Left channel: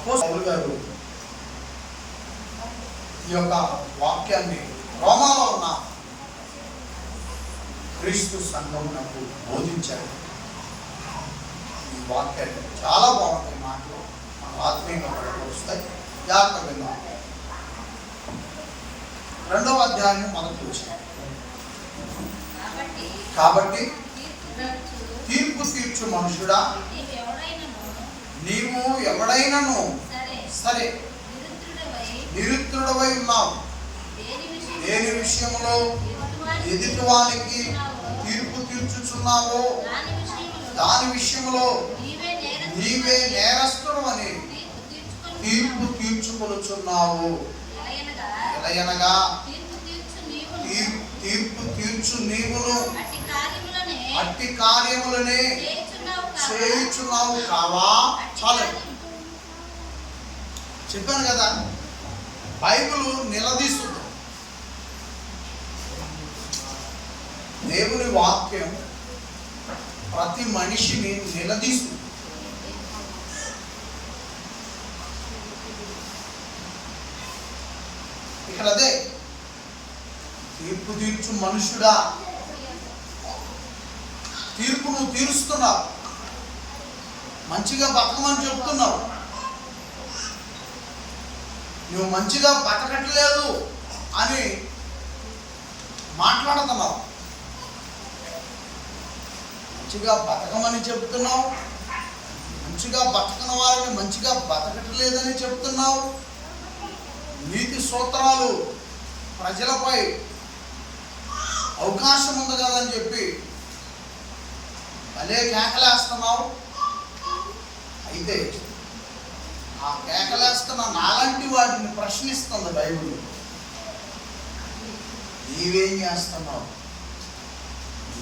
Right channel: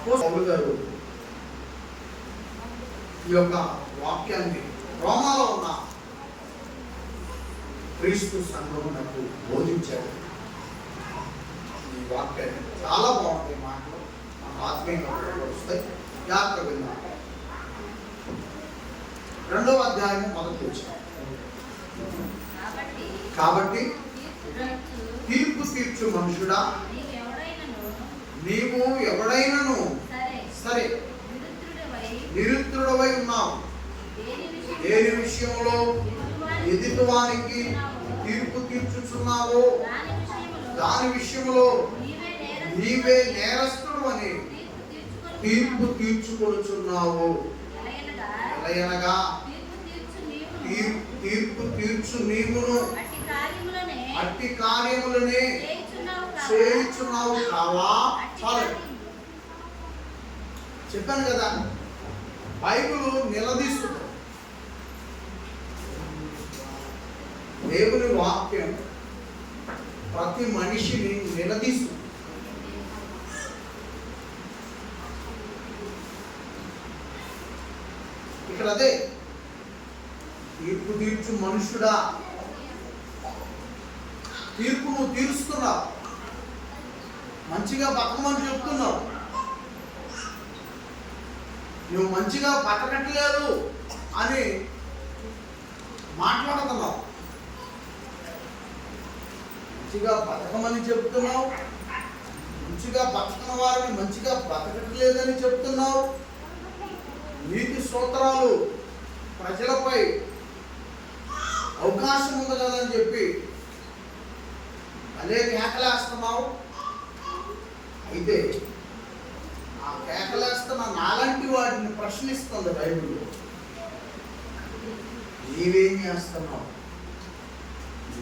అపోస్తలుడు గారు ఈ యొక్క వాక్యాన్ని రోమాలో ఉన్న క్రీస్తు సంఘమునకు బోధించారు. ఈ వాక్యాన్ని చాలా బాగుంటాయి మాటలు, మన ఆత్మీయంగా వస్తాయి. జాగ్రత్త విన్నాం. 2వ అధ్యాయం మొదటి వచనం. కాబట్టి తీర్పు తీర్చు మనుషుడా, నీవు ఎవడైనను సరే నిరుత్రుడవై ఉన్నావు. దేని విషయంలో ఎదుటివానికి తీర్పు తీర్చుచున్నావో దాని విషయంలో నీవే నేరస్తుడు అని తీర్పు తీర్చుకొనుచున్నావు. ఎలయనగా తీర్పు తీర్చు నీవును అట్టి కార్యములనే చేయుచున్నావు కావా? చాలండి, చెప్పాను కదా, బైబిల్ నిలదీస్తుంది. దేవుని వాక్యం ప్రతి మనిషిని నిలదీస్తుంది. ఇక్కడ అదే తీర్పు తీర్చు మనుషుడా, తీర్పు నువ్వు తీరుస్తున్నావు, మంచిగా బతకమని చెప్తున్నావు. నువ్వు మంచిగా బతకట్లేదు అని మాట్లాడుతున్నావు. మంచిగా బతకమని చెప్తున్నావు, మంచిగా బతకని వారిని మంచిగా బతకట్లేదని చెప్తున్నావు. నీతి సూత్రాలు ప్రజలపై అవకాశం ఉంది కదని చెప్పి అలే కేకలేస్తున్నావు. అయితే ఆ కేకలేస్తున్న నాలాంటి వాటిని ప్రశ్నిస్తుంది బైబిల్. నీవేం చేస్తున్నావు?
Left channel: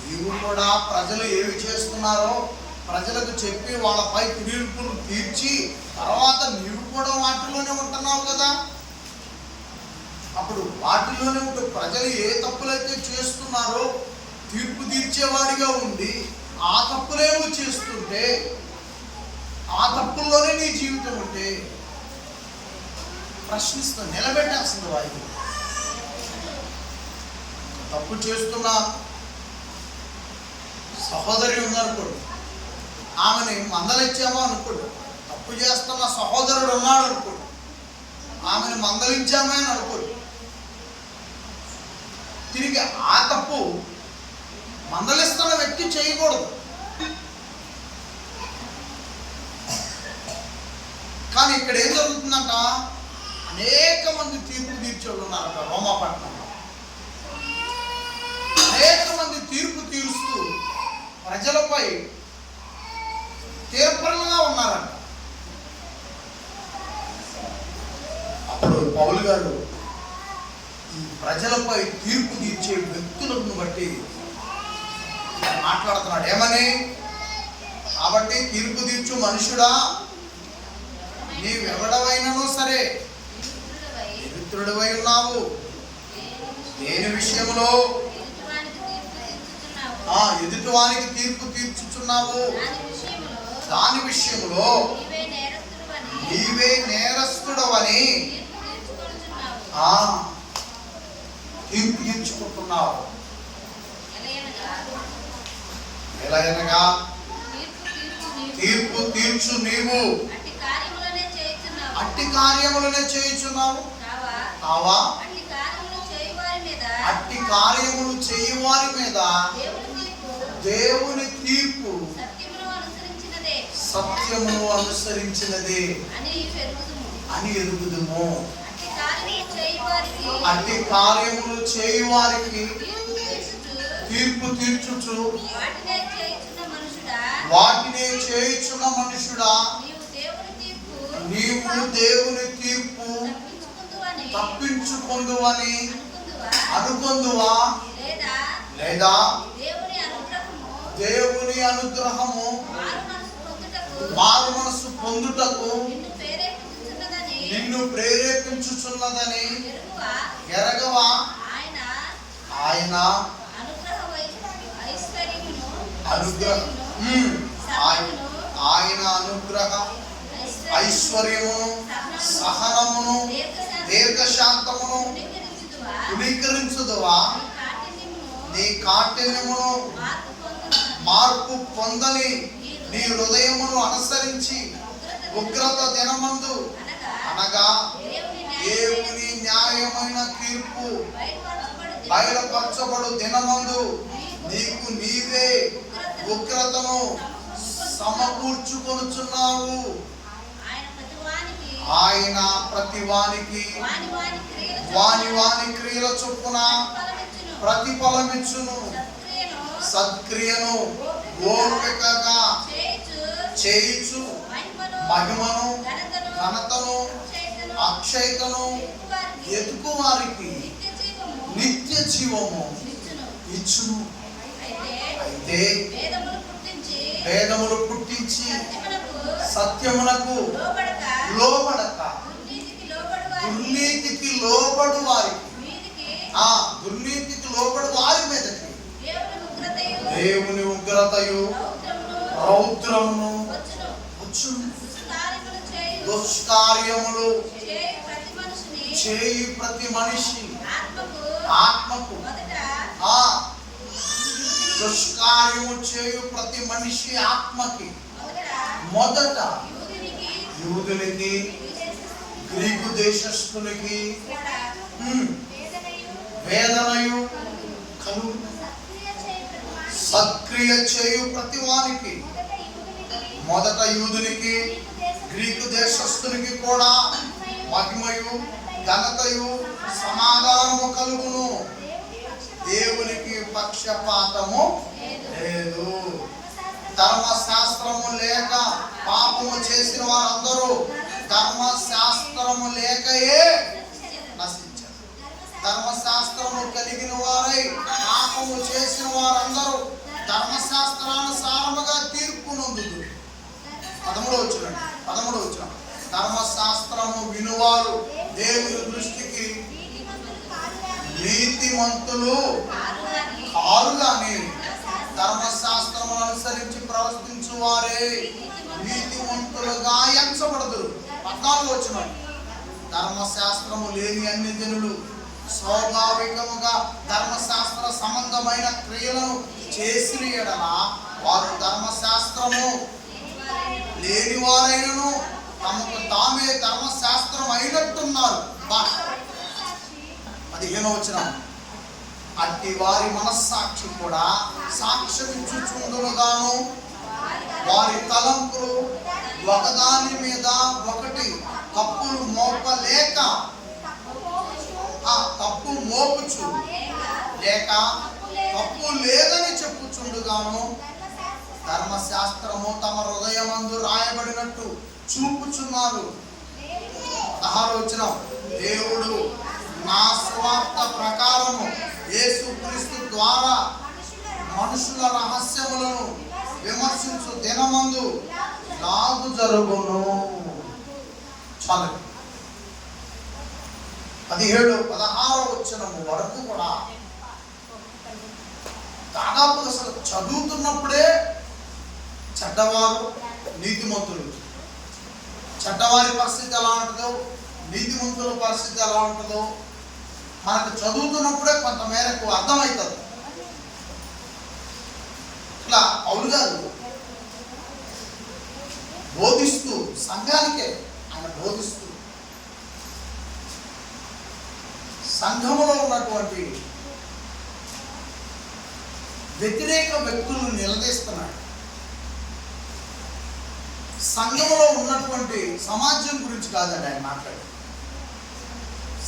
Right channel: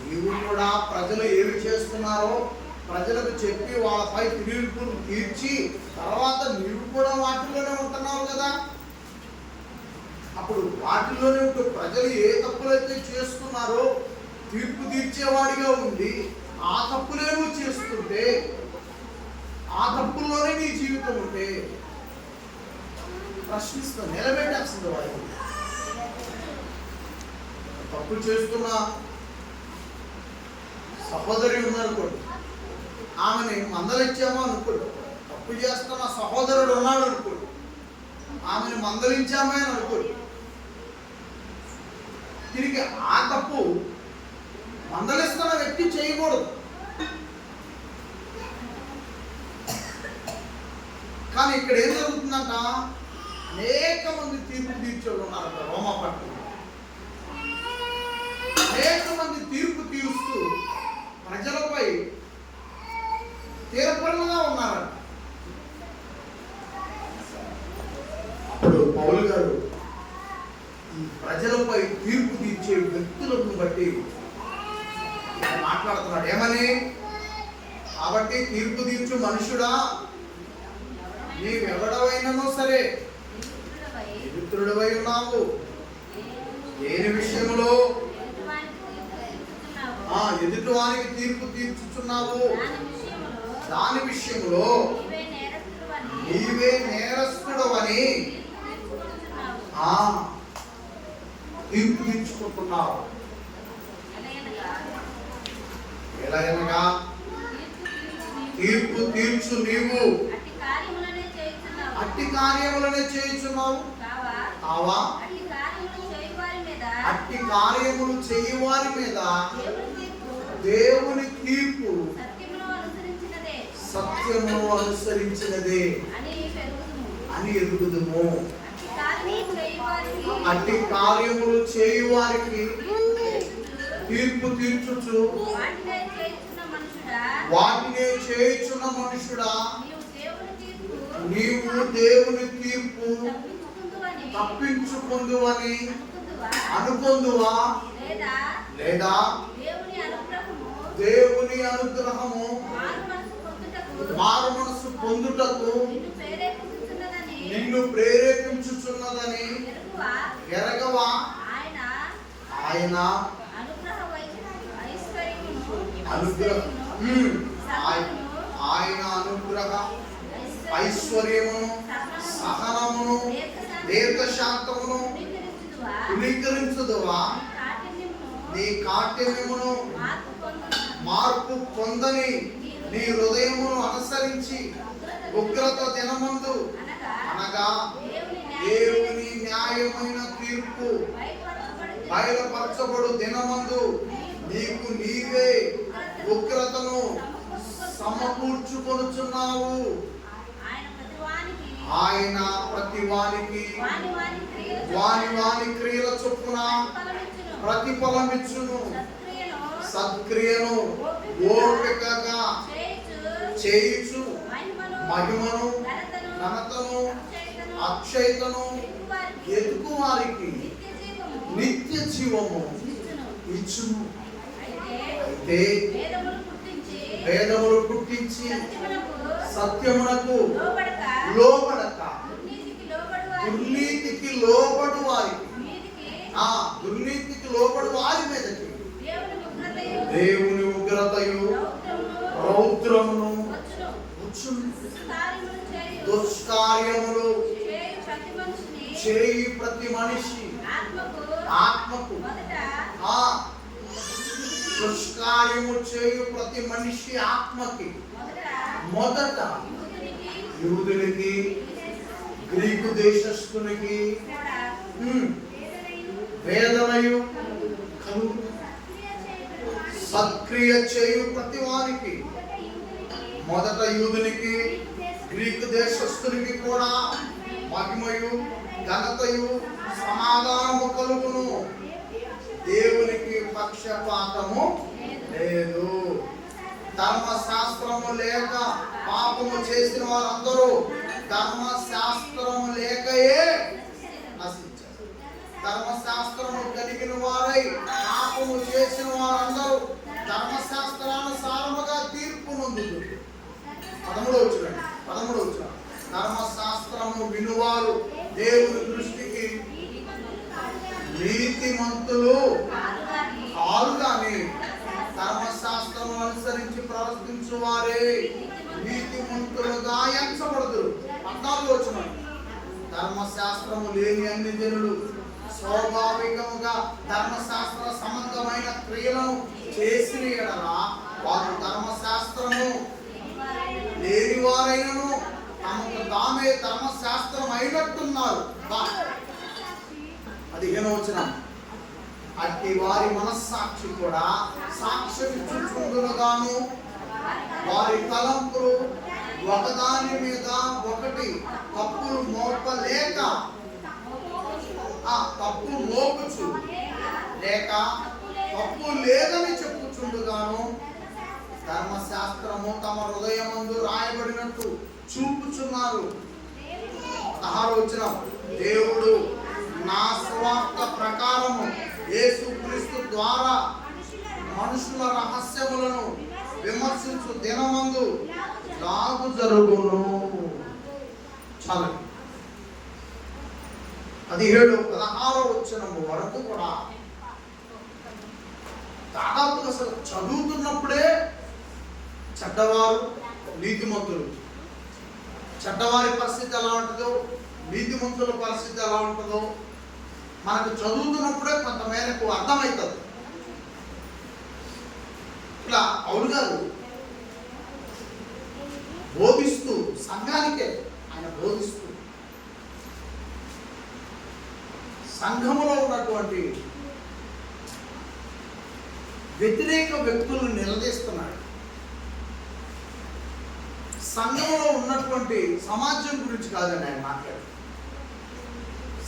నీవు కూడా ప్రజలు ఏమి చేస్తున్నారో ప్రజలకు చెప్పి వాళ్ళపై తీర్పును తీర్చి తర్వాత నీవు కూడా వాటిలోనే ఉంటున్నావు కదా. అప్పుడు వాటిలోనే ఉంటూ ప్రజలు ఏ తప్పులైతే చేస్తున్నారో తీర్పు తీర్చేవాడిగా ఉండి ఆ తప్పులే నువ్వు చేస్తుంటే, ఆ తప్పుల్లోనే నీ జీవితం ఉంటే ప్రశ్నిస్తూ నిలబెట్టేస్తుంది వాయిదా. తప్పు చేస్తున్న సహోదరి ఉందనుకోండి, ఆమెని మందలించామో అనుకోండి. తప్పు చేస్తున్న సహోదరుడు ఉన్నాడు అనుకోండి, ఆమెను మందలించామో అని అనుకోండి. తిరిగి ఆ తప్పు మందలిస్తున్న వ్యక్తి చేయకూడదు. కానీ ఇక్కడ ఏం జరుగుతుందంట, అనేక మంది తీర్పు తీర్చేవాళ్ళు ఉన్నారంట రోమాపట్నంలో. అనేక మంది తీర్పు తీరుస్తూ ప్రజలపై తీర్పరలుగా ఉన్నారంట. అప్పుడు పౌలు గారు ఈ ప్రజలపై తీర్పు తీర్చే వ్యక్తులను బట్టి మాట్లాడుతున్నాడు. ఏమని? కాబట్టి తీర్పు తీర్చు మనుషుడా, నీవెవడవైనను సరే నిరుత్రుడవై ఉన్నావు. దేని విషయంలో ఎదుటివానికి తీర్పు తీర్చుచున్నావు దాని విషయంలో నీవే నేరస్తుడవని తీర్పు తీర్చుకుంటున్నావు. ఎలాగనగా తీర్పు తీర్చు నీవు అట్టి కార్యములనే చేయుచున్నావు కావా? అట్టి కార్యములు చేయువారి మీద దేవుని తీర్పు సత్యమును అనుసరించినదే అని ఎరుగుదుము. అట్టి కార్యములు చేయువారికి తీర్పు తీర్చుచు వాటినే చేయుచున్న మనుషుడా, నీవు దేవుని తీర్పు తప్పించుకుందువని అనుకుందువా? లేదా దేవుని అనుగ్రహము మారు మనసు పొందుటకు నిన్ను ప్రేరేపించుచున్నదని ఎరగవా? ఆయన అనుగ్రహ ఐశ్వర్యమును, సహనమును, దీర్ఘశాంతమును తునీకరించుదువా? నీ కాఠిన్యమును మార్పు పొందని నీ హృదయమును అనుసరించి ఉగ్రత దినమందు అనగా దేవుని న్యాయమైన తీర్పు బయలుపరచబడు దినమందు నీకు నీవే ఉగ్రతను సమకూర్చుకొనుచున్నావు. ఆయన ప్రతి వానికి వాని వాని క్రియల చొప్పున ప్రతిఫలమిచ్చును. సత్క్రియను ఓర్వకగా చేయుచు మహిమను, ఘనతను, అక్షయతను ఎదుకు వారికి నిత్య జీవము ఇచ్చును. అయితే వేదములు పుట్టించి సత్యమునకు లోబడక దుర్నీతికి లోబడు వారికి, దుర్నీతికి లోబడు వారి మీదకి దేవుని ఉగ్రతయు రౌద్రమును వచ్చును. దుష్కార్యములు చేయు ప్రతి మనిషి ఆత్మకు దుష్కార్యము చేయు ప్రతి మనిషి ఆత్మకి మొదట యూదునికి, గ్రీకు దేశస్థునికి వేదనయు కలుగు. సత్క్రియ చేయు ప్రతి వానికి మొదట యూదునికి, గ్రీకు దేశస్థునికి కూడా మహిమయు, ఘనతయు, సమాధానము కలుగును. దేవునికి పక్షపాతము లేదు. ధర్మశాస్త్రము లేక పాపము చేసిన వారందరూ ధర్మశాస్త్రము లేకయే నశించారు. ధర్మశాస్త్రము కలిగిన వారై పాపము చేసిన వారందరూ ధర్మశాస్త్రానుసారముగా తీర్పు నొందుదురు. 13వ వచనం. ధర్మశాస్త్రము వినువారు దేవుని దృష్టికి నీతిమంతులు కారు గాని ధర్మశాస్త్రము అనుసరించి ప్రవర్తించు వారే నీతిమంతులుగా ఎంచబడదురు. 14వ వచనం. ధర్మశాస్త్రము లేని అన్ని జనులు స్వాభావికముగా ధర్మశాస్త్ర సంబంధమైన క్రియలను చేసిన ఎడల వారు ధర్మశాస్త్రము లేని వారైనను తమకు తామే ధర్మశాస్త్రం అయినట్టున్నారు. 15వ వచనం. అట్టి వారి మనస్సాక్షి కూడా సాక్ష్యమిచ్చుచుండునుగాను వారి తలంపులు ఒకదాని మీద ఒకటి తప్పులు మోపలేక తప్పు మోపుచు లేక తప్పు లేదని చెప్పుచుండుగాను ధర్మశాస్త్రము తమ హృదయమందు రాయబడినట్టు చూపుచున్నారు. 16వ వచనం. దేవుడు నా స్వార్థ ప్రకారము యేసుక్రీస్తు ద్వారా మనుషుల రహస్యములను విమర్శించు దినమందు లాగు జరుగును. చాలు. 17-16వ వచనము వరకు కూడా దాదాపు అసలు చదువుతున్నప్పుడే చెడ్డవారు, నీతిమంతులు, చెడ్డవారి పరిస్థితి ఎలా ఉంటుందో, నీతిమంతుల పరిస్థితి ఎలా ఉంటుందో మనకు చదువుతున్నప్పుడే కొంత మేరకు అర్థమవుతుంది. ఇట్లా పౌలు గారు బోధిస్తూ సంఘానికే ఆయన బోధిస్తూ సంఘములో ఉన్నటువంటి వ్యతిరేక వ్యక్తులను నిలదీస్తున్నాడు. సంఘంలో ఉన్నటువంటి సమాజం గురించి కాదండి ఆయన మాట్లాడు,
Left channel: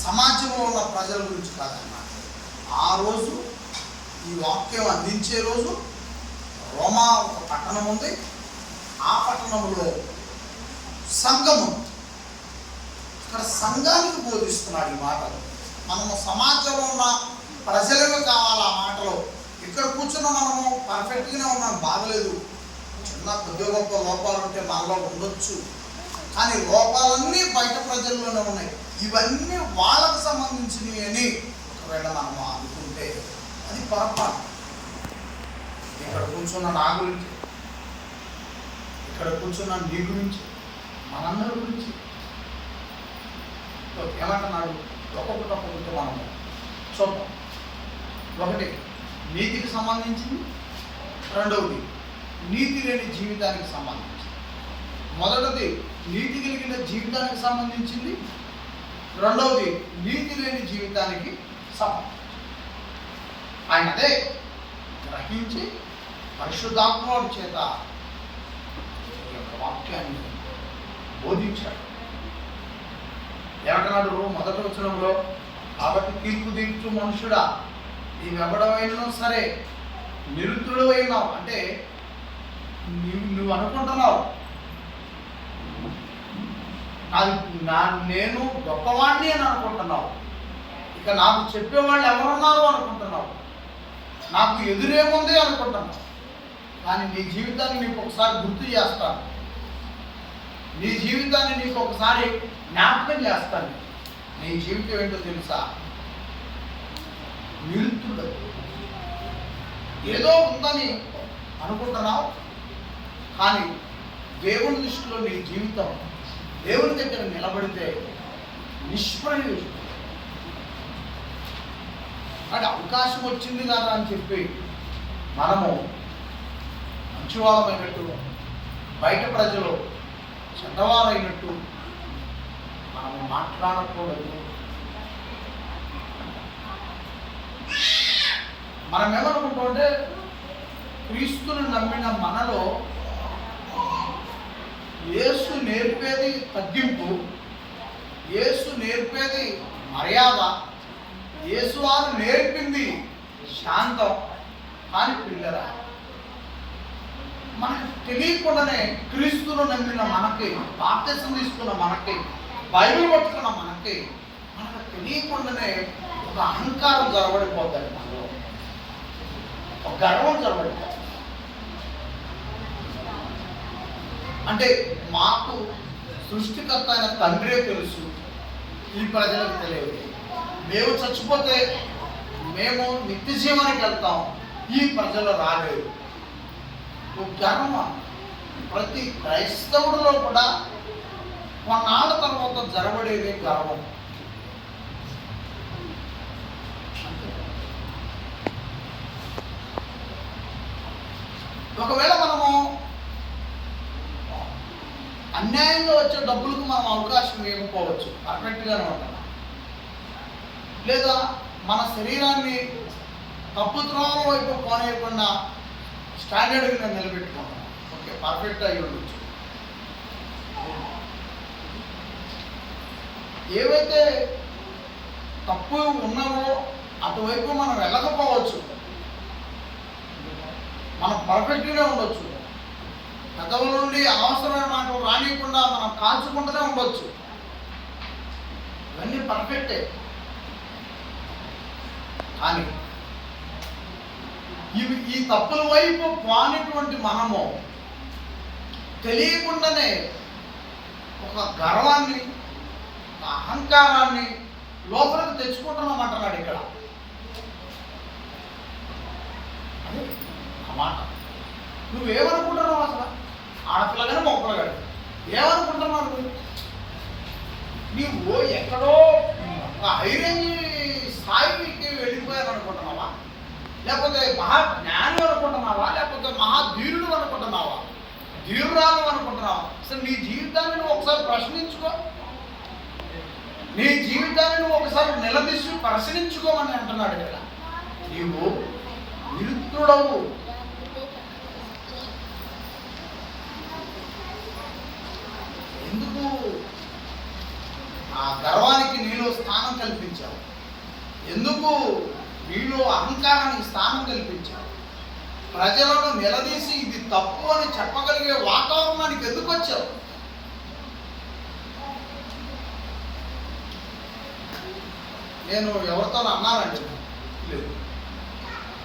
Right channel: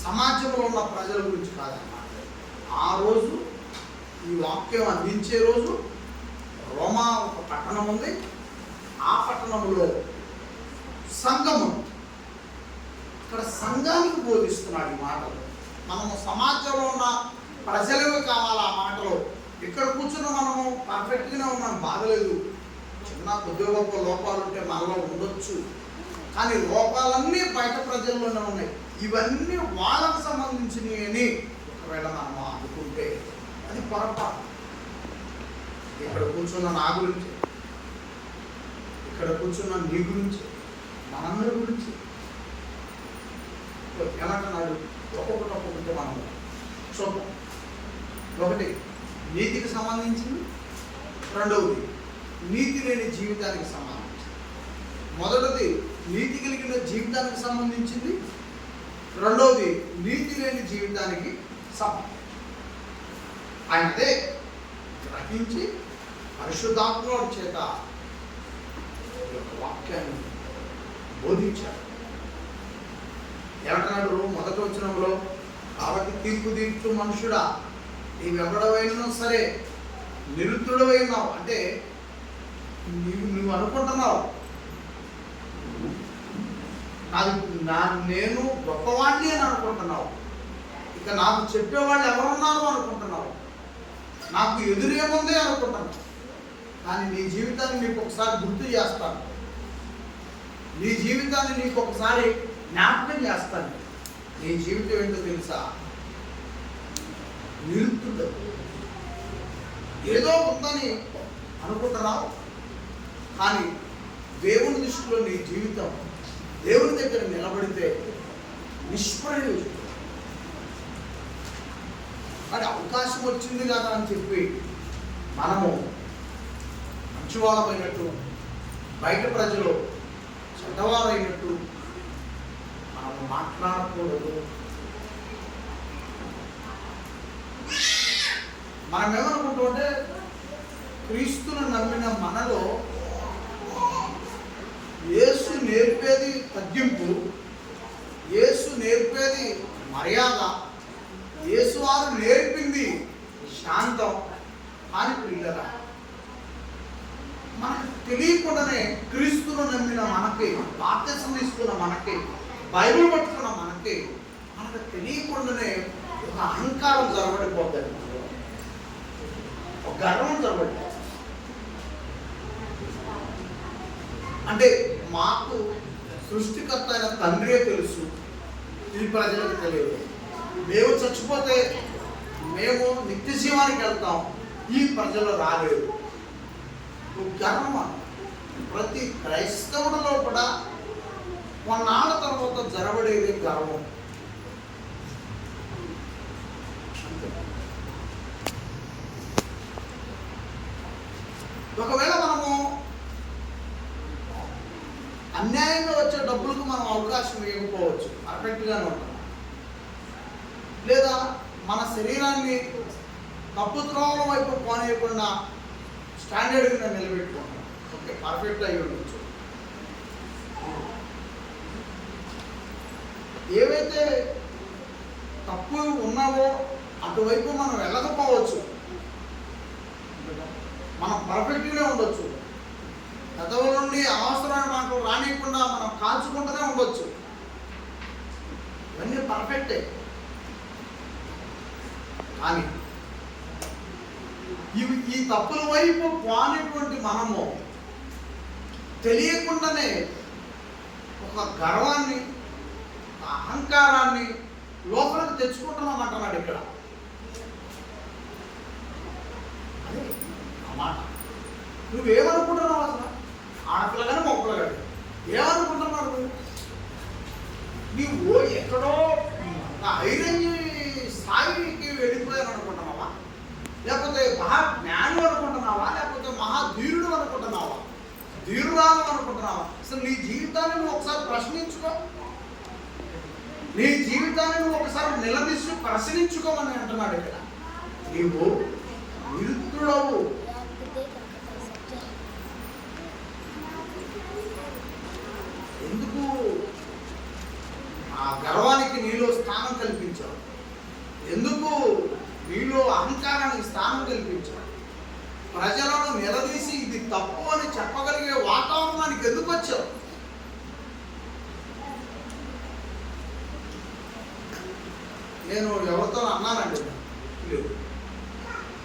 సమాజంలో ఉన్న ప్రజల గురించి కాదని మాట్లాడు. ఆ రోజు ఈ వాక్యం అందించే రోజు రోమా ఒక పట్టణం ఉంది. ఆ పట్టణంలో సంఘం ఉంది. అక్కడ సంఘానికి బోధిస్తున్నాడు ఈ మాటలు. మనము సమాజంలో ఉన్న ప్రజలమే కావాలి ఆ మాటలో. ఇక్కడ కూర్చున్న మనము పర్ఫెక్ట్గానే ఉన్నాం, బాగలేదు, చిన్న కొద్ది గొప్ప లోపాలు ఉంటే మనలో ఉండొచ్చు, కానీ లోపాలన్నీ బయట ప్రజల్లోనే ఉన్నాయి. ఇవన్నీ వాళ్ళకు సంబంధించినవి అని ఒకవేళ మనము అనుకుంటే అది పొరపాటు. ఇక్కడ కూర్చున్న నా గురించి, ఇక్కడ కూర్చున్న నీ గురించి, మనందరి గురించి ఏమంటున్నాడు? ఒక్కొక్కటి మనం చూద్దాం. ఒకటి నీతికి సంబంధించింది, రెండవది నీతి లేని జీవితానికి సంబంధించింది. మొదటిది నీతి కలిగిన జీవితానికి సంబంధించింది, రెండవది నీతి లేని జీవితానికి సంబంధించింది. ఆయన అదే గ్రహించి పరిశుద్ధాత్మ చేత ఈ యొక్క వాక్యాన్ని బోధించాడు. ఏమంటున్నాడు మొదటి వచనంలో? కాబట్టి తీర్పు తీర్చు మనుషుడా, నీవెవడవైనా సరే నిరుద్ధుడవైనావు అంటే నువ్వు అనుకుంటున్నావు నేను గొప్పవాణ్ణి అని అనుకుంటున్నావు. ఇక నాకు చెప్పేవాళ్ళు ఎవరున్నారు అనుకుంటున్నావు. నాకు ఎదురేముంది అనుకుంటున్నావు. కానీ నీ జీవితాన్ని నీకు ఒకసారి గుర్తు చేస్తాను. నీ జీవితాన్ని నీకు ఒకసారి జ్ఞాపకం చేస్తాను. నీ జీవితం ఏంటో తెలుసా? నిరుద్ధుడు. ఏదో ఉందని అనుకుంటున్నావు, కానీ దేవుని దృష్టిలో నీ జీవితం దేవుని దగ్గర నిలబడితే నిష్ప్రయోజనం. అంటే అవకాశం వచ్చింది కదా అని చెప్పి మనము మంచివాళ్ళమైనట్టు, బయట ప్రజలు చెడ్డవారైనట్టు మనము మాట్లాడకూడదు. మనం ఏమనుకుంటామంటే క్రీస్తును నమ్మిన మనలో యేసు నేర్పేది తగ్గింపు, యేసు నేర్పేది మర్యాద, యేసు వారు నేర్పింది శాంతం అని పిల్లరా. మనకు తెలియకుండానే క్రీస్తును నమ్మిన మనకి, బాప్తిసం తీసుకున్న మనకి, బైబిల్ పట్టుకున్న మనకి, మనకు తెలియకుండానే ఒక అహంకారం జరగబడిపోతుంది. మనలో ఒక గర్వం జరగబడిపోతుంది. అంటే మాకు సృష్టికర్త అయిన తండ్రే తెలుసు, ఈ ప్రజలకు తెలియదు. మేము చచ్చిపోతే మేము నిత్య జీవానికి వెళ్తాం, ఈ ప్రజలు రాలేరు. గర్వం ప్రతి క్రైస్తవుడిలో కూడా కొన్నాళ్ళ తర్వాత జరగబడేది గర్వం. ఒకవేళ మనము అన్యాయంగా వచ్చే డబ్బులకు మనం అవకాశం ఇవ్వకపోవచ్చు, పర్ఫెక్ట్గానే ఉంటున్నాం. లేదా మన శరీరాన్ని తప్పు త్రోవల వైపు పోనేయకుండా స్టాండర్డ్గా నిలబెట్టుకుంటున్నాం. ఓకే, పర్ఫెక్ట్ అయి ఉండొచ్చు. ఏవైతే తప్పు ఉన్నావో అటువైపు మనం వెళ్ళకపోవచ్చు, మనం పర్ఫెక్ట్గానే ఉండొచ్చు. పెదవుల నుండి అనవసరమైన మాటలు రానియకుండా మనం కాల్చుకుంటూనే ఉండొచ్చు. ఇవన్నీ పర్ఫెక్టే. కానీ ఈ తప్పుల వైపు పోనేటువంటి మనము తెలియకుండానే ఒక గర్వాన్ని, ఒక అహంకారాన్ని లోపలికి తెచ్చుకుంటున్నాం అంటున్నాడు ఇక్కడ. అని అన్నమాట. నువ్వేమనుకుంటున్నావు అసలు? ఆడపిల్లగానే మొక్కలుగాడు ఏమనుకుంటున్నావు? నీవు ఎక్కడో హైరేంజ్ స్థాయికి వెళ్ళిపోయాను అనుకుంటున్నావా? లేకపోతే మహాజ్ఞానం అనుకుంటున్నావా? లేకపోతే మహాధీరుడు అనుకుంటున్నావా? ధీరురాలు అనుకుంటున్నావా? అసలు నీ జీవితాన్ని నువ్వు ఒకసారి ప్రశ్నించుకో. నీ జీవితాన్ని నువ్వు ఒకసారి నిలదీసి ప్రశ్నించుకోమని అంటున్నాడు ఇక్కడ. నీవు నిరుద్ధుడవు. ఎందుకు ఆ గర్వానికి నీలో స్థానం కల్పించావు? ఎందుకు నీలో అహంకారానికి స్థానం కల్పించావు? ప్రజలను నిలదీసి ఇది తప్పు అని చెప్పగలిగే వాతావరణానికి ఎందుకు వచ్చావు? నేను ఎవరితో అన్నానండి, లేదు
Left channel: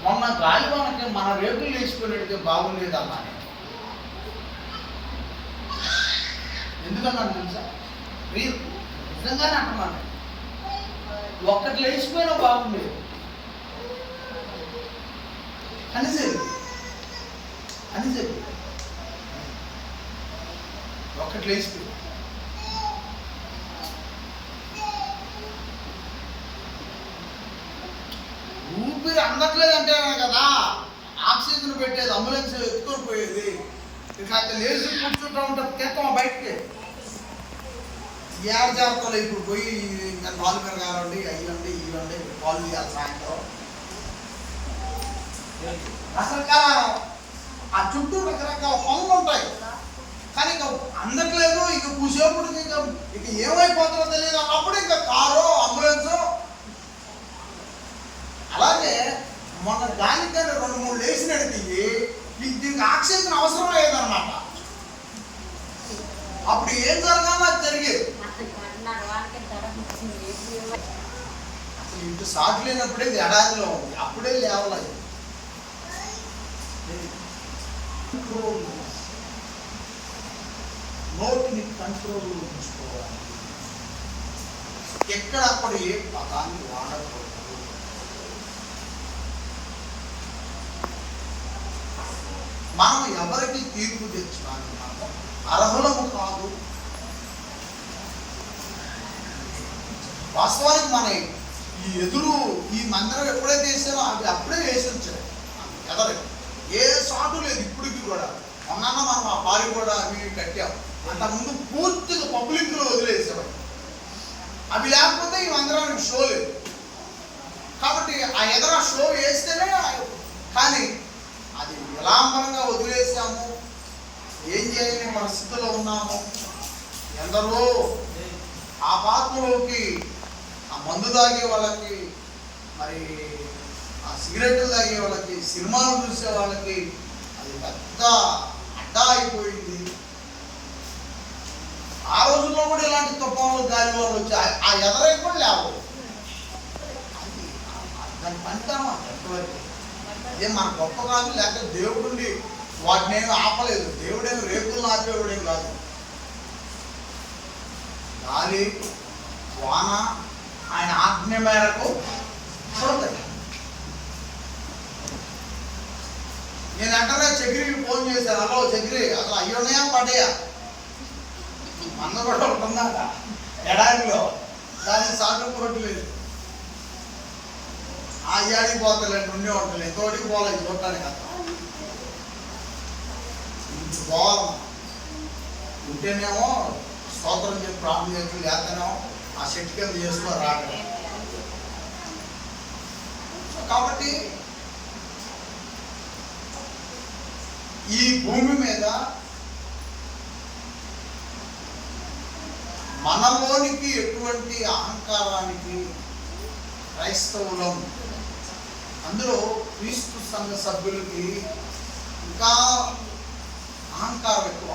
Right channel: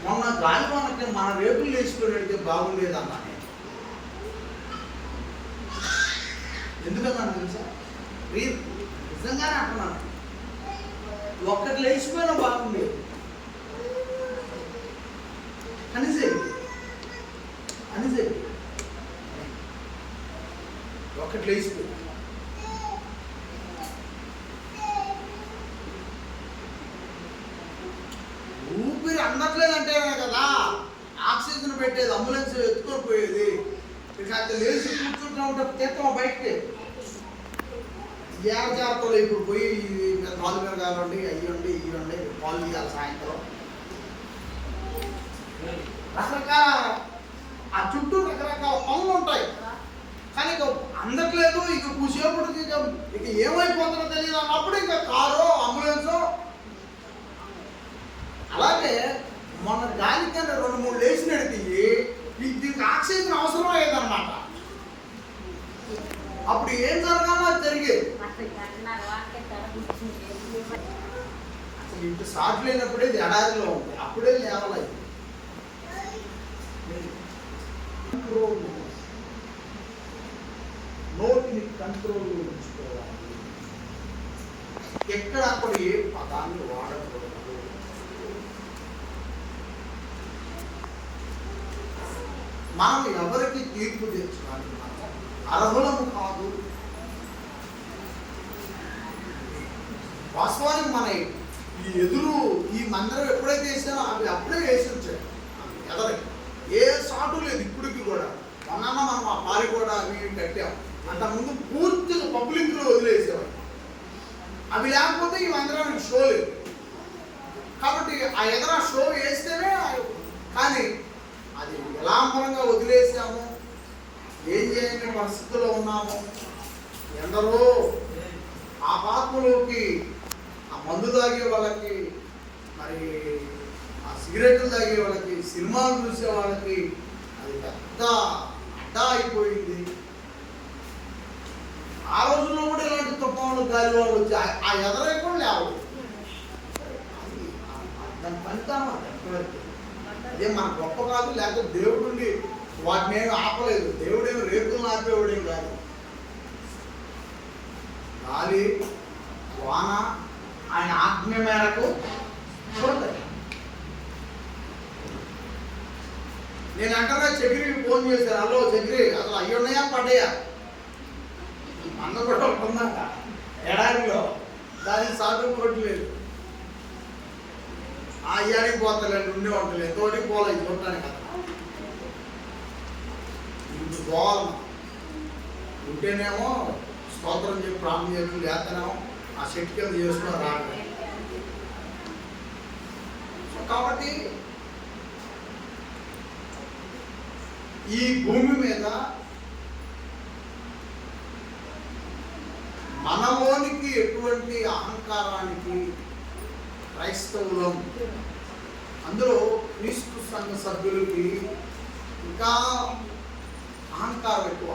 మొన్న గాలివానకి మన రేకులు వేసుకునేటికి బాగుండేది అన్నా. ఎందుకన్నాను తెలుసా? నిజంగానే అంటున్నాను. ఒక్కటి లేచిపోయినా బాగుండేది అని ఒకటి లేచిపోయింది. అందట్లేదంటేనే కదా ఆక్సిజన్ పెట్టేది, అంబులెన్స్ ఎత్తుకొని పోయేది. ఇక అక్కడ లేచి కూర్చుంటా ఉంటే తెస్తాం బయటికి. ఏడు జాగ్రత్తలు ఇప్పుడు పోయి కాలు మీద కావండి, అయ్యండి ఇవ్వండి, పాలు తీయాలి సాయంత్రం. రకరకాల ఆ చుట్టూ రకరకాల పనులు ఉంటాయి. కానీ ఇక అందట్లేదు, ఇక కూసేపటికి ఇక ఏమైపోతుందో తెలియదు అన్నప్పుడు ఇక కారు, అంబులెన్సు. అలాగే మొన్న గాలికన్నా 2-3 లేచి నడిపి దీనికి ఆక్సిజన్ అవసరం అయ్యేదన్నమాట. అప్పుడు ఏం జరగాలో అది జరిగేది. అసలు ఇంటి సాటు లేనప్పుడే ఎడారిలో ఉంది, అప్పుడే లేవలేదు. నోటిని కంట్రోల్లో ఉంచుకోవాలి. ఎక్కడక్కడ ఏ పదాన్ని వాడకూడదు. మనం ఎవరికి తీర్పు తెచ్చడానికి మనం అర్హులము కాదు. వాస్తవానికి మన ఈ ఎదురు ఈ మందిరం ఎప్పుడైతే వేసారో అవి అప్పుడే వేసి ఉంచారు. ఎదరికి ఏ సాటు లేదు ఇప్పటికి కూడా. మొన్న మనం ఆ పారి కూడా అవి కట్టాం. అంతకుముందు పూర్తిగా పబ్లిక్లో వదిలేసాం. అవి లేకపోతే ఈ మందిరానికి షో లేదు. కాబట్టి ఆ ఎదర షో వేస్తేనే. కానీ అది విలాంబరంగా వదిలేసాము. ఏం చేయని పరిస్థితుల్లో ఉన్నాము. ఎందరో ఆ పాత్రలోకి ఆ మందు తాగే వాళ్ళకి, మరి ఆ సిగరెట్లు తాగే వాళ్ళకి, సినిమాలు చూసే వాళ్ళకి అది పెద్ద అడ్డా అయిపోయింది. ఆ రోజుల్లో కూడా ఇలాంటి తుఫాన్లు, గాలి వాళ్ళు వచ్చి ఆ ఎదరై కూడా లేవు. దాని పనితనం అది ఎంతవరకు. అదే మన గొప్ప కాదు, లేకపోతే దేవుడిని వాటిని ఏమి ఆపలేదు. దేవుడేమి రేకులను ఆపేవాడేం కాదు. గాలి వాన ఆయన ఆజ్ఞ మేరకు చూడతాయి. నేను వెంటనే చక్రికి ఫోన్ చేశాను. హలో చక్రి, అసలు అయ్యున్నాయా పడ్డాయా? మంద కూడా ఉంటుందాక ఎడారిలో, దానికి సాటు పోవట్లేదు. ఆ అయ్యాడికి పోతలేదు, ఉండే ఉంటుంది. ఎంతోటికి పోలేదు చూడటానికి కదా. ఇప్పుడు పోవాలి ఉంటేనేమో స్తోత్రం చెప్పి ప్రాణం చేసి, లేకనేమో ఆ చెట్టు కింద చేసుకొని రావడం. కాబట్టి ఈ భూమి మీద మనలోనికి ఎటువంటి అహంకారానికి క్రైస్తవులం, అందులో క్రీస్తు సంఘ సభ్యులకి ఇంకా అహంకారం ఎక్కువ.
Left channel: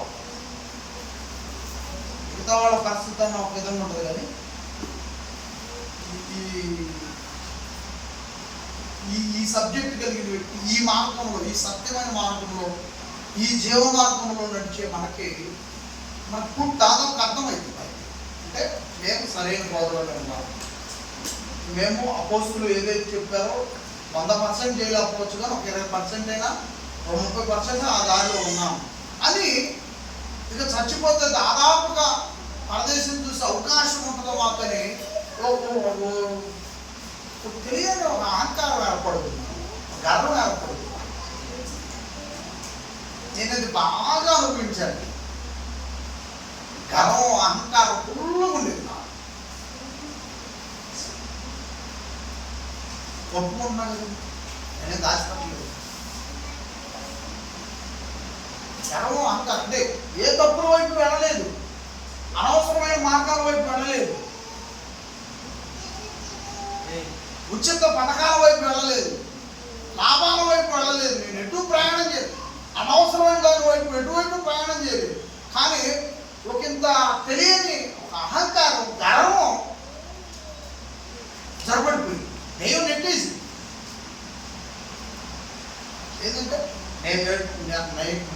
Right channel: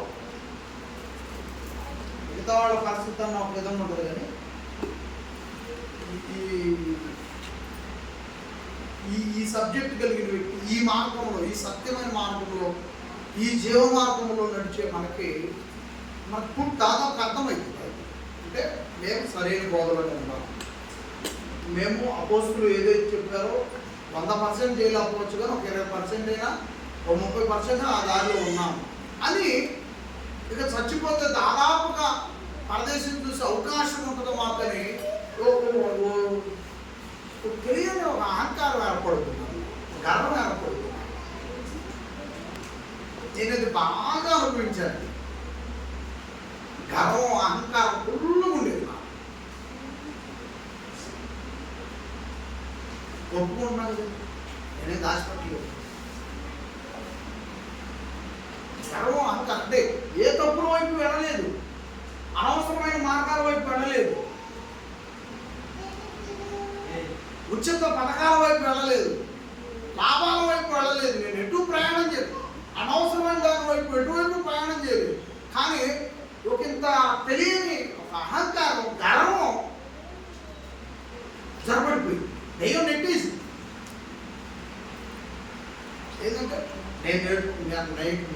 మిగతా వాళ్ళ పరిస్థితి అన్న ఒక విధంగా ఉంటుంది. కానీ ఈ సబ్జెక్ట్ కలిగిన వ్యక్తి ఈ మార్గంలో, ఈ సత్యమైన మార్గంలో, ఈ జీవ మార్గంలో నడిచే మనకు దాదాపు అర్థమైంది. అంటే మేము సరైన బోధలోనే ఉన్నాము. మేము అపోస్తులు ఏదైతే చెప్పారో 100% చేయలేకపోవచ్చు, కానీ ఒక 20% అయినా, ఒక 30% ఆ దారిలో ఉన్నాము అని. ఇక చచ్చిపోతే దాదాపుగా పరదేశం చూసే అవకాశం ఉంటుందో మాకని తెలియని ఒక అహంకారం ఏర్పడుతున్నాను, గర్వం ఏర్పడుతున్నాను. నేను అది బాగా అనుభవించాను. గర్వం, అహంకారం ఫుల్గా ఉండేది నాకు. ఒప్పుకుంటున్నా కదా, నేనేం దాచిపెట్టలేదు. గర్వం, అహంకారం అంటే ఏ తప్పుల వైపు వెళ్ళలేదు, అనవసరమైన మార్గాల వైపు వెళ్ళలేదు, ఉచిత పథకాల వైపు వెళ్ళలేదు, లాభాల వైపు వెళ్ళలేదు. నేను ఎటు ప్రయాణం చేయలేదు, అనవసరమైన దాని వైపు ఎటువైపు ప్రయాణం చేయలేదు. కానీ ఒకంత తెలియని ఒక అహంకారం, గర్వం జరబడిపోయింది. దైవం నెట్టేసి ఏంటంటే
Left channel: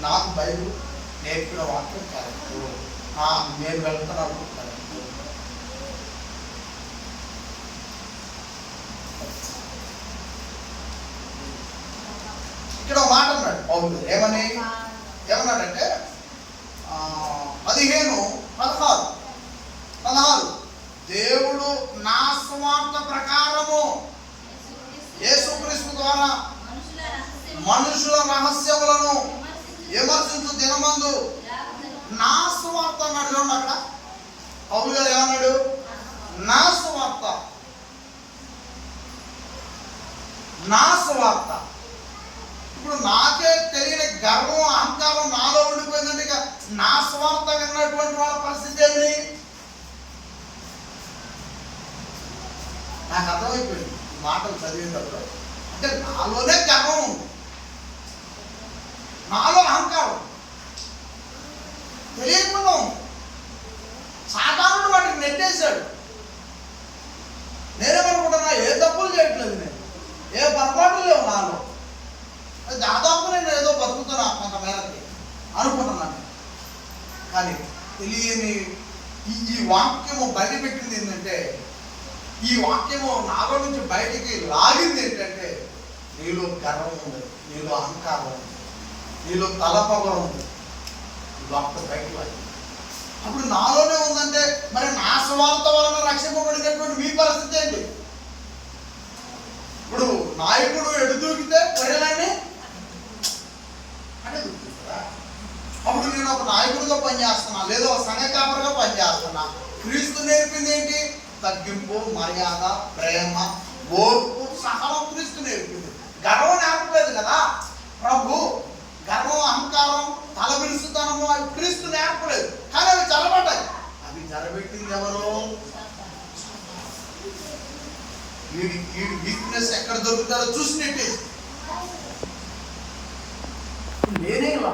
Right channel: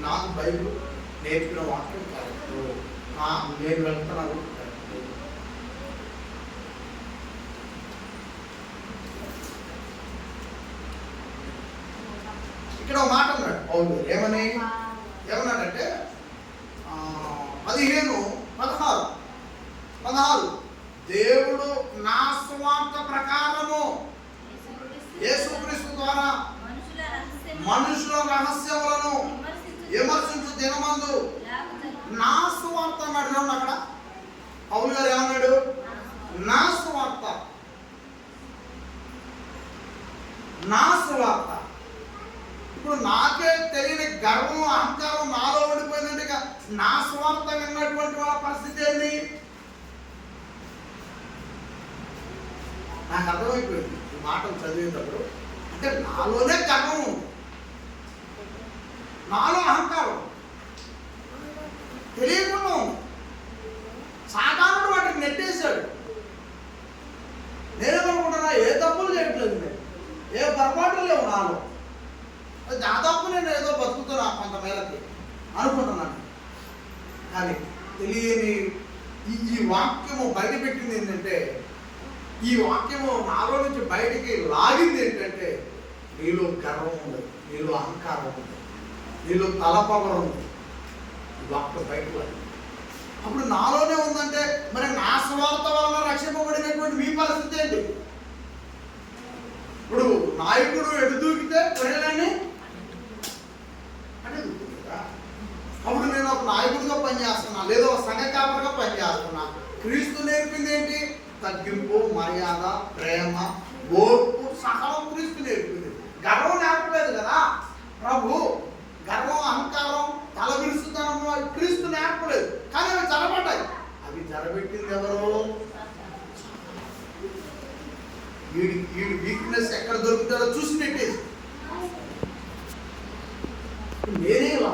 నాకు బైబిల్ నేర్పిన వాక్యం కరెక్ట్, నేను వెళ్తున్నాను కరెక్ట్. ఇక్కడ ఒక మాట అన్నాడు పౌలు. ఏమన్నాడంటే 15:16 దేవుడు నా స్వార్థ ప్రకారము యేసుక్రీస్తు ద్వారా విమర్శించు దినమందు నా సువార్త అన్నాడు. చూడండి అక్కడ పౌలు గారు ఏమన్నాడు? నా సువార్త, నా సువార్త. ఇప్పుడు నాకే తెలియని గర్వం అహంకారం నాలో ఉండిపోయిందంటే ఇక నా సువార్త విన్నటువంటి వాళ్ళ పరిస్థితి ఏంటి? నాకు అర్థమైపోయింది ఈ మాటలు చదివేటప్పుడు. అంటే నాలోనే గర్వం ఉంది, నాలో అహంకారం తెలియకుండా ఉంది. సాధారణ వాటికి నెట్టేశాడు. నేనేమనుకుంటున్నా, ఏ తప్పులు చేయట్లేదు, నేను ఏ పొరపాట్లు లేవు నాలో, దాదాపు నేను ఏదో బతుకుతున్నా కొంత మేరకి అనుకుంటున్నాను. కానీ తెలియని ఈ వాక్యము బయటపెట్టింది ఏంటంటే, ఈ వాక్యము నాలో నుంచి బయటికి లాగింది ఏంటంటే, నీలో గర్వం ఉంది, నీలో అహంకారం ఉంది, నీలో తలపవరం ఉంది. ఈ వాక్యం బయటకు లాగింది. అప్పుడు నాలోనే ఉందంటే మరి నా స్వార్థ వలన రక్షింపబడినటువంటి మీ పరిస్థితి ఏంటి? ఇప్పుడు నాయకుడు ఎడు దూకితే గొర్రెలన్నీ అంటే దూకుతుంది కదా. అప్పుడు నేను ఒక నాయకుడిగా పనిచేస్తున్నా, లేదా ఒక సంఘ కాపరిగా పనిచేస్తున్నా. క్రీస్తు నేర్పింది ఏంటి? తగ్గింపు, మర్యాద, ప్రేమ, ఓర్పు, సహనం క్రీస్తు నేర్పింది. గర్వం నేర్పలేదు కదా ప్రభు. గర్వం, అహంకారం, తలబిరుసుతనము అవి క్రీస్తు నేర్పలేదు. కానీ అవి జరగబడ్డాయి. అవి జరగబెట్టింది ఎవరు? వీడి వీక్నెస్ ఎక్కడ దొరుకుతాడో చూసి నెట్టేసి నేనే ఇలా.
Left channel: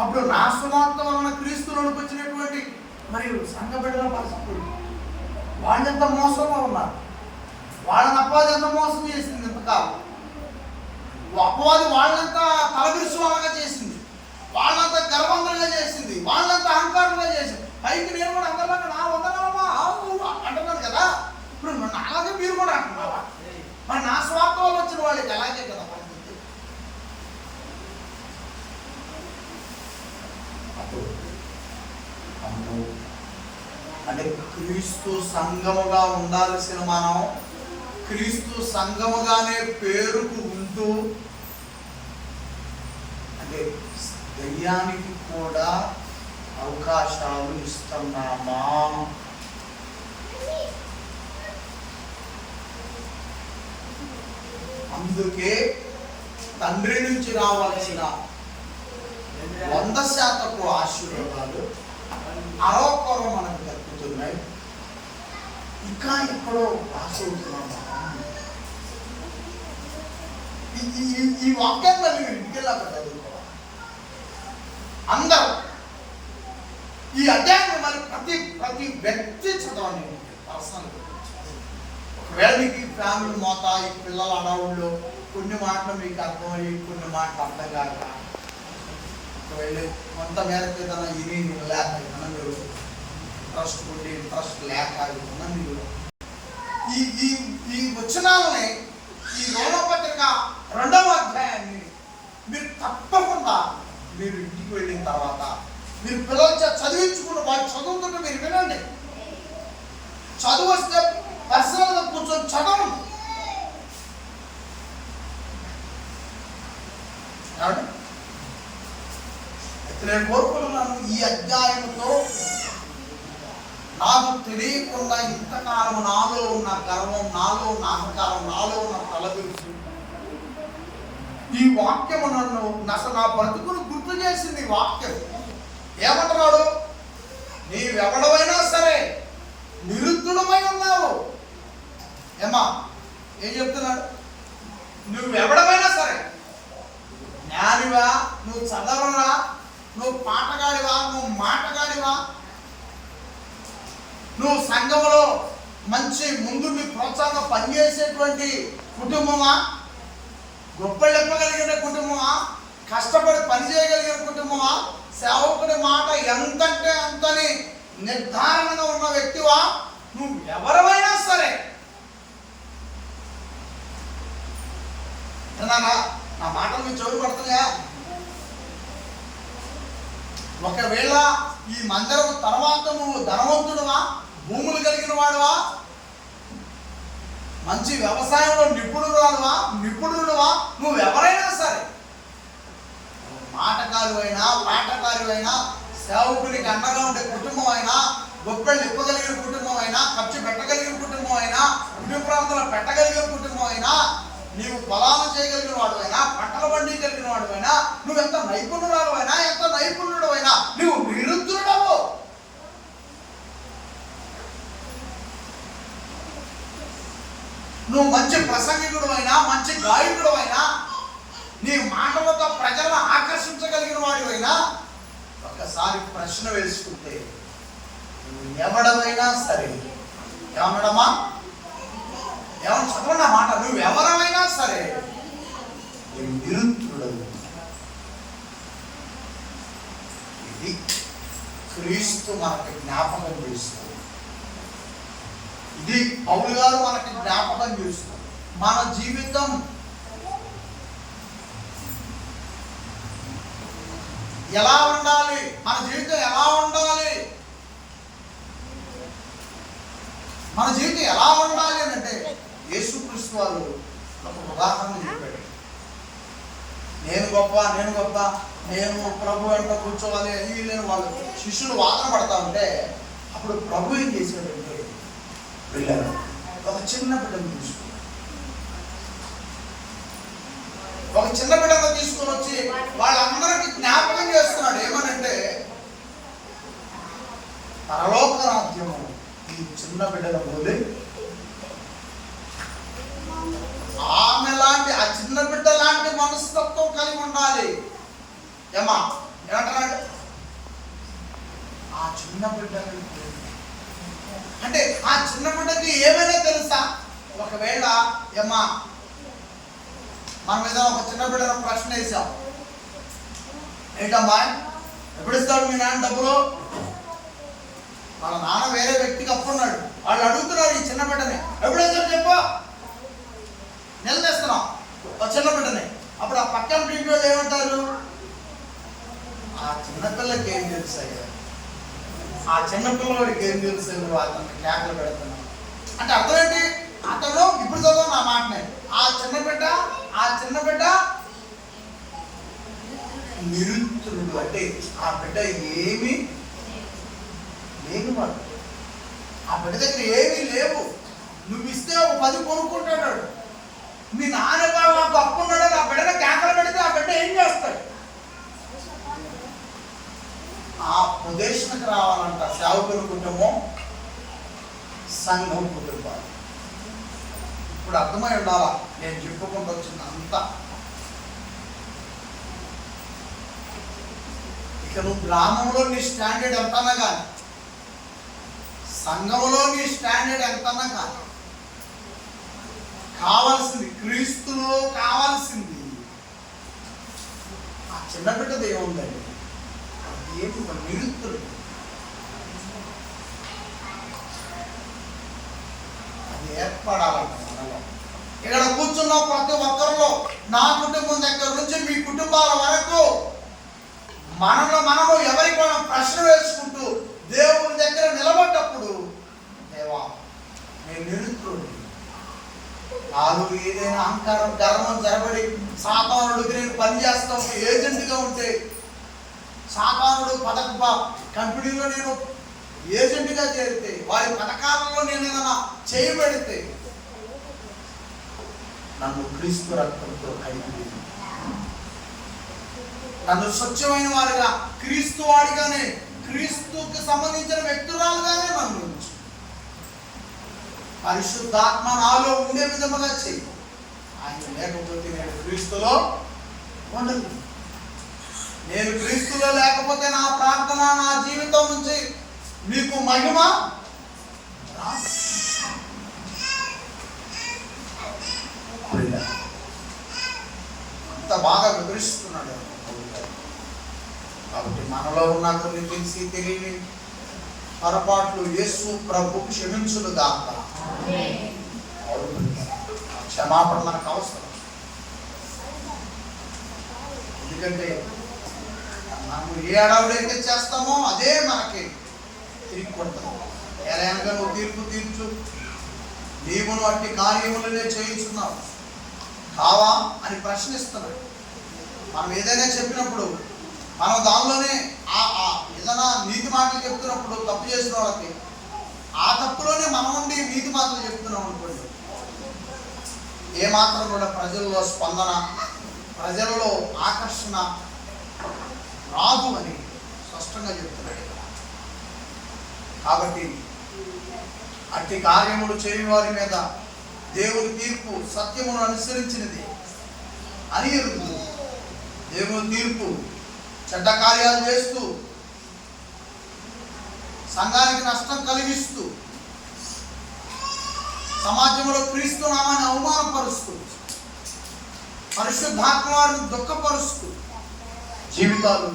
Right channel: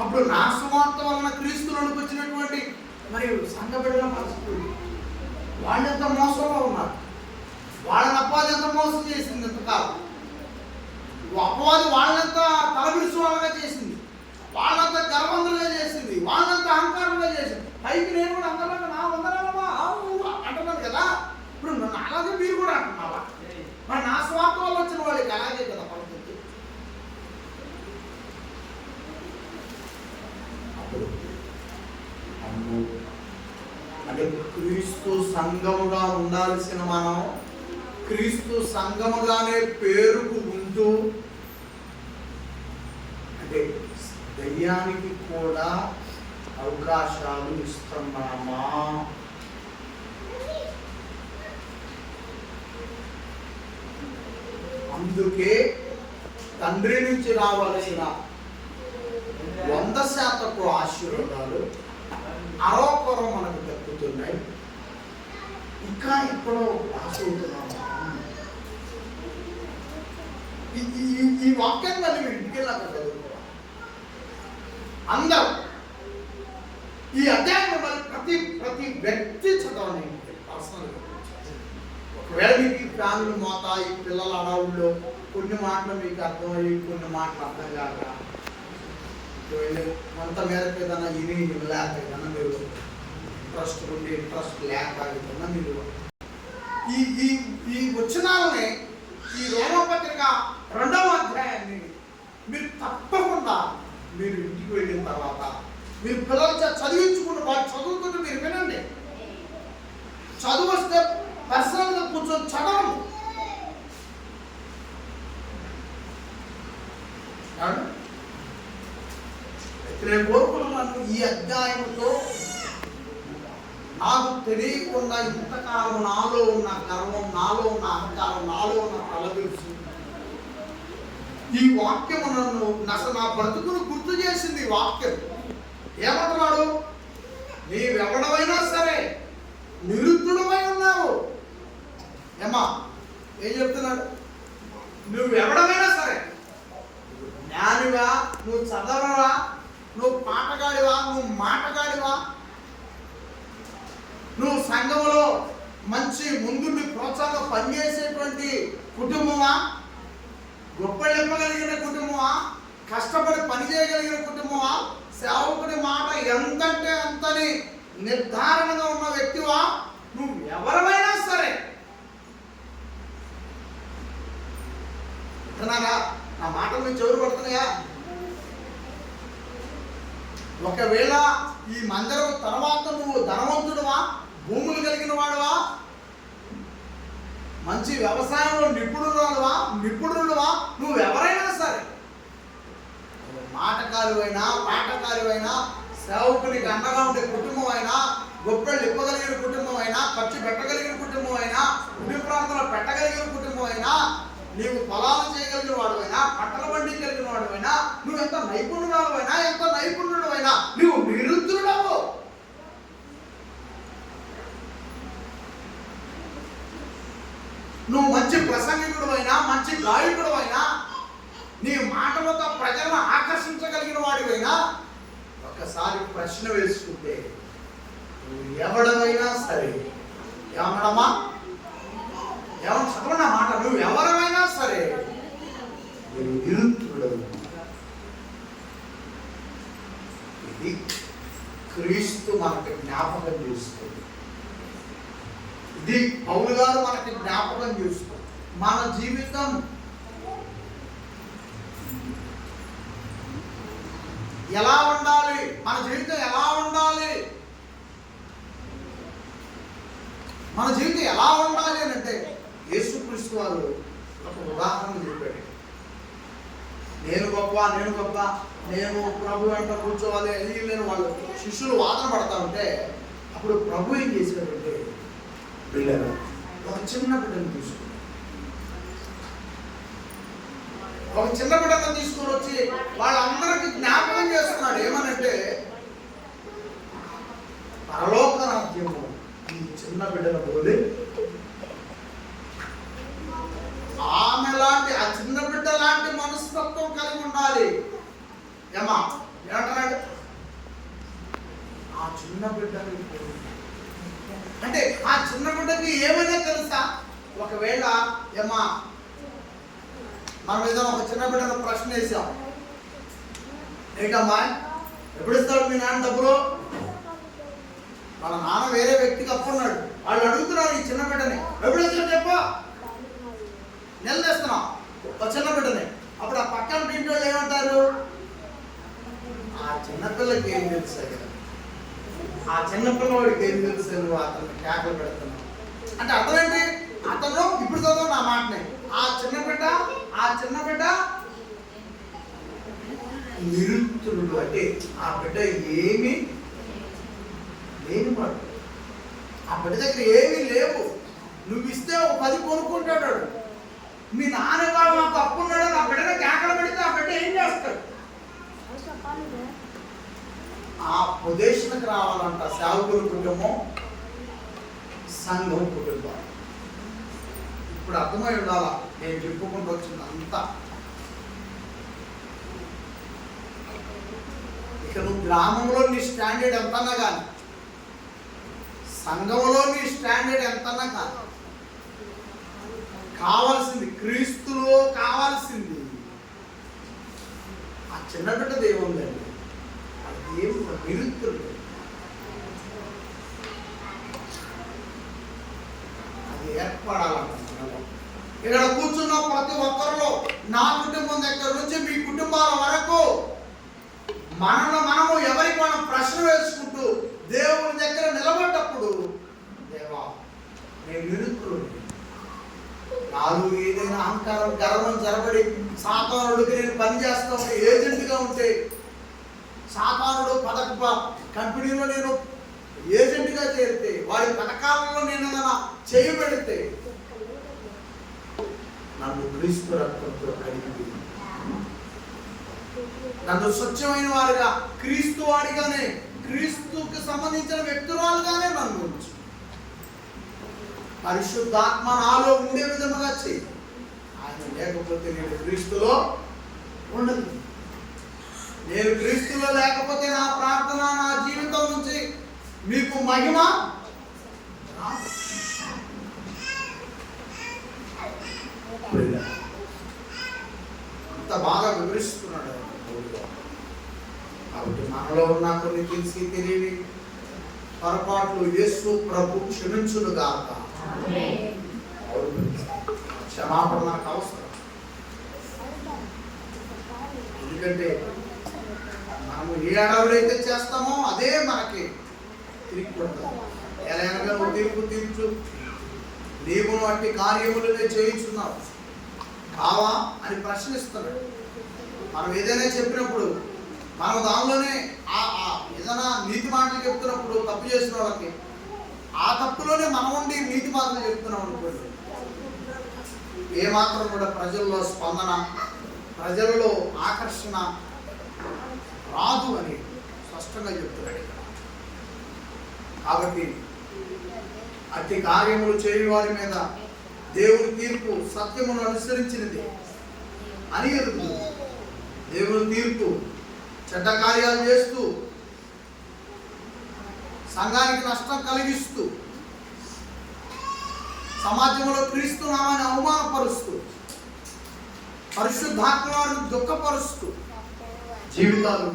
అప్పుడు నా సువార్త వలన క్రీస్తులోకి వచ్చినటువంటి మరియు సంఘ బిడ్డల పరిస్థితి, వాళ్ళెంత మోసంలో ఉన్నారు, వాళ్ళని అపవాది ఎంత మోసం చేసింది ఇంతకాలం. అపవాది వాళ్ళంతా తలబిరుసు వాళ్ళగా చేసింది, వాళ్ళంతా గర్వంగా చేసింది, వాళ్ళంతా అహంకారంగా చేసింది. పైకి నేను కూడా అందరిలాగా నా వందనాలమ్మా అంటున్నాను కదా. ఇప్పుడు అలాగే మీరు కూడా అంటున్నావా? మరి నా స్వార్థ వల్ల వచ్చిన వాళ్ళకి అలాగే కదా పరిస్థితి. అప్పుడు అంటే క్రీస్తు సంఘముగా ఉండాల్సిన మనం క్రీస్తు సంఘముగానే పేరుకు ఉంటూ అంటే దయ్యానికి కూడా అవకాశాలు ఇస్తున్నామా? అందుకే తండ్రి నుంచి రావాల్సిన 100% ఆశీర్వాదాలు అరోపరం మనకు దక్కుతున్నాయి. ఇంకా ఎక్కడో పాస్ అవుతున్నాము. ఈ వాక్యాన్ని మళ్ళీ ఇంటికి వెళ్ళాక చదువుకోవాలి అందరూ. ఈ అధ్యాయాన్ని మళ్ళీ ప్రతి వ్యక్తి చదవండి పర్సనల్. ఒకవేళ మీకు ఫ్యామిలీ మోత, ఈ పిల్లల అడవుల్లో కొన్ని మాటలు మీకు అర్థమయ్యి కొన్ని మాటలు అర్థం కాక వెళ్ళి కొంత మేరకు ఏదైనా ఇని లేక ఏమన్నా మీరు ఇంట్రెస్ట్ ఉండి ఇంట్రెస్ట్ లేక ఏమన్నా మీరు ఈ వచనాలని, ఈ రోమపత్రిక 2వ అధ్యాయాన్ని మీరు తప్పకుండా మీరు ఇంటికి వెళ్ళిన తర్వాత మీరు పిల్లల చదివించుకున్న వాళ్ళు చదువుతుంటే మీరు వినండి. చదువు వస్తే పర్సనల్గా కూర్చొని చదవండి. నేను కోరుకున్నాను ఈ అధ్యాయముతో నాకు తెలియకుండా ఇంతకాలం నాలో ఉన్న గర్వం, నాలో ఉన్న అహంకారం, నాలో ఉన్న తలబిరుసు, ఈ వాక్యము నన్ను అసలు నా బ్రతుకును గుర్తు చేసింది. ఈ వాక్యం ఏమంటున్నాడు? నీవెవడమైనా సరే నిరుద్ధుడమై ఉన్నావు. ఏమా ఏం చెప్తున్నాడు? నువ్వెవడమైనా సరే, జ్ఞానివా, నువ్వు చదవరా, నువ్వు పాటగాడివా, నువ్వు మాటగాడివా, నువ్వు సంఘంలో మంచి ముందుండి ప్రోత్సాహంగా పనిచేసేటువంటి కుటుంబమా, గొప్ప చెప్పగలిగిన కుటుంబమా, కష్టపడి పని చేయగలిగిన కుటుంబమా, సేవకుడి మాట ఎంతంటే అంతని నిర్ధారణగా ఉన్న వ్యక్తివా, నువ్వు ఎవరైనా సరే. అంటున్నారా? నా మాటలు మీ చెవులు పడుతున్నాయా? ఒకవేళ ఈ మందిరం తర్వాత నువ్వు ధనవంతుడువా, భూములు కలిగిన వాడువా, మంచి వ్యవసాయంలో నిపుణుడువా, నువ్వు ఎవరైనా సరే ఆటకారువైనా పాటకారువైనా సేవకునికి అండగా ఉండే కుటుంబం అయినా గొప్పెళ్ళు ఇవ్వగలిగిన కుటుంబం అయినా ఖర్చు పెట్టగలిగిన కుటుంబం అయినా కుటుంబ ప్రాంతంలో పెట్టగలిగిన కుటుంబం అయినా నీవు పొలాలు చేయగలిగిన వాడు అయినా పంటలు పండించగలిగిన వాడు అయినా నువ్వెంత నైపుణ్యురాలు అయినా ఎంత నైపుణ్యుడు అయినా నువ్వు నిరుద్ధుడవు. నువ్వు మంచి ప్రసంగికుడు అయినా మంచి గాయకుడు అయినా నీ మాటలతో ప్రజలను ఆకర్షించగలిగిన వాడివైనా ఒక్కసారి ప్రశ్న వేసుకుంటే నువ్వు ఎవడమైనా సరే, ఏమన్నాడమ్మా, ఏమన్నా చదవండి ఆ మాట, నువ్వు ఎవరమైనా సరే నువ్వు నిరుద్ధుడవు. ఇది క్రీస్తు మనకి జ్ఞాపకం చేస్తుంది. ఇది పౌలు గారు మనకి జ్ఞాపకం చేస్తూ మన జీవితం ఎలా ఉండాలి, మన జీవితం ఎలా ఉండాలి, మన జీవితం ఎలా ఉండాలి అని అంటే యేసుక్రీస్తు వారు ఒక ఉదాహరణ చెప్పాడు. నేను గొప్ప, నేను గొప్ప, నేను ప్రభు వెంట కూర్చోవాలి అది నేను వాళ్ళు శిష్యులు వాదన పడతా ఉంటే అప్పుడు ప్రభు ఏం చేశాడంటే వెళ్ళారు ఒక చిన్న బిడ్డను తీసుకుని వచ్చి వాళ్ళందరికీ జ్ఞాపకం చేస్తున్నాడు. ఏమనంటే పరలోక రాజ్యము ఈ చిన్న బిడ్డల పోలి ఆమె లాంటి ఆ చిన్న బిడ్డ లాంటి మనస్తత్వం కలిగి ఉండాలి. ఏమా ఏమంటారంటే ఆ చిన్న బిడ్డ అంటే ఆ చిన్న బిడ్డకి ఏమైనా తెలుసా? ఒకవేళ ఏమా మనం ఏదో ఒక చిన్న బిడ్డను ప్రశ్న వేసాం, ఏంటమ్మా ఎప్పుడు ఇస్తాడు మీ నాన్న డబ్బులు? మన నాన్న వేరే వ్యక్తికి అప్పున్నాడు, వాళ్ళు అడుగుతున్నారు ఈ చిన్న బిడ్డని ఎప్పుడు ఇస్తాడు చెప్పు, నిలదీస్తున్నాం ఒక చిన్న బిడ్డని. అప్పుడు ఆ పక్కన ఇంటి వాళ్ళు ఏమంటారు? ఆ చిన్నపిల్లకి ఏం తెలుసు, ఆ చిన్నపిల్లవాడికి ఏం తెలుసు, నువ్వు అతన్ని కేకలు పెడుతున్నావు అంటే అర్థం ఏంటి? అతను ఇప్పుడు చదువు నా మాటనే, ఆ చిన్న బిడ్డ నిరుద్ధుడు అంటే ఆ బిడ్డ ఏమీ లేనివాడు, ఆ బిడ్డ దగ్గర ఏమీ లేవు. నువ్వు ఇస్తే ఒక 10 కొనుక్కుంటాడు. మీ నాన్నగారు నాకు అప్పున్నాడు, ఆ బిడ్డను కేకలు పెడితే ఆ బిడ్డ ఏం చేస్తాడు? ఆ ప్రదేశానికి రావాలంట సేవకుల కుటుంబం, సంఘం కుటుంబాలు. ఇప్పుడు అర్థమై ఉండాలా నేను చెప్పుకుంటూ వచ్చింది అంతా. ఇక నువ్వు గ్రామంలో నీ స్టాండర్డ్ ఎంతన్నా కానీ, సంఘంలో నీ స్టాండర్డ్ ఎంతన్నా కానీ, కావాల్సింది క్రీస్తులో కావాల్సింది ఆ చిన్న బిడ్డ దేవుందండి. దేవుడు నిరుద్ధుడు, అది ఏర్పడాలంట మనలో. ఇక్కడ కూర్చున్న ప్రతి ఒక్కరిలో, నా కుటుంబం దగ్గర నుంచి మీ కుటుంబాల వరకు మనము ఎవరికి మనం ప్రశ్న వేసుకుంటూ దేవుని దగ్గర నిలబడ్డప్పుడు, దేవా నేను నిరుద్ధుడు, నాలో ఏదైనా అహంకారం గర్వం జరబడి సాతానుడికి నేను పనిచేస్తా ఉంటే, ఏజెంట్గా ఉంటే, సాతానుడు కంపెనీలో నేను ఏజెంట్గా చేరితే, వారి పథకాలలో నేను ఏదైనా చేయబెడితే, నన్ను క్రీస్తు రక్తంతో కడిగి నన్ను స్వచ్ఛమైన వారిగా, క్రీస్తు వాడిగానే, క్రీస్తుకి సంబంధించిన వ్యక్తురాలుగానే నన్ను ఉంచు. పరిశుద్ధాత్మ నాలో ఉండే విధముగా చెయ్యి. ఆయన లేకపోతే నేను క్రీస్తులో ఉండదు. నేను క్రీస్తులో లేకపోతే నా ప్రార్థన, నా జీవితం నుంచి మీకు మహిమ అంత బాగా వివరిస్తున్నాడు. కాబట్టి మనలో ఉన్న కొన్ని తెలిసి తెలియని పొరపాట్లు యేసు ప్రభు క్షమించును గాక. క్షమాపణ మనకు అవసరం. ఎందుకంటే మనము ఏ అడవుడైతే చేస్తామో అదే మనకి తిరిగి కొడతాం. ఎలా నువ్వు తీర్పు తీర్చు, నీవును అట్టి కార్యములనే చేయించున్నావు కావా అని ప్రశ్నిస్తున్నాడు. మనం ఏదైనా చెప్పినప్పుడు మనం దానిలోనే ఏదైనా నీతి మాటలు చెప్తున్నప్పుడు తప్పు చేసిన వాళ్ళకి ఆ తప్పులోనే మనం ఉండి నీతి మాటలు చెప్తున్నాం అనుకోండి, ఏమాత్రం కూడా ప్రజల్లో స్పందన, ప్రజలలో ఆకర్షణ రాదు అని స్పష్టంగా చెప్తున్నాడు. కాబట్టి అట్టి కార్యములు చేయు వారి మీద దేవుని తీర్పు సత్యమును అనుసరించినదే అని ఎరుగుతుంది. దేవుని తీర్పు చెడ్డ కార్యాలు చేస్తూ, సంఘానికి నష్టం కలిగిస్తూ, సమాజంలో క్రీస్తు నామాన్ని అవమానపరుస్తూ, పరిశుద్ధాత్మ వారిని దుఃఖపరుస్తూ జీవితాలు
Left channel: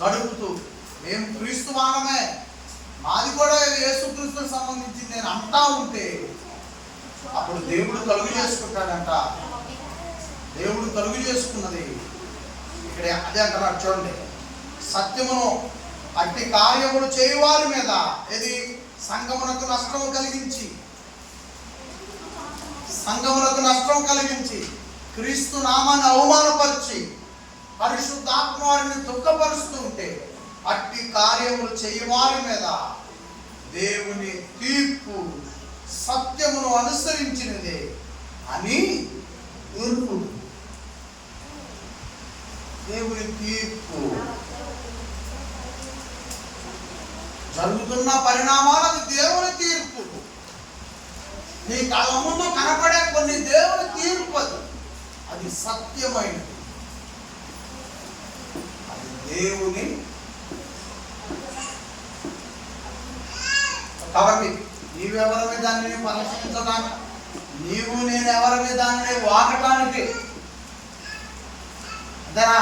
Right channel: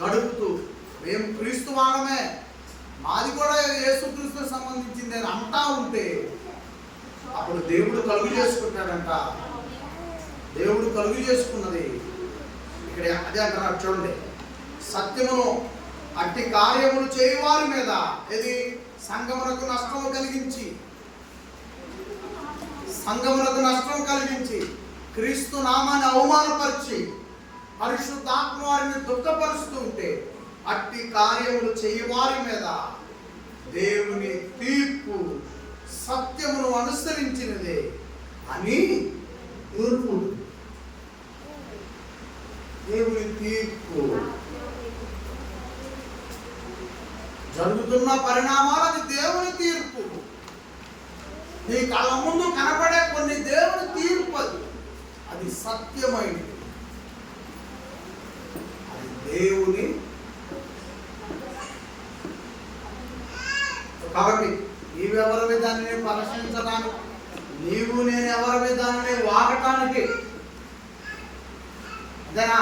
గడుపుతూ, మేము క్రీస్తు వాళ్ళమే, మాది కూడా యేసుక్రీస్తుకు సంబంధించింది అని అంటా ఉంటే అప్పుడు దేవుడు కలుగు చేసుకుంటాడంట. దేవుడు కలుగు చేసుకున్నది ఇక్కడ అదే అంటారు. చూడండి, సత్యమును అట్టి కార్యములు చేయువారి మీద ఇది సంఘమునకు నష్టం కలిగించి క్రీస్తు నామాన్ని అవమానపరిచి పరిశుద్ధాత్మ వారిని దుఃఖపరుస్తూ ఉంటే అట్టి కార్యములు చేయువారి మీద దేవుని తీర్పు సత్యమును అనుసరించినదే అని తీర్పు. దేవుని తీర్పు జరుగుతున్న పరిణామాలకు దేవుని తీర్పు. నీ కళ్ళ ముందు కనపడే కొన్ని దేవుని తీర్పు, అది సత్యమైనది, అది దేవుని. కాబట్టి నీవెవరమే దానిని పరిశీలించడానికి, నీవు నేను ఎవరమే దానిని వాగటానికి. అంతేనా?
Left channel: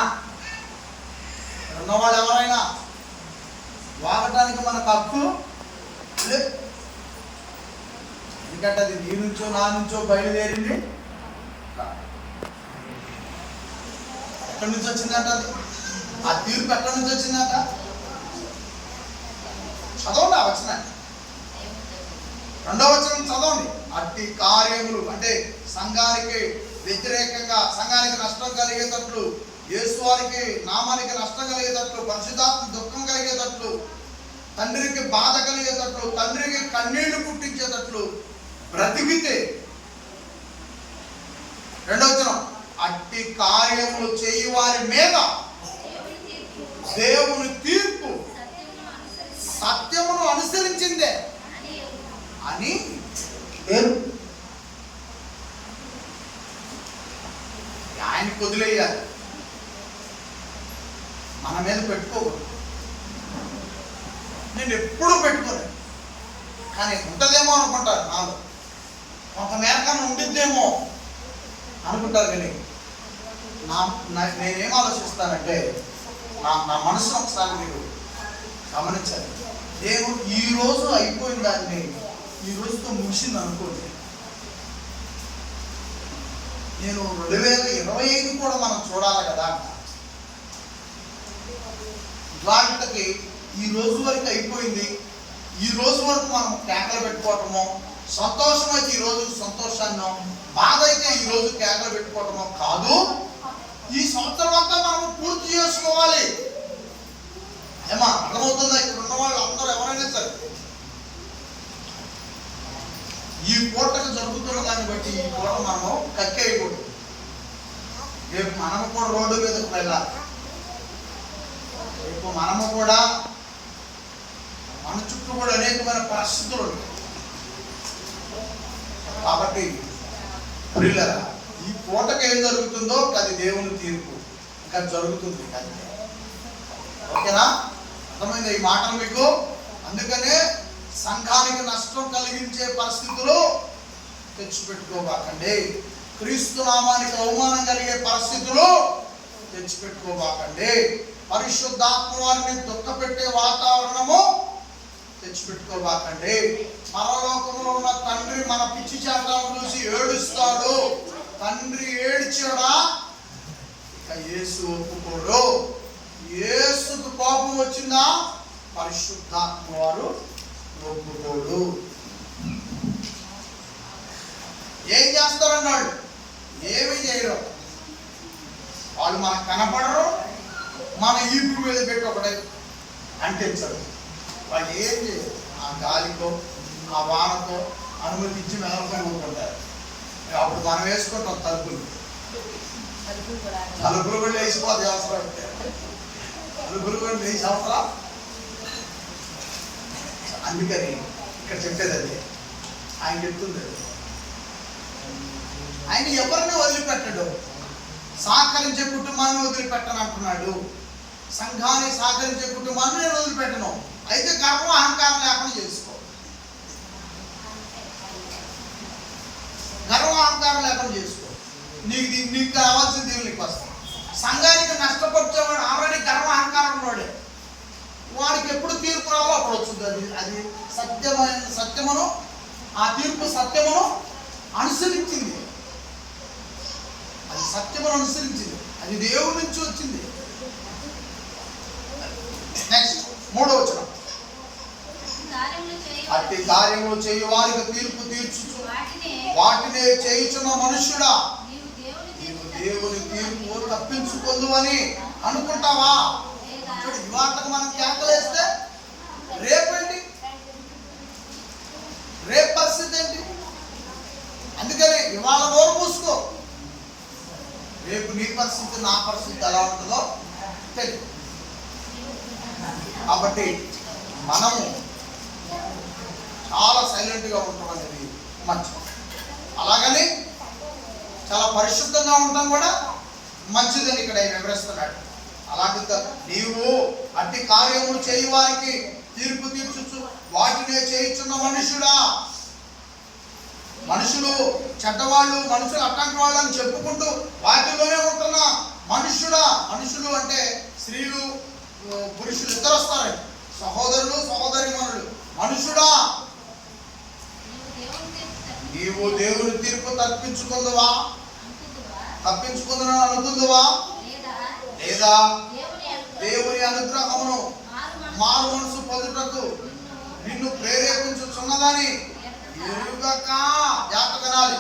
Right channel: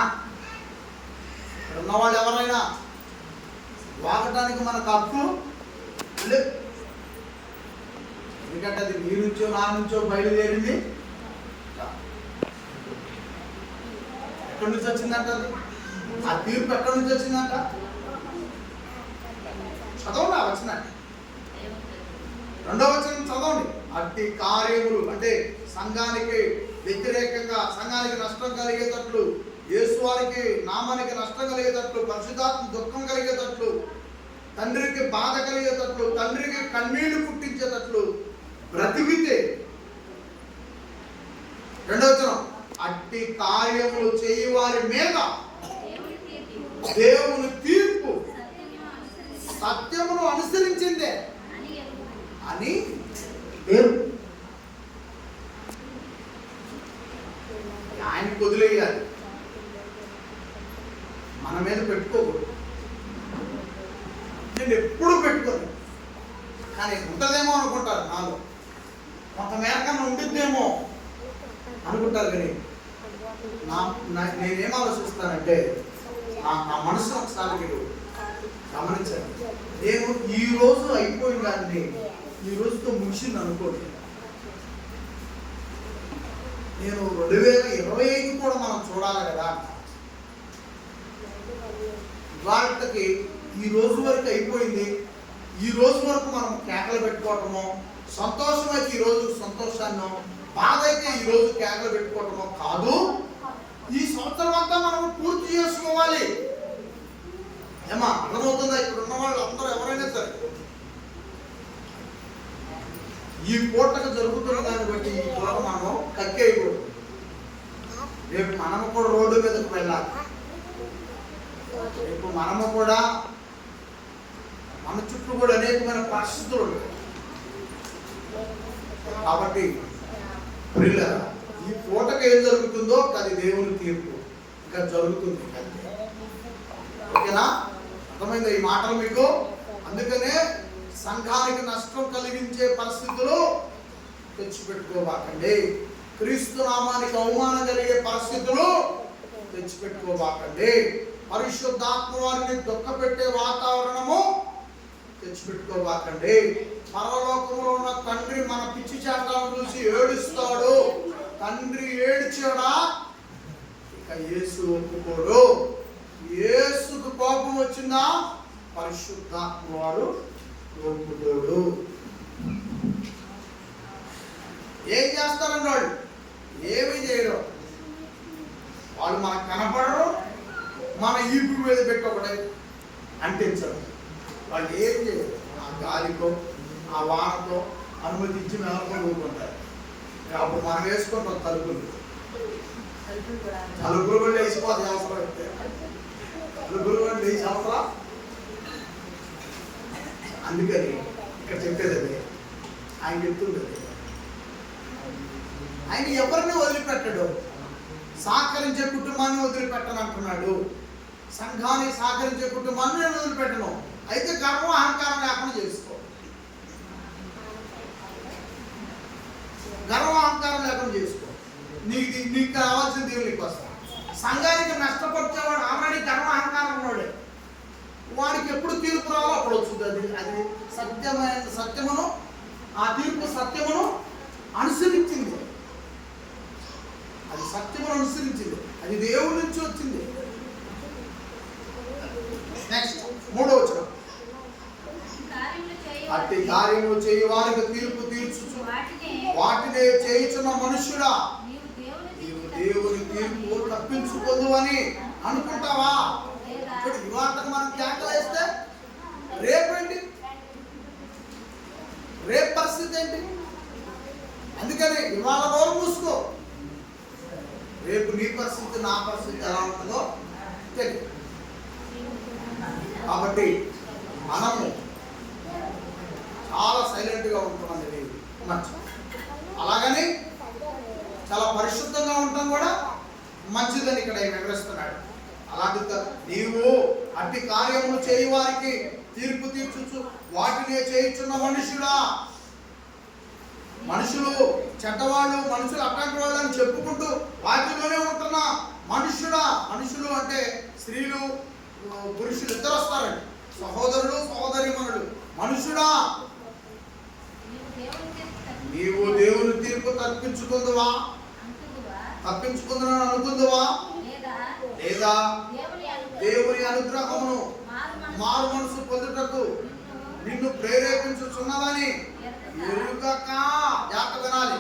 ఉన్నవాళ్ళు ఎవరైనా వాగటానికి మనకు హక్కు లేదు. ఎందుకంటే అది నీ నుంచో నా నుంచో బయలుదేరింది. ఎక్కడి నుంచి వచ్చిందంట అది? ఆ తీర్పు ఎక్కడి నుంచి వచ్చిందంట? చదవండి ఆ వచనాన్ని, 2వ వచనం చదవండి. అట్టి కార్యములు అంటే సంఘానికి వ్యతిరేకంగా, సంఘానికి నష్టం కలిగేటట్లు, యేసు వారికి నామానికి నష్టం కలిగేటట్లు, పరిశుద్ధాత్మ దుఃఖం కలిగేటట్లు, తండ్రికి బాధ కలిగేటట్లు, తండ్రికి కన్నీళ్లు పుట్టించేటట్లు బ్రతికితే. 2వ వచనం, అట్టి కార్యములు చేయి వారి మీద దేవుని తీర్పు సత్యమును అనుసరించిందే అని ఆయనకు వదిలేయాలి, మన మీద పెట్టుకోకూడదు. నేను ఎప్పుడూ పెట్టుకోలేదు, కానీ ఉంటుందేమో అనుకుంటారు, నాలో కొంత మేరకన్నా ఉండిద్దేమో అనుకుంటారు. కానీ నేనేం ఆలోచిస్తానంటే, నా మనసును ఒకసారి మీరు గమనించాలి. నేను ఈరోజు అయిపోయిన దాన్ని ఈ రోజుతో ముగిసింది అనుకోండి, నేను 2025 కూడా మనం చూడాలి కదా. వాళ్ళకి ఈ రోజు వరకు అయిపోయింది, ఈ రోజు వరకు మనం కేకలు పెట్టుకోవటమో, సంతోషం అయితే ఈరోజు సంతోషాన్ని, బాధ అయితే ఈరోజు కేకలు పెట్టుకోవటమో కాదు. ఈ సంవత్సరం అంతా మనం పూర్తి చేసుకోవాలి. ఏమా అర్థమవుతుందా? ఇక్కడ ఉన్న వాళ్ళు అందరూ ఎవరైనా సరే ఈ పూటకు జరుగుతున్న దాన్ని బట్టి ఈ పూట మనము కక్కేయకూడదు. రేపు మనము కూడా రోడ్డు మీదకి వెళ్ళాలి. రేపు మనము కూడా మన చుట్టూ కూడా అనేకమైన పరిస్థితులు ఉంటాయి. కాబట్టి ప్రియులారా, ఈ పూటకు ఏం జరుగుతుందో అది దేవుని తీర్పు ఇంకా జరుగుతుంది. ఓకేనా? అర్థమైందా ఈ మాటలు మీకు? అందుకనే సంఘానికి నష్టం కలిగించే పరిస్థితులు తెచ్చిపెట్టుకోబాకండి. క్రీస్తు నామానికి అవమానం కలిగే పరిస్థితులు తెచ్చిపెట్టుకోబాకండి. పరిశుద్ధాత్మ వారిని దుఃఖపెట్టే వాతావరణము తెచ్చిపెట్టుకోబాకండి. పరలోకములో ఉన్న తండ్రి మన పిచ్చి చేతలను చూసి ఏడుస్తాడు. తండ్రి ఏడ్చాడా? ఇక యేసు ఒప్పుకోడు. యేసుకు కోపం వచ్చిందా? పరిశుద్ధాత్మ వారు ఒప్పుకోడు. ఏం చేస్తారన్నాడు? ఏమీ చేయరు. వాళ్ళు మనకు కనపడరు, మన ఈపు మీద పెట్టి ఒకటే అంటించడం. వాళ్ళు ఏం చేయరు. ఆ గాలికో ఆ వానకో అనుమతించి మెదలుకొని ఊరుకుంటారు. అప్పుడు మనం వేసుకుంటాం తలుపులు కూడా వేసిపోతే అవసరం అయితే తలుపులు కూడా వేసి అవసరం. అందుకని ఇక్కడ చెప్పేది అది, ఆయన చెప్తుంది అది. ఆయన ఎవరిని వదిలిపెట్టడు. సహకరించే కుటుంబాన్ని వదిలిపెట్టను అంటున్నాడు. సంఘాన్ని సహకరించే కుటుంబాన్ని నేను వదిలిపెట్టను. అయితే గర్వం అహంకారం లేకుండా చేసుకో. గర్వం అహంకారం లేకుండా చేసుకో. నీకు కావాల్సిన దేవునికి వస్తా. సంఘానికి నష్టపరిచేవాడు ఆల్రెడీ గర్వ అహంకారం ఉన్నాడే. వాడికి ఎప్పుడు తీర్పు రాలో అప్పుడు వస్తుంది. అది సత్యమును ఆ తీర్పు సత్యమును అనుసరించింది. అది సత్యమును అనుసరించింది. అది దేవుడి నుంచి వచ్చింది. నెక్స్ట్ 3వ వచనం. అట్టి కార్యములు చేయు వారికి తీర్పు తీర్చుచు వాటినే చేయుచున్న మనుష్యుడా, నీవు దేవుని తీర్పు తప్పించుకుందు అని అనుకుంటావా? చూడు, ఇవాళకు మనం కేకలేస్తే రేపేంటి? రేపు పరిస్థితి ఏంటి? అందుకని ఇవాళ నోరు మూసుకో. రేపు నీ పరిస్థితి నా పరిస్థితి ఎలా ఉంటుందో తెలియదు. కాబట్టి మనము చాలా సైలెంట్గా ఉంటాం అనేది మంచిది. అలాగని చాలా పరిశుద్ధంగా ఉండటం కూడా మంచిదని ఇక్కడ వివరిస్తున్నాడు. అలాంటి నీవు అట్టి కార్యములు చేయి వారికి తీర్పు తీర్చుచు వాటినే చేయుచున్న మనుషుడా. మనుషులు చెడ్డవాళ్ళు, మనుషులు అట్లాంటి వాళ్ళని చెప్పుకుంటూ వాటిలోనే ఉంటున్న మనుషుడా. మనుషులు అంటే స్త్రీలు పురుషులు ఇద్దరు వస్తారండి, సహోదరులు సహోదరీమణులు. మనుషుడా, నీవు దేవుని తీర్పు తప్పించుకుందువా? తప్పించుకుందని అనుకుందువా? లేదా దేవుని అనుగ్రహమును మారు మనసు పొందుటకు నిన్ను ప్రేరేపించుచున్నదని ఎరుగక. జాగ్రత్త వినాలి,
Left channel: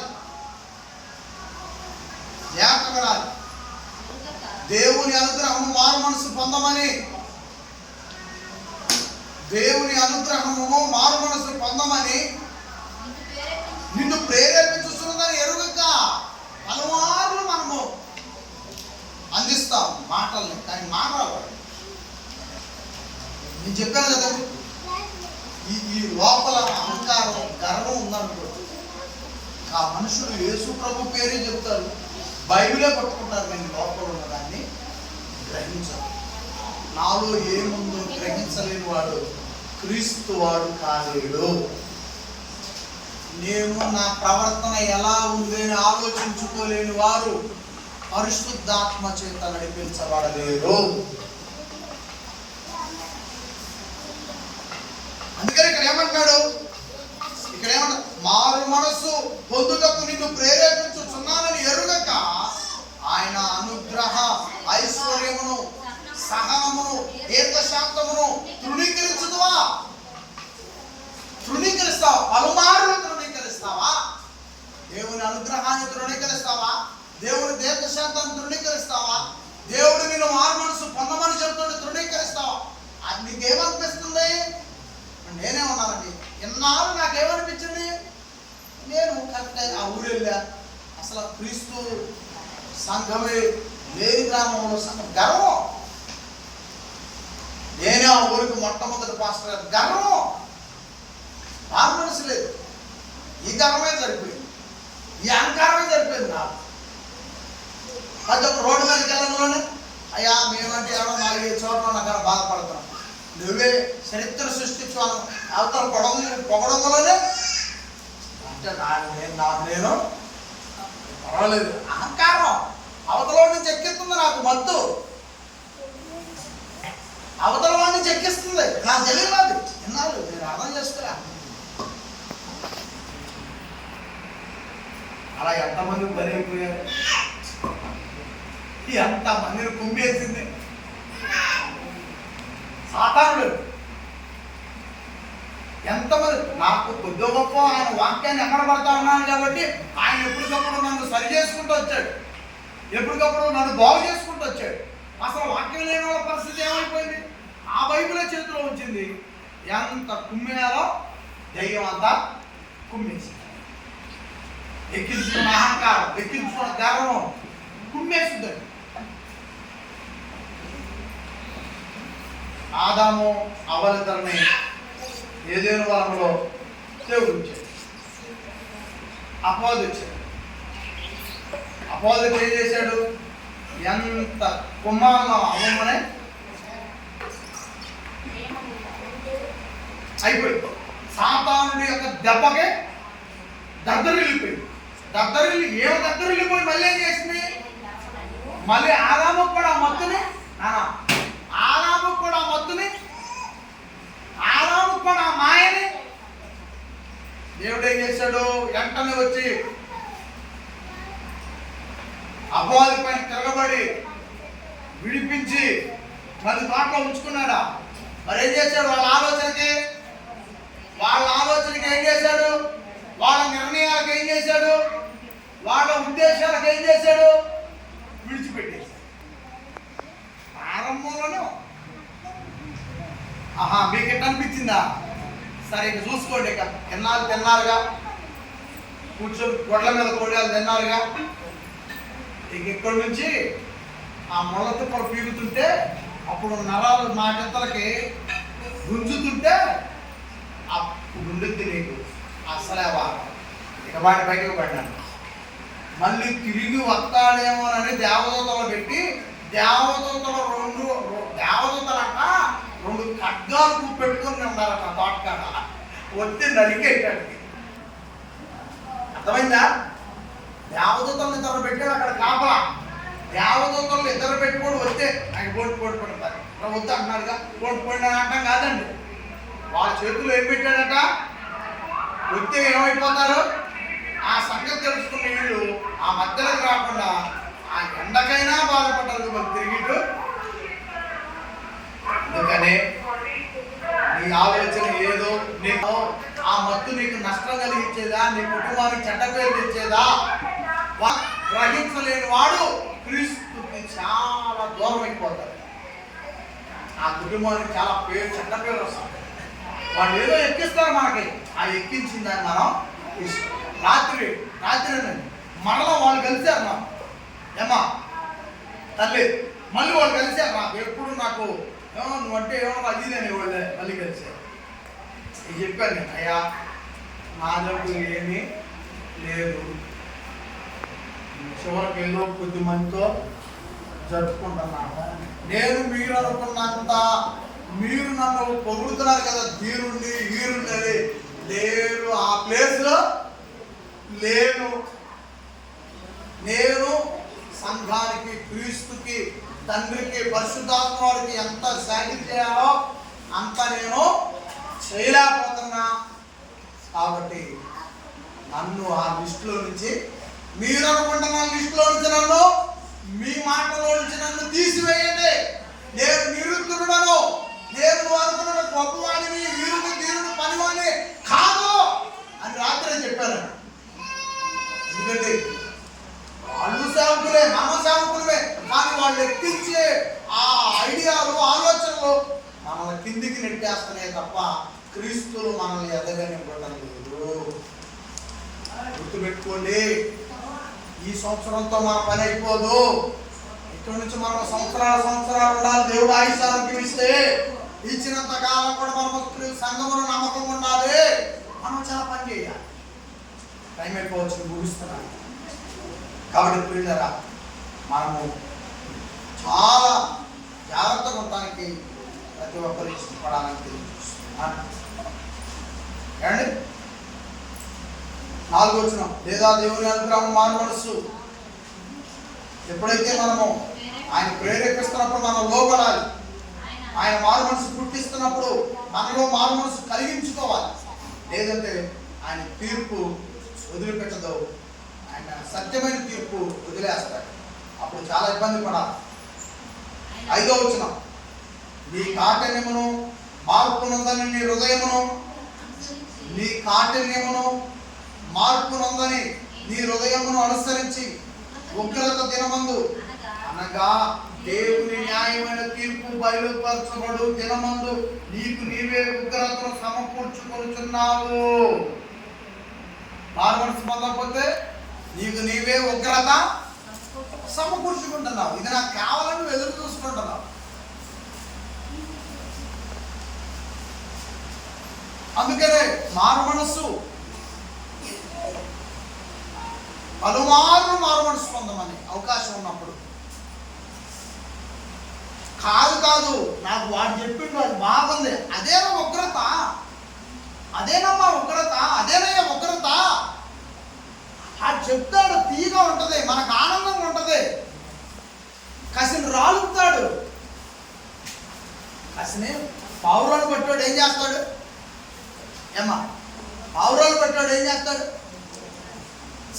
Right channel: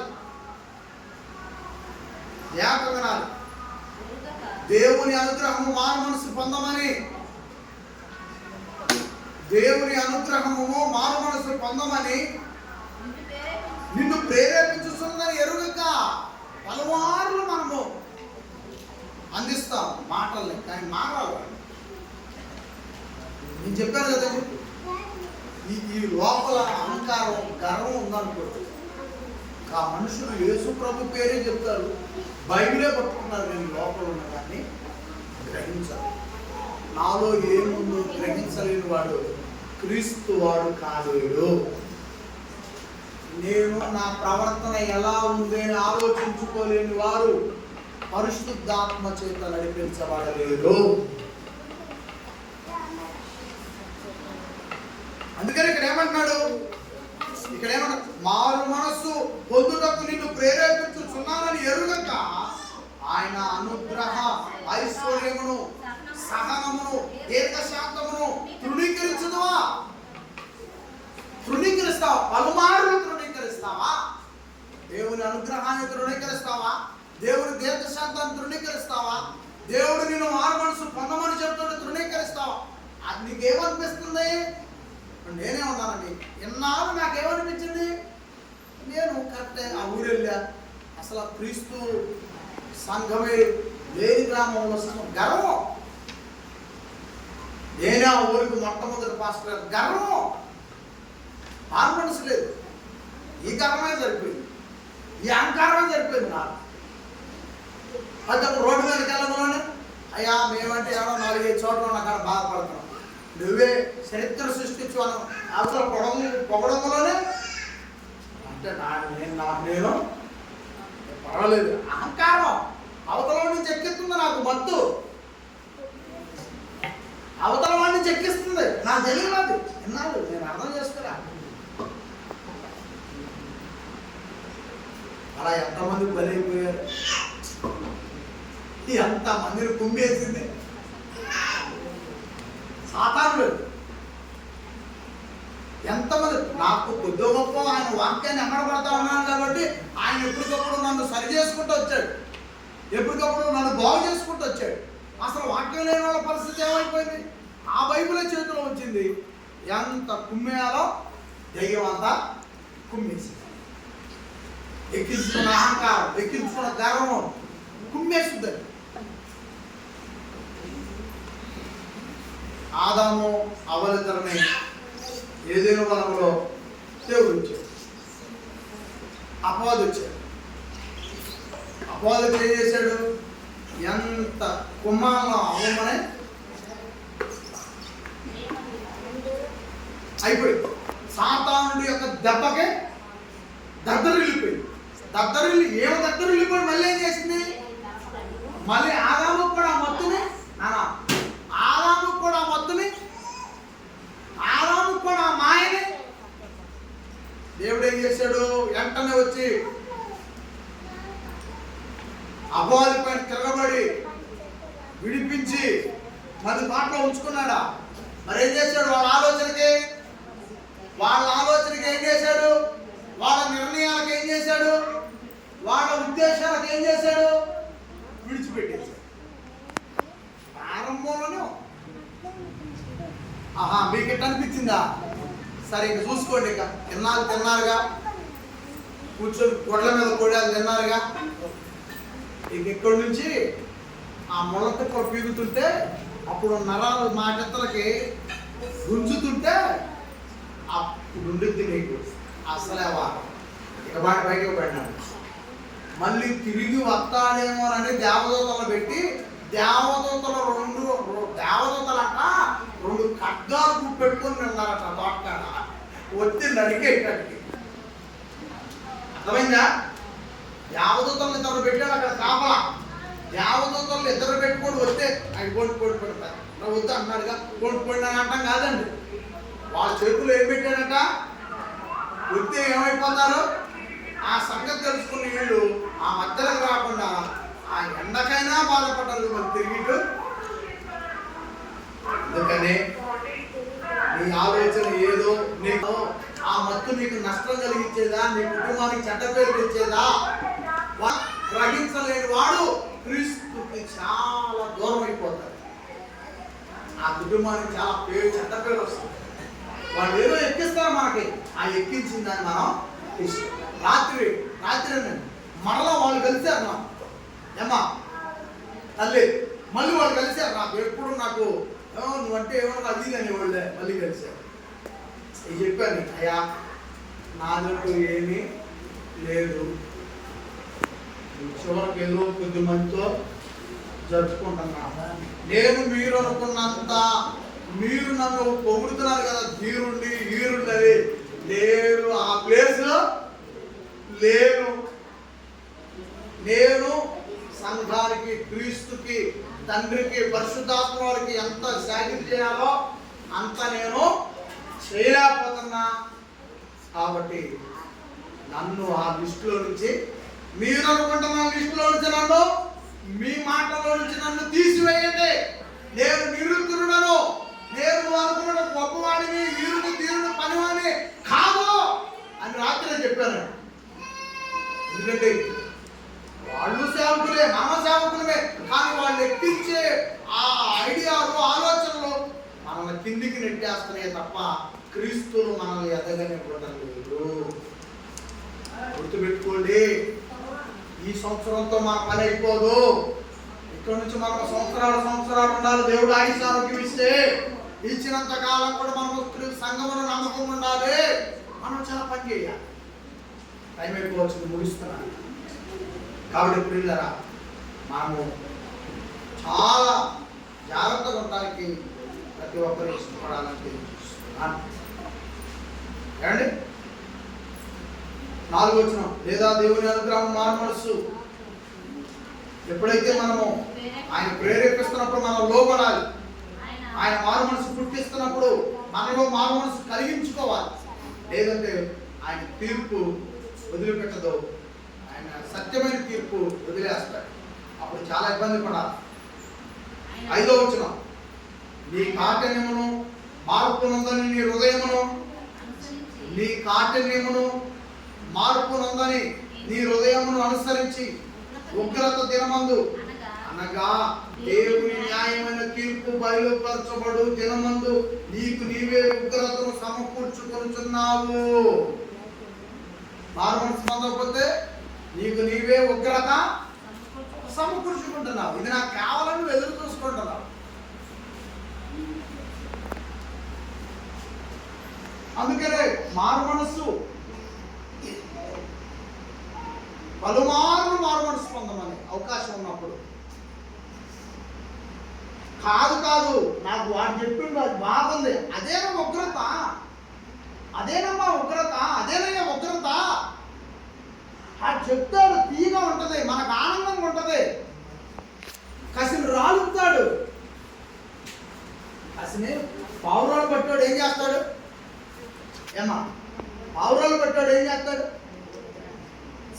జాగ్రత్త వినాలి. దేవుని అనుగ్రహము మారు మనసు పొందమని, దేవుని అనుగ్రహము మారు మనసు పొందమని నిన్ను ప్రేరేపించుతున్నదని ఎరుగక. పలుమార్లు మనము అందిస్తాం మాటల్ని, కానీ మారాలి. నేను చెప్పాను కదండి, ఈ లోపల అహంకారం గర్వం ఉందనుకో, ఆ మనుషులు యేసు ప్రభు పేరే చెప్తారు, బైబిలే పట్టుకుంటారు, కానీ లోపల ఉన్నదాన్ని గ్రహించరు. నాలో ఏముందో గ్రహించలేని వాడు క్రీస్తు వాడు కాలేడు. నేను నా ప్రవర్తన ఎలా ఉంది అని ఆలోచించుకోలేని వారు పరిశుద్ధాత్మ చేత నడిపించబడలేరు. అందుకని ఇక్కడ ఏమంటున్నాడు? మారు మనస్సు పొందుటకు నిన్ను ప్రేరేపించుచున్నానని ఎరుగక ఆయన అనుగ్రహ ఐశ్వర్యమును సహనమును దీర్ఘశాంతమును తృణీకరించుదువా? తృణీకరిస్తావా? పలుమార్లు తృణీకరిస్తావా? దేవుని అనుగ్రహాన్ని తృణీకరిస్తావా? దేవుని దీర్ఘశాంతాన్ని తృణీకరిస్తావా? దేవుడు నేను మారు మనసు పొందమని చెప్తాడు, తృణీకరిస్తావా? అది నీకేమనిపిస్తుంది? నేనే ఉన్నానండి, ఎన్నాళ్ళు నాకేమనిపించింది, నేను కరెక్ట్ ఆ ఊరు వెళ్ళా, అసలు క్రీస్తు సంఘమే లేని గ్రామంలో సంఘం, గర్వం. నేనే ఆ ఊరికి మొట్టమొదటి పాస్టర్ గారు, గర్వం. మారు మనసు లేదు. ఈ గర్వమే సరిపోయింది, ఈ అహంకారమే సరిపోయింది నాకు. అది ఒక రోడ్డు మీదకి వెళ్ళడంలోనే అయ్యా మేమంటే ఏడో 4-5 చోట్ల నాకు బాధపడుతున్నాం, నువ్వే చరిత్ర సృష్టించాను అవతల పొగడంలోనే అంటే నేను పర్వాలేదు. అహంకారం అవతల నుంచి ఎక్కిస్తుంది, నాకు మత్తు అవతల వాడిని చెక్కిస్తుంది, నాకు తెలియదు. అది ఎన్నాళ్ళు నేను అర్థం చేసుకోలే. అలా ఎంతమంది బలి అయిపోయారు, ఎంతమందిని కుమ్మేసింది సాతానుడు. ఎంతమంది నాకు కొద్ది గొప్ప ఆయన వాక్యాన్ని ఎమ్మడబడతా ఉన్నాను కాబట్టి ఆయన ఎప్పటికప్పుడు నన్ను సరి చేసుకుంటూ వచ్చాడు, ఎప్పటికప్పుడు నన్ను బాగు చేసుకుంటూ వచ్చాడు. అసలు వాక్యం లేని వాళ్ళ పరిస్థితి ఏమైపోయింది? ఆ బైబిలే చేతిలో వచ్చింది. ఎంత కుమ్మేయాలో దెయ్యం అంతా కుమ్మేసి, ఎక్కించుకున్న అహంకారం, ఎక్కించుకున్న గర్వం కుమ్మేస్తుందని. ఆదాము అవ్వలిద్దరిని ఏదేను వనంలో దేవుడు ఇచ్చాడు. అపవాది వచ్చాడు. అపవాది ఏం చేశాడు? ఎంత కుమ్మాల్లో అవ్వమనే అయిపోయింది. సాతానుడి యొక్క దెబ్బకే దద్దరిల్లిపోయింది. దద్దరిల్లిపోయి మళ్ళీ ఏం చేసింది? మళ్ళీ ఆదాముకు కూడా ఆ మత్తుని ఆదాముకు కూడా ఆ మాయని దేవుడు ఏం చేశాడు? వెంటనే వచ్చి అపవాది పైన తిరగబడి విడిపించి మళ్ళీ తోటలో ఉంచుకున్నాడా? మరి ఏం చేశాడు? వాళ్ళ ఆలోచనకి ఏం చేశాడు? వాళ్ళ నిర్ణయాలకు ఏం చేశాడు? వాళ్ళ ఉద్దేశాలకు ఏం చేశాడు? విడిచిపెట్టేశాడు. ప్రారంభంలోనే మీకు ఎట్లా అనిపించిందా? సరే ఇక చూసుకోండి. ఇక ఎన్నాళ్ళు తిన్నారుగా, కూర్చొని గొడ్ల మీద కొడాలు తిన్నారుగా. ఇక ఇక్కడి నుంచి ఆ ముళ్ళ తిప్పలు పీగుతుంటే, అప్పుడు నరాలు మాటలకి గుంజుతుంటే అప్పుడు ఉండిద్ది నీకు అసలేవా ఇక వాటి పైకి పడినాడు. మళ్ళీ తిరిగి వస్తాడేమోనని దేవదూతలు పెట్టి, దేవదూతలంట రెండు ఖడ్గాలు పెట్టుకొని ఉన్నారట తోటకాడ. వచ్చి నరికేటానికి అర్థమైందా? దేవదూతలను ఇద్దరు పెట్టాడు అక్కడ కాపలా. దేవదూతలు ఇద్దరు పెట్టుకోడు వస్తే నాకు పోటీ పడతారు. వద్దు అన్నాడుగా, పోటీ అని అంటాం కాదండి. వాళ్ళ చేతుల్లో ఏం పెట్టాడట? వస్తే ఏమైపోతారు? ఆ సంగతి తెలుసుకున్న వీళ్ళు ఆ మధ్యలోకి రాకుండా ఆ ఎండకైనా బాధపడ్డారు. మరి తిరిగిట్టు అందుకనే నీ ఆలోచన ఏదో, నీకు ఆ మత్తు నీకు నష్టం కలిగించేదా, నీ కుటుంబానికి చెడ్డ పేరు తెచ్చేదా గ్రహించలేని వాడు క్రీస్తుకి చాలా దూరం అయిపోతాడు. ఆ కుటుంబానికి చాలా చెడ్డ పేరు వస్తుంది. వాళ్ళు ఏదో ఎక్కిస్తారు మనకి, ఆ ఎక్కించిన దాన్ని మనం తీసుకో. రాత్రి మరలా వాళ్ళు కలిశారు నాకు, ఏమా తల్లి, మళ్ళీ వాళ్ళు కలిశారు నాకు. ఎప్పుడు నాకు నువ్వంటే ఏమన్నా అది నేను వాళ్ళే మళ్ళీ కలిశారు. ఇది చెప్పాను నేను, అయ్యా నాదంటూ ఏమీ లేదు, చివరికి ఏదో కొద్ది మందితో జరుపుకుంటున్నా. నేను మీరు అనుకున్నంత మీరు నన్ను పొగుడుతున్నారు కదా, వీరుండి వీరుండది లేరు, ఆ ప్లేస్లో లేను. నేను సంఘానికి, క్రీస్తుకి, తండ్రికి, పరిశుద్ధాత్మ వారికి ఎంత సాయం చేయాలో అంత నేను చేయలేకపోతున్నా. కాబట్టి నన్ను ఆ లిస్టులో నుంచి, మీరు అనుకుంటున్న లిస్టులో నుంచి నన్ను, మీ మాటలో నుంచి నన్ను తీసివేయండి. నేను నిరుద్ధుడను, నేను అనుకున్న గొప్పవాడిని, వీరుడు తీరుడు పనివాడిని కాదు అని రాత్రి చెప్పాను. ఎందుకంటే వాళ్ళు సేవకులే, మన సేవకులమే, కానీ వాళ్ళు ఎక్కించే ఆ ఐడియాలు, ఆలోచనలు మనల్ని కిందికి నెట్టేస్తున్నాయి తప్ప క్రీస్తులు మనల్ని ఎదగనివ్వటం లేదు. గుర్తుపెట్టుకోండి, ఈ సంవత్సరంతో మన పని అయిపోదు. ఇక్కడి నుంచి మనం సంవత్సరాలు ఉండాలి. దేవుడు ఆయుష్ ఆరోగ్యం ఇస్తే ఇచ్చినంత కాలం కూడా మనం సంఘములో నమ్మకం ఉండాలి. మనం చాలా పని చేయాలి. టైం అయిపోవచ్చు, ముగిస్తున్నాను. కాబట్టి ప్రియులారా, మనము చాలా జాగ్రత్తగా ఉండడానికి ప్రతి ఒక్కరు ఇష్టపడాలని తెలియజేస్తున్నాను. ఏమండి, 4వ వచనం, లేదా దేవుని అనుగ్రహం మారు మనస్సు. ఎప్పుడైతే మనము ఆయన ప్రేరేపిస్తున్నప్పుడు మనం లోబడాలి. ఆయన మారు మనసు పుట్టిస్తున్నప్పుడు మనలో మారు మనసు కలిగించుకోవాలి. లేదంటే ఆయన తీర్పు వదిలిపెట్టదు, ఆయన సత్యమైన తీర్పు వదిలేస్తాడు. అప్పుడు చాలా ఇబ్బంది పడాలి. 5వ వచనం, నీ కాఠిన్యమును మార్పునందని నీ హృదయమును, నీ కాఠిన్యమును మార్పునందని నీ హృదయమును అనుసరించి ఉగ్రత దినమందు అనగా దేవుని న్యాయమైన తీర్పు బయలుపరచబడు దినమందు నీకు నీవే ఉగ్రతను సమకూర్చుకొనుచున్నావు. మారుమనసు పొందకపోతే నీకు నీవే ఉగ్రత సమకూర్చుకుంటున్నావు. ఇది నాకు కావాలని నువ్వు ఎదురు చూసుకుంటున్నావు. అందుకనే మారుమనస్సు పలుమార్లు మారుమనస్సు పొందమని అవకాశం ఉన్నప్పుడు. కాదు నాకు వాడు చెప్పిండు అది బాగుంది, అదేనా ఉగ్రత, అదేనమ్మా ఉగ్రత, అదేనయ్యా ఉగ్రత. అది చెప్తాడు, తీగా ఉంటుంది, మనకు ఆనందంగా ఉంటుంది. కసిని రాలుపుతాడు. కసిని పావురాలు పట్టాడు ఏం చేస్తాడు? ఏమ్మా పావురాలు పట్టాడు ఏం చేస్తాడు?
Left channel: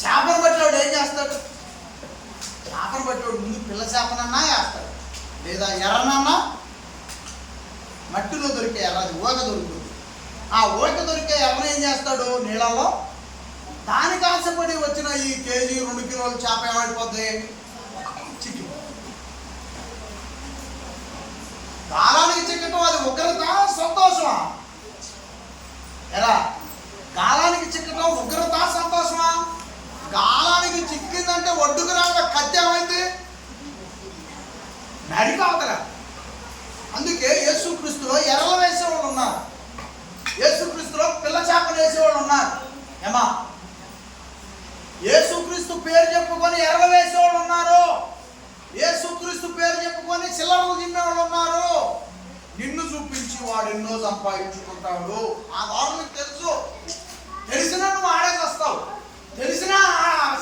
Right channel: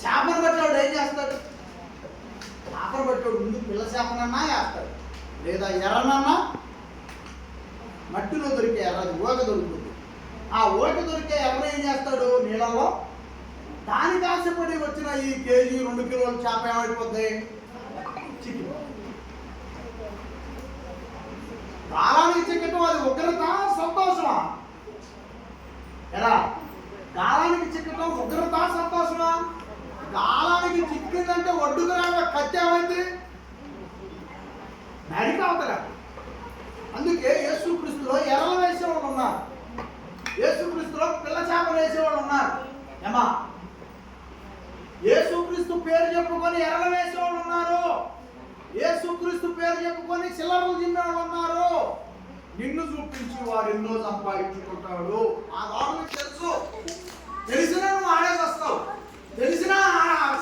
చేపను పట్టాడు ఏం చేస్తాడు? చేపను పట్టాడు ముందు పిల్ల చేపనన్నా వేస్తాడు, లేదా ఎర్రనన్నా మట్టిలో దొరికే ఎర్ర, అది ఊక దొరుకుతుంది. ఆ ఊక దొరికే ఎర్ర ఏం చేస్తాడు? నీళ్ళలో దానికి ఆశపడి వచ్చిన ఈ కేజీ 2 కిలోల చేప ఏమైపోద్ది? చిక్కి. గాలానికి చిక్కటం అది ఉగ్రత సంతోషమా? ఎరా గాలానికి చిక్కటం ఉగ్రత సంతోషమా? గాలానికి చిక్కిందంటే ఒడ్డుకు రాగా కత్తి ఏమైంది? నడికి అవతల. అందుకే యేసుక్రీస్తులో ఎర్రలు వేసేవాళ్ళు ఉన్నారు, యేసుక్రీస్తులో పిల్ల చేపలు వేసేవాళ్ళు ఉన్నారు. ఏమా యేసుక్రీస్తు పేరు చెప్పుకొని ఎర్రలు వేసేవాళ్ళు ఉన్నారు, యేసుక్రీస్తు పేరు చెప్పుకొని చిల్లరలు తిమ్మేవాళ్ళు ఉన్నారు. నిన్ను చూపించి వాడు ఎన్నో సంపాదించుకుంటాడు. ఆ వాడు తెలుసు, తెలిసినా నువ్వు ఆడేసి వస్తావు, తెలిసినా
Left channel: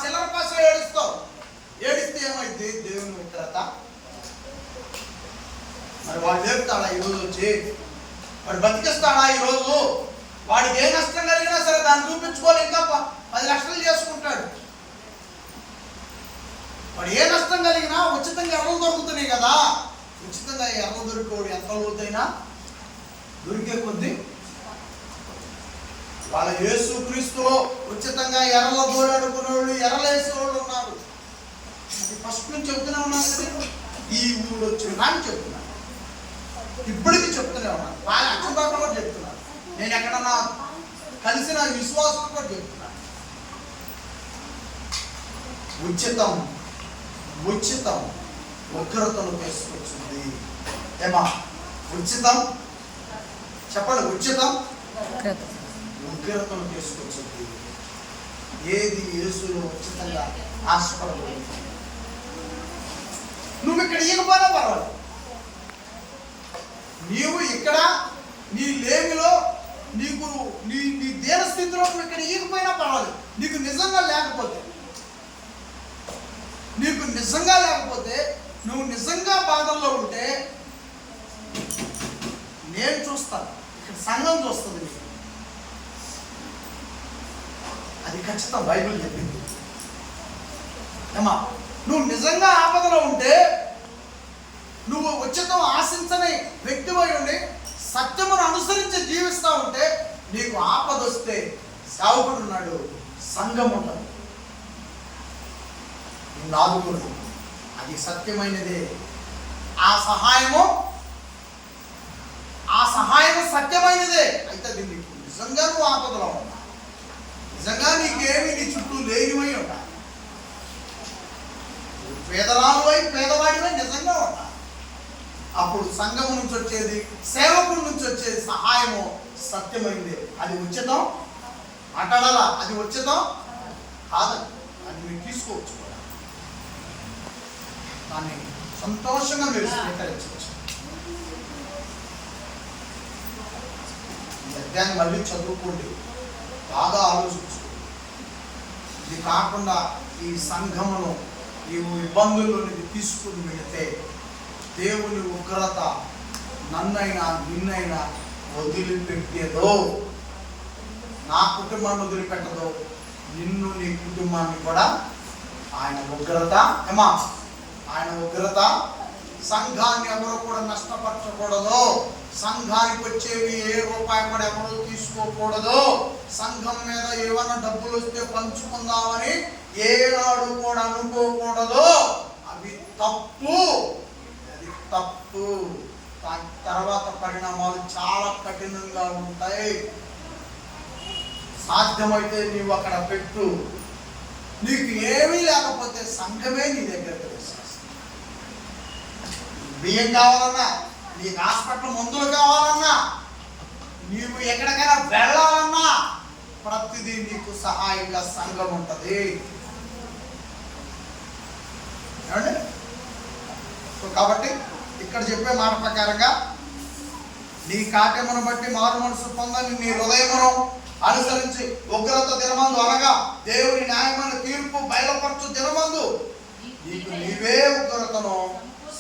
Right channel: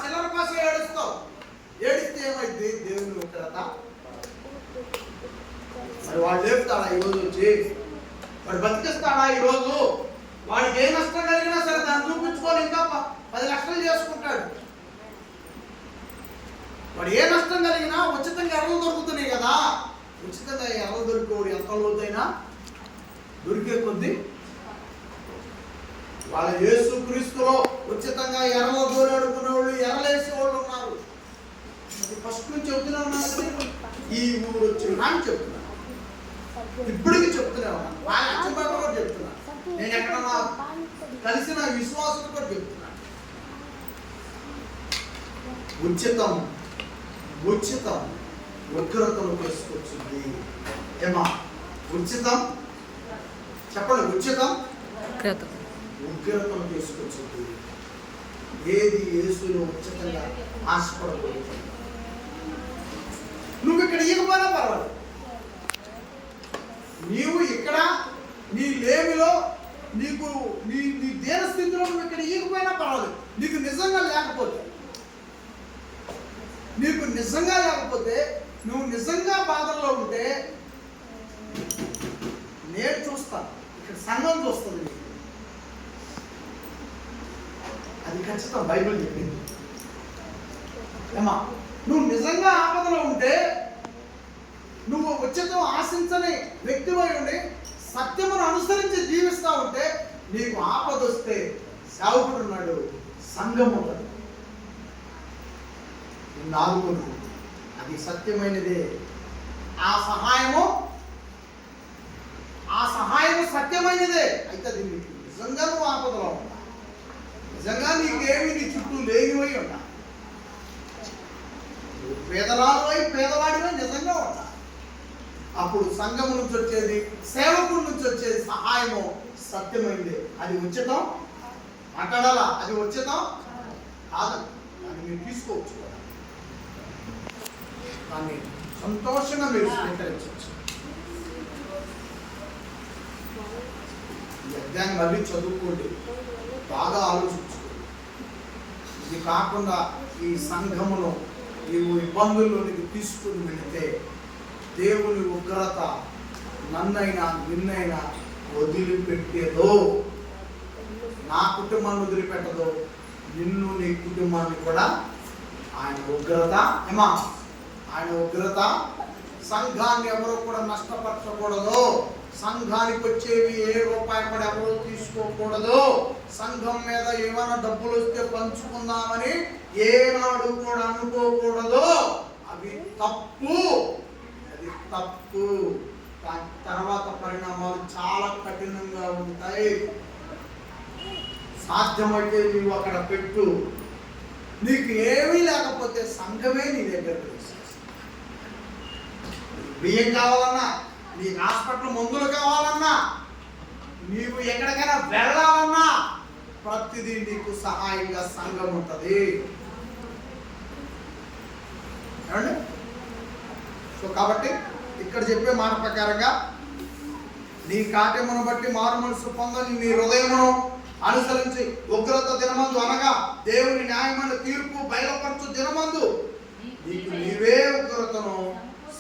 చిల్లర కోసం ఏడుస్తావు. ఏడిస్తే ఏమైంది? దేవుని ఉగ్రత. మరి వాడు లేపుతాడా ఈరోజు వచ్చి? వాడు బతికిస్తాడా ఈరోజు? వాడికి ఏ నష్టం కలిగినా సరే దాన్ని చూపించుకోవాలి, ఇంకా 10 లక్షలు చేసుకుంటాడు. వాడు ఏ నష్టం కలిగినా ఉచితంగా ఎర్రలు దొరుకుతున్నాయి కదా. ఉచితంగా ఎర్రలు దొరికేవాడు ఎంత లోతైనా దొరికే కొద్దీ వాళ్ళ యేసుక్రీస్తులో ఉచితంగా ఎర్రలు దోలాడుకునే వాళ్ళు, ఎర్రలేసేవాళ్ళు ఉన్నారు. అది ఫస్ట్ నుంచి చెప్తూనే ఉన్నాను కదా. ఈ ఊరు వచ్చిన అని చెప్తున్నాను, ఇప్పటికీ చెప్తూనే ఉన్నాను. బాగా అచ్చంబాగా కూడా చెప్తున్నాను. నేను ఎక్కడన్నా కలిసిన విశ్వాసం కూడా చెప్తున్నాను. ఉచితం ఉచితం ఉగ్రతను తీసుకొచ్చింది. ఏమా ఉచితం చెప్పండి, ఉచితం ఉగ్రతను తీసుకొచ్చింది. ఏది యేసులో ఉచితంగా ఆశపడకూడదు. నువ్వు ఇక్కడ ఈగపోయినా పర్వాలేదు, నీవు ఇక్కడ నీ లేమిలో నీకు నీ దేన స్థితిలో నువ్వు ఇక్కడ ఈగిపోయినా పర్వాలేదు. నీకు నిజంగా లేకపోతే నువ్వు నిజంగా బాధల్లో ఉంటే నేను చూస్తాను, ఇక్కడ సంఘం చూస్తుంది నీకు. అది ఖచ్చితం, బైబిల్ చెప్పింది. ఏమా నువ్వు నిజంగా ఆపదలో ఉంటే, నువ్వు ఉచితం ఆశించని వ్యక్తివై ఉండి సత్యమును అనుసరించి జీవిస్తూ ఉంటే, నీకు ఆపద వస్తే సేవకుడు ఉన్నాడు, సంఘం ఉంటుంది, నాదుగుడు. అది సత్యమైనదే. ఆ సహాయము సత్యమైనదే. అయితే అది నీకు నిజంగా నువ్వు ఆపదలో ఉన్నా, నిజంగా నీకేమి నీ చుట్టూ లేనివై ఉన్నా, పేదరాలువై పేదవాడివై నిజంగా ఉన్నా, అప్పుడు సంఘం నుంచి వచ్చేది, సేవకుడి నుంచి వచ్చేది సహాయము సత్యమైంది. అది ఉచితం మాట్లాడాలా? అది ఉచితం కాదని అది మీరు తీసుకోవచ్చు కూడా, దాన్ని సంతోషంగా మీరు స్వీకరించవచ్చు. ఈ అధ్యాయాన్ని మళ్ళీ చదువుకోండి, బాగా ఆలోచించుకోండి. ఇది కాకుండా ఈ సంఘమును నీవు ఇబ్బందుల్లోనికి తీసుకుని వెళితే దేవుని ఉగ్రత నన్నైనా నిన్నైనా వదిలిపెట్టేదో, నా కుటుంబాన్ని వదిలిపెట్టదో, నిన్ను నీ కుటుంబాన్ని కూడా ఆయన ఉగ్రత ఆయన ఉగ్రత. సంఘాన్ని ఎవరు కూడా నష్టపరచకూడదు, సంఘానికి వచ్చేవి ఏ రూపాయి కూడా ఎవరు తీసుకోకూడదు, సంఘం మీద ఏమైనా డబ్బులు వస్తే పంచుకుందామని ఏనాడు కూడా అనుకోకూడదు. అవి తప్పు. తప్పు. దాని తర్వాత పరిణామాలు చాలా కఠినంగా ఉంటాయి. సాధ్యమైతే నువ్వు అక్కడ పెట్టు. నీకు ఏమీ లేకపోతే సంఘమే నీ దగ్గరకు వచ్చేస్తుంది. బియ్యం కావాలన్నా, నీకు హాస్పిటల్ మందులు కావాలన్నా, నీవు ఎక్కడికైనా వెళ్ళాలన్నా ప్రతిదీ నీకు సహాయంగా సంఘం ఉంటుంది. ఏమండి? సో కాబట్టి ఇక్కడ చెప్పే మాట ప్రకారంగా నీ కాట్యమును బట్టి మారు మనసు పొందని నీ హృదయమును అనుసరించి ఉగ్రత దినమందు అనగా దేవుని న్యాయమైన తీర్పు బయలుపరచు దినమందు నీకు నీవే ఉగ్రతను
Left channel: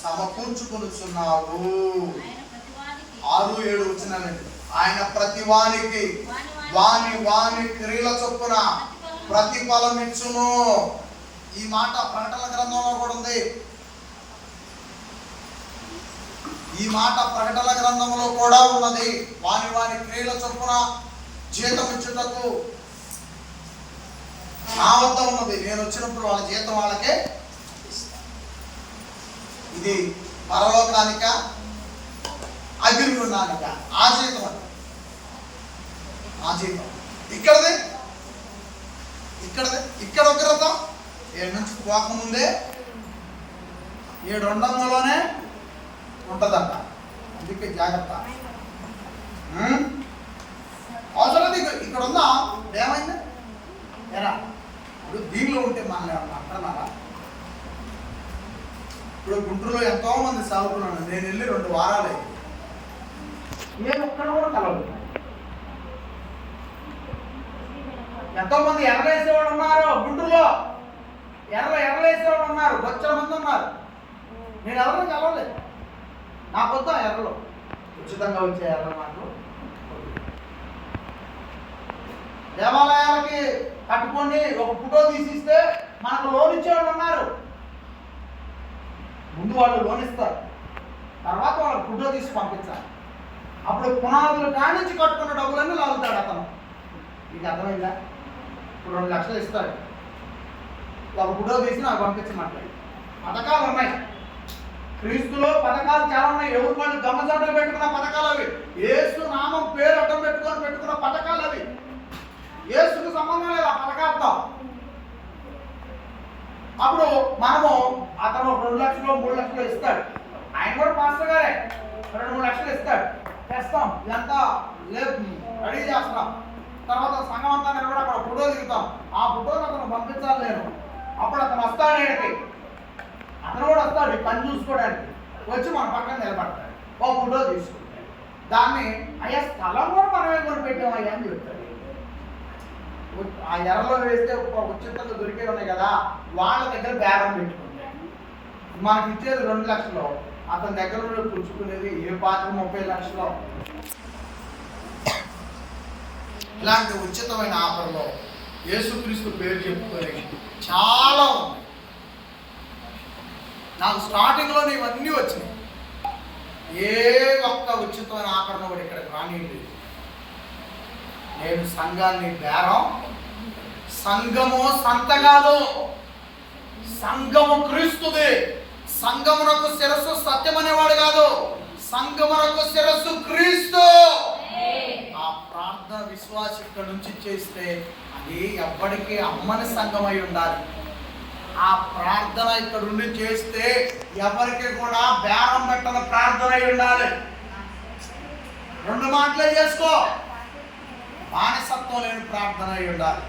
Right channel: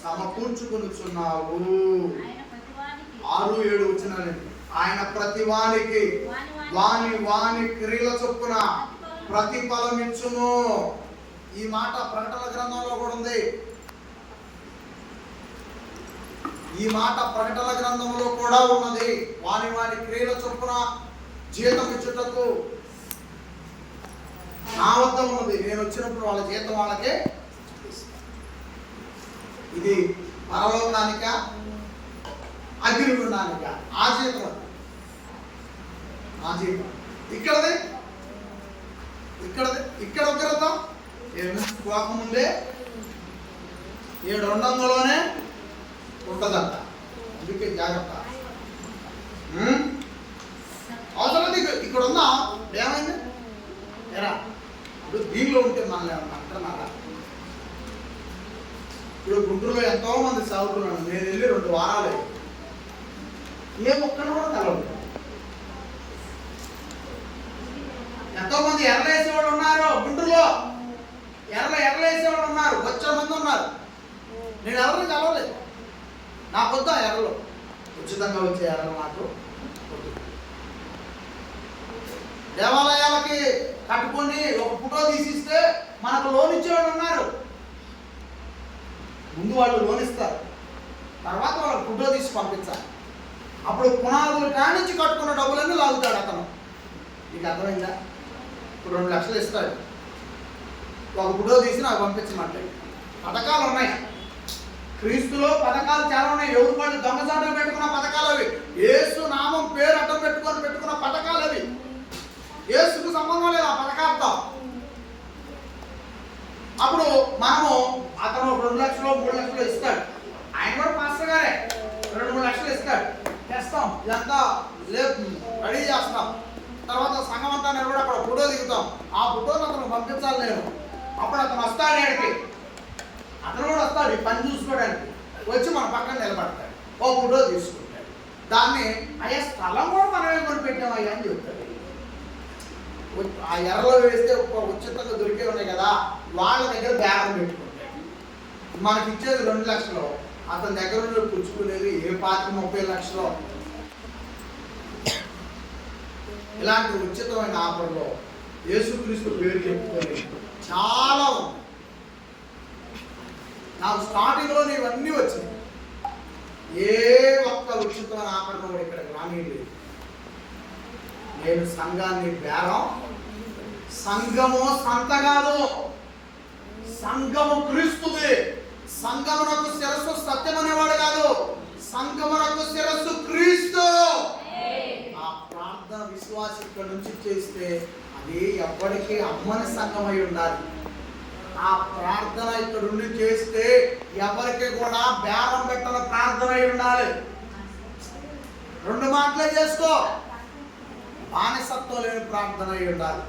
సమకూర్చుకొనుచున్నావు. 6-7 వచనాలండి. ఆయన ప్రతి వానికి వాని క్రియల చొప్పున ప్రతిఫలమిచ్చును. ఈ మాట ప్రకటన గ్రంథంలో కూడా ఉంది. ఈ మాట ప్రకటన గ్రంథంలో కూడా ఉన్నది. వాని క్రియల చొప్పున జీతం ఇచ్చుటకు నా వద్ద ఉన్నది. నేను వచ్చినప్పుడు వాళ్ళ జీతం వాళ్ళకే ఇస్తాను. ఇది పరలోకానిక అగ్నిగుండానిక? ఆ జీతం అది, ఆ జీతం. ఇక్కడ ఉగ్రత 7 నుంచి పోకముందే 7 ఉండంలోనే ఉంటుందంట. అందుకే జాగ్రత్త. అవసరం ఇక్కడ ఉందా? ఏమైంది ఎరా? ఇప్పుడు దీనిలో ఉంటే మనల్ని ఏమన్నా అంటున్నారా? ఇప్పుడు గుంటూరులో ఎంతో మంది సాగుతున్నాను. నేను వెళ్ళి 2 వారాలు అయ్యి ఏ ఒక్కరు కూడా కలవదు. ఎంతో మంది ఎర్రలేసేవాళ్ళు ఉన్నారు గుంటూరులో. ఎర్రలేసేవాళ్ళు ఉన్నారు, వచ్చే మంది ఉన్నారు. నేను ఎవరిని కలవలేదు. నాకు వద్దా ఎర్రలో? ఉచితంగా వచ్చే ఎర్రలు నాకు వద్దు. దేవాలయాలకి కట్టుకొని ఒక ఫోటో తీసిస్తే మనకు లోన్ ఇచ్చేవాళ్ళు ఉన్నారు. ముందు వాళ్ళు లోన్ ఇస్తారు, తర్వాత వాళ్ళకి ఫోటో తీసి పంపించాలి. అప్పుడు పునాదులు కానించి కట్టుకున్న డబ్బులన్నీ లాగుతాడు అతను. మీకు అర్థమైందా? ఇప్పుడు 2 లక్షలు ఇస్తాడు, ఒక ఫోటో తీసి నాకు పంపించమంటాడు. పథకాలు ఉన్నాయి, క్రీస్తులో పథకాలు చాలా ఉన్నాయి. ఎవరు వాళ్ళు దొంగసాటులు పెట్టుకున్న పథకాలు అవి. యేసు నామం పేరు అడ్డం పెట్టుకున్న పథకాలు అవి. యేసుకు సంబంధం లేదు ఆ పథకాలతో. అప్పుడు మనము అతను 2 లక్షలు 3 లక్షలు ఇస్తాడు. ఆయన కూడా పాస్టర్ గారే 2-3 లక్షలు ఇస్తాడు. తెస్తాం, ఇదంతా రెడీ చేస్తాం. తర్వాత సంఘం అంతా కూడా అక్కడ ఫోటో దిగుతాం. ఆ ఫోటోని అతను పంపించాలి నేను. అప్పుడు అతను వస్తాడు. ఆడికి అతను కూడా వస్తాడు ఈ పని చూసుకోవడానికి. వచ్చి మన పక్కన నిలబడతాడు, ఓ ఫోటో తీసుకుంటాడు. దాన్ని అయ్యా స్థలం కూడా మనమే కొని పెట్టామయ్యా అని చెప్తాడు. ఆ ఎర్రలో వేస్తే ఉచితంగా దొరికే ఉన్నాయి కదా, వాళ్ళ దగ్గర బేరం పెట్టుకుంటాడు. మనకి ఇచ్చేది 2 లక్షలు, అతని దగ్గర పుచ్చుకునేది ఏ 30 లక్షలు. ఇలాంటి ఉచితమైన ఆఫర్లో యేసుక్రీస్తు పేరు చెప్పుకొని చాలా ఉన్నాయి. నాకు స్టార్టింగ్లో ఇవన్నీ వచ్చినాయి. ఏ ఒక్క ఉచితమైన ఆఫర్ను కూడా ఇక్కడికి రానిలేదు. నేను సంఘాన్ని బేరం, సంఘము సంత కాదు, సంఘము క్రీస్తుది. సంఘమునకు శిరస్సు సత్యం అనేవాడు కాదు, సంఘమునకు శిరస్సు క్రీస్తు. ఆ ప్రార్థన విశ్వాసం ఇక్కడ నుంచి చేస్తే అది ఎవ్వడికి అమ్మని సంఘమై ఉండాలి. ఆ ప్రార్థన ఇక్కడ ఉండి చేస్తే ఎవరికి కూడా బేరం పెట్టని ప్రార్థన అయి ఉండాలి. 2 మాటలే చేసుకో, బానిసత్వం లేని ప్రార్థన అయి ఉండాలి.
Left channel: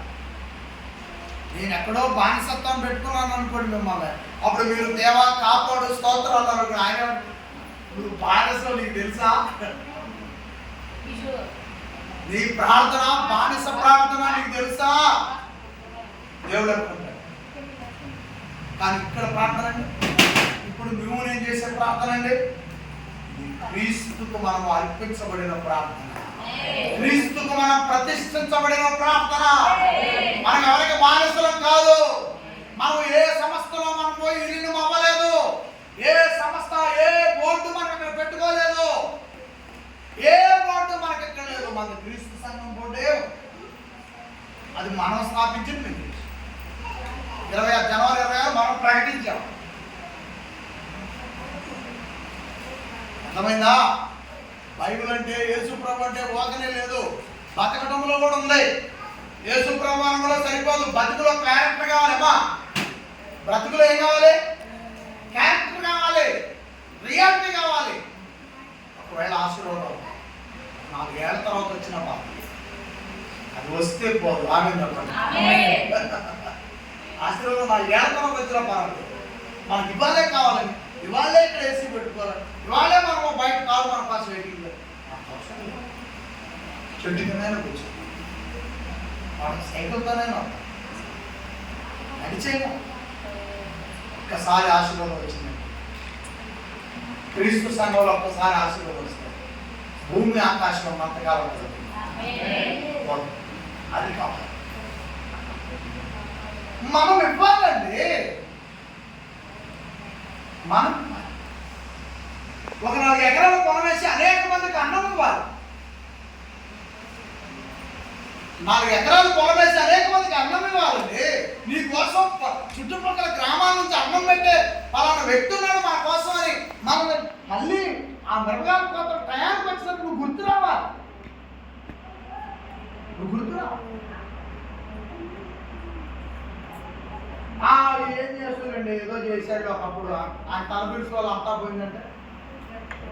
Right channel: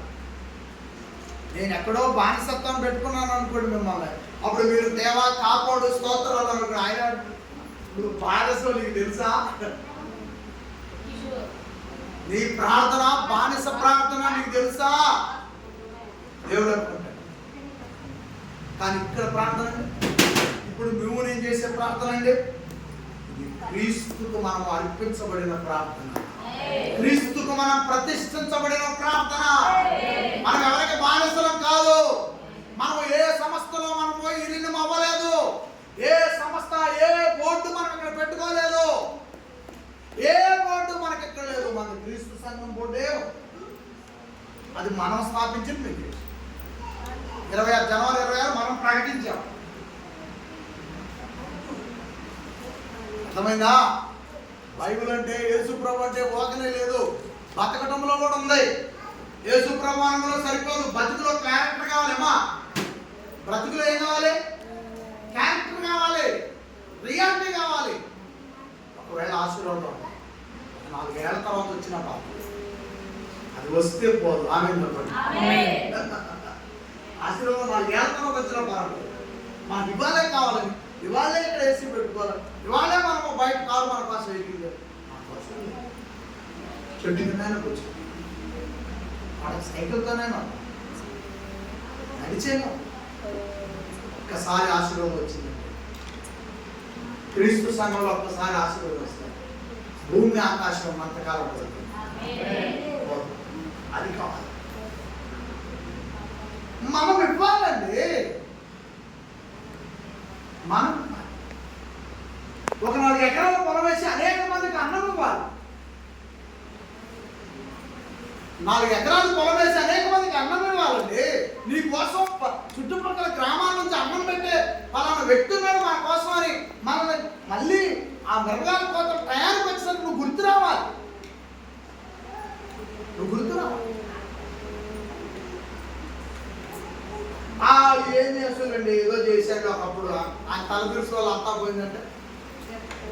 నేను ఎక్కడో బానిసత్వం పెట్టుకున్నాను అనుకోండి మిమ్మల్ని, అప్పుడు మీరు దేవా కాపాడు స్తోత్రాలు అనుకోండి. ఆయన నువ్వు బానిస, నీకు తెలుసా? నీ ప్రార్థన బానిస ప్రార్థన నీకు తెలుసా? దేవుడు అనుకుంటాడు. కానీ ఇక్కడ ప్రార్థన అండి, ఇప్పుడు నువ్వు నేను చేసే ప్రార్థన అండి, క్రీస్తుకు మనం అర్పించబడిన ప్రార్థన, క్రీస్తుకు మనం ప్రతిష్ఠించబడిన ప్రార్థన. మనం ఎవరికి బానిసలం కాదు. మనం ఏ సంస్థలో మనం పోయి విలీనం అవ్వలేదు. ఏ సంస్థ, ఏ బోర్డు మనం ఇక్కడ పెట్టుకోలేదు. ఏ బోర్డు మనకి ఇక్కడ లేదు. మన క్రీస్తు సంఘం బోర్డే, అది మనం స్థాపించింది. 26 జనవరి 26 మనం ప్రకటించాం. అర్థమైందా? బైబిల్ అంటే యేసు ప్రభు అంటే ఓకనే లేదు, బతకటంలో కూడా ఉంది. యేసు ప్రభు సరిపోదు, బతుకులో క్యారెక్టర్ కావాలమ్మా. బ్రతుకులో ఏం కావాలి? క్యారెక్టర్ కావాలి, రియాలిటీ కావాలి. ఒకవేళ ఆశీర్వాదం 4 ఏళ్ల తర్వాత వచ్చిన పాప అది వస్తే పోదు. ఆమె చెప్పండి. ఆశీర్వాదం 4 ఏళ్ల తర్వాత వచ్చిన పర్వాలేదు, మనకి ఇవాళే కావాలని, ఇవాళే ఇక్కడ ఏసీ పెట్టుకోవాలి, ఇవాళే మనం బయట కాదు మన కోసం వెయిటింగ్ చేయాలి. చెట్టు కిందైనా కూర్చోండి, వాళ్ళకి సైకిల్తోనైనా నడిచేమో. ఒక్కసారి ఆశీర్వాదం వచ్చిందండి. క్రీస్తు సంఘంలో ఒక్కసారి ఆశీర్వాదం వస్తుంది, భూమి ఆకాశం అంతకాలం అది కావాలి. మనం ఇవ్వాలండి, మనం ఒక 4 ఎకరాల పొలం వేసి అనేక మందికి అన్నం ఇవ్వాలి. 4 ఎకరాలు పొలం వేసి అనేక మందికి అన్నం ఇవ్వాలండి. నీ కోసం చుట్టుపక్కల గ్రామాల నుంచి అన్నం పెట్టే పలానా వ్యక్తి ఉన్నాడు మా కోసం అని మనం మళ్ళీ ఆ మృగాల కోసం టయానికి వచ్చినట్టు నువ్వు గుర్తు రావాలి. ఏం చేస్తారండి, ఏదో చేశాడు ఒకప్పుడు ఆయన తలపిరుసు వాళ్ళు అంతా పోయిందంటే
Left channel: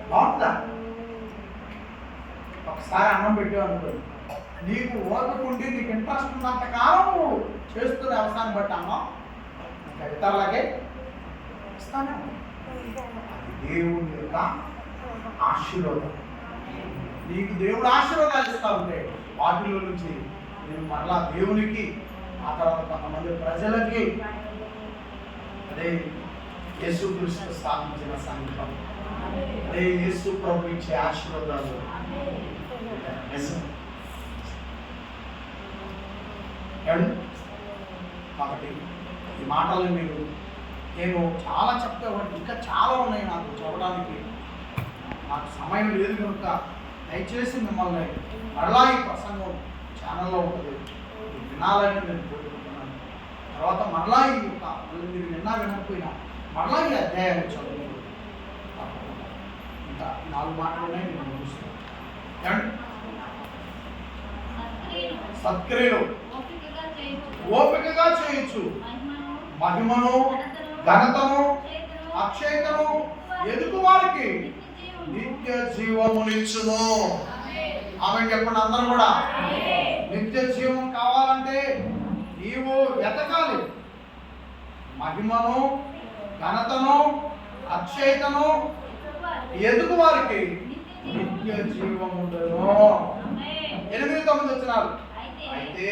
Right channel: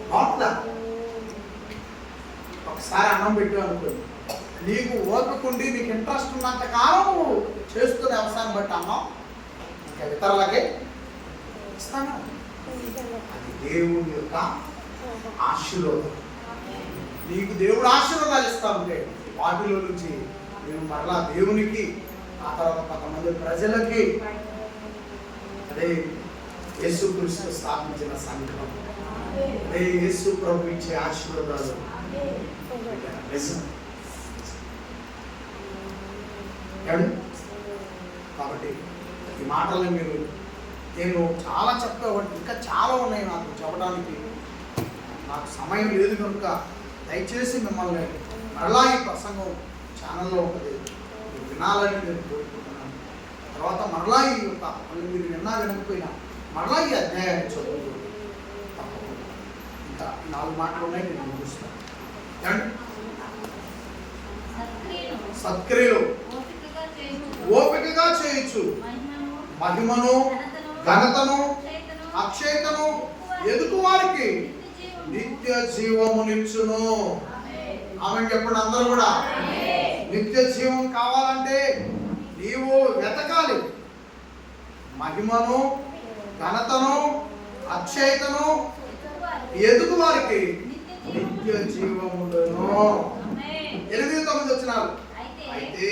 బాగుంటుందా? ఒకసారి అన్నం పెట్టావు అనుకోండి, నీకు ఓర్పుకుండి నీకు ఇంట్రెస్ట్ ఉన్నంత కాలం నువ్వు చేస్తున్న అవసరాన్ని బట్టి అన్నం ఇంకా ఇతరులకే ఇస్తాను. అది దేవుని యొక్క ఆశీర్వాదం. నీకు దేవుడు ఆశీర్వాదాలు ఇస్తా ఉంటే వాటిలో నుంచి నువ్వు మరలా దేవునికి, ఆ తర్వాత కొంతమంది ప్రజలకి, అదే యేసు క్రీస్తు స్థాపించిన సంఘం, అదే యేసు ప్రభు ఇచ్చే ఆశీర్వాదాలు. కాబట్టి ఈ మాటలను నేను చాలా చెప్పేవాడిని, ఇంకా చాలా ఉన్నాయి నాకు చెప్పడానికి, నాకు సమయం లేదు కనుక దయచేసి మిమ్మల్ని మరలా ఈ ప్రసంగం ఛానల్లో ఉంటుంది, మీరు వినాలని నేను కోరుకుంటున్నాను. తర్వాత మరలా ఈ యొక్క మీరు వినకపోయినా మరలా ఈ అధ్యాయాన్ని చదువుతూ తప్పకుండా ఇంకా 4 మాటలు ఉన్నాయి, నేను ముగిస్తాను. సత్క్రియలు ఓపికగా చేయొచ్చు, మహిమను ఘనతను అక్షయతను ఎదుగు వారికి నిత్య జీవమునిచ్చును. ఆమె చెప్పండి అందరూ కూడా. నిత్య జీవం కావాలంటే నీవు వెతకాలి. మహిమను ఘనతను అక్షయతను ఎదుగు వారికి నిత్య జీవముండును. 8-9 వచనాలు. అయితే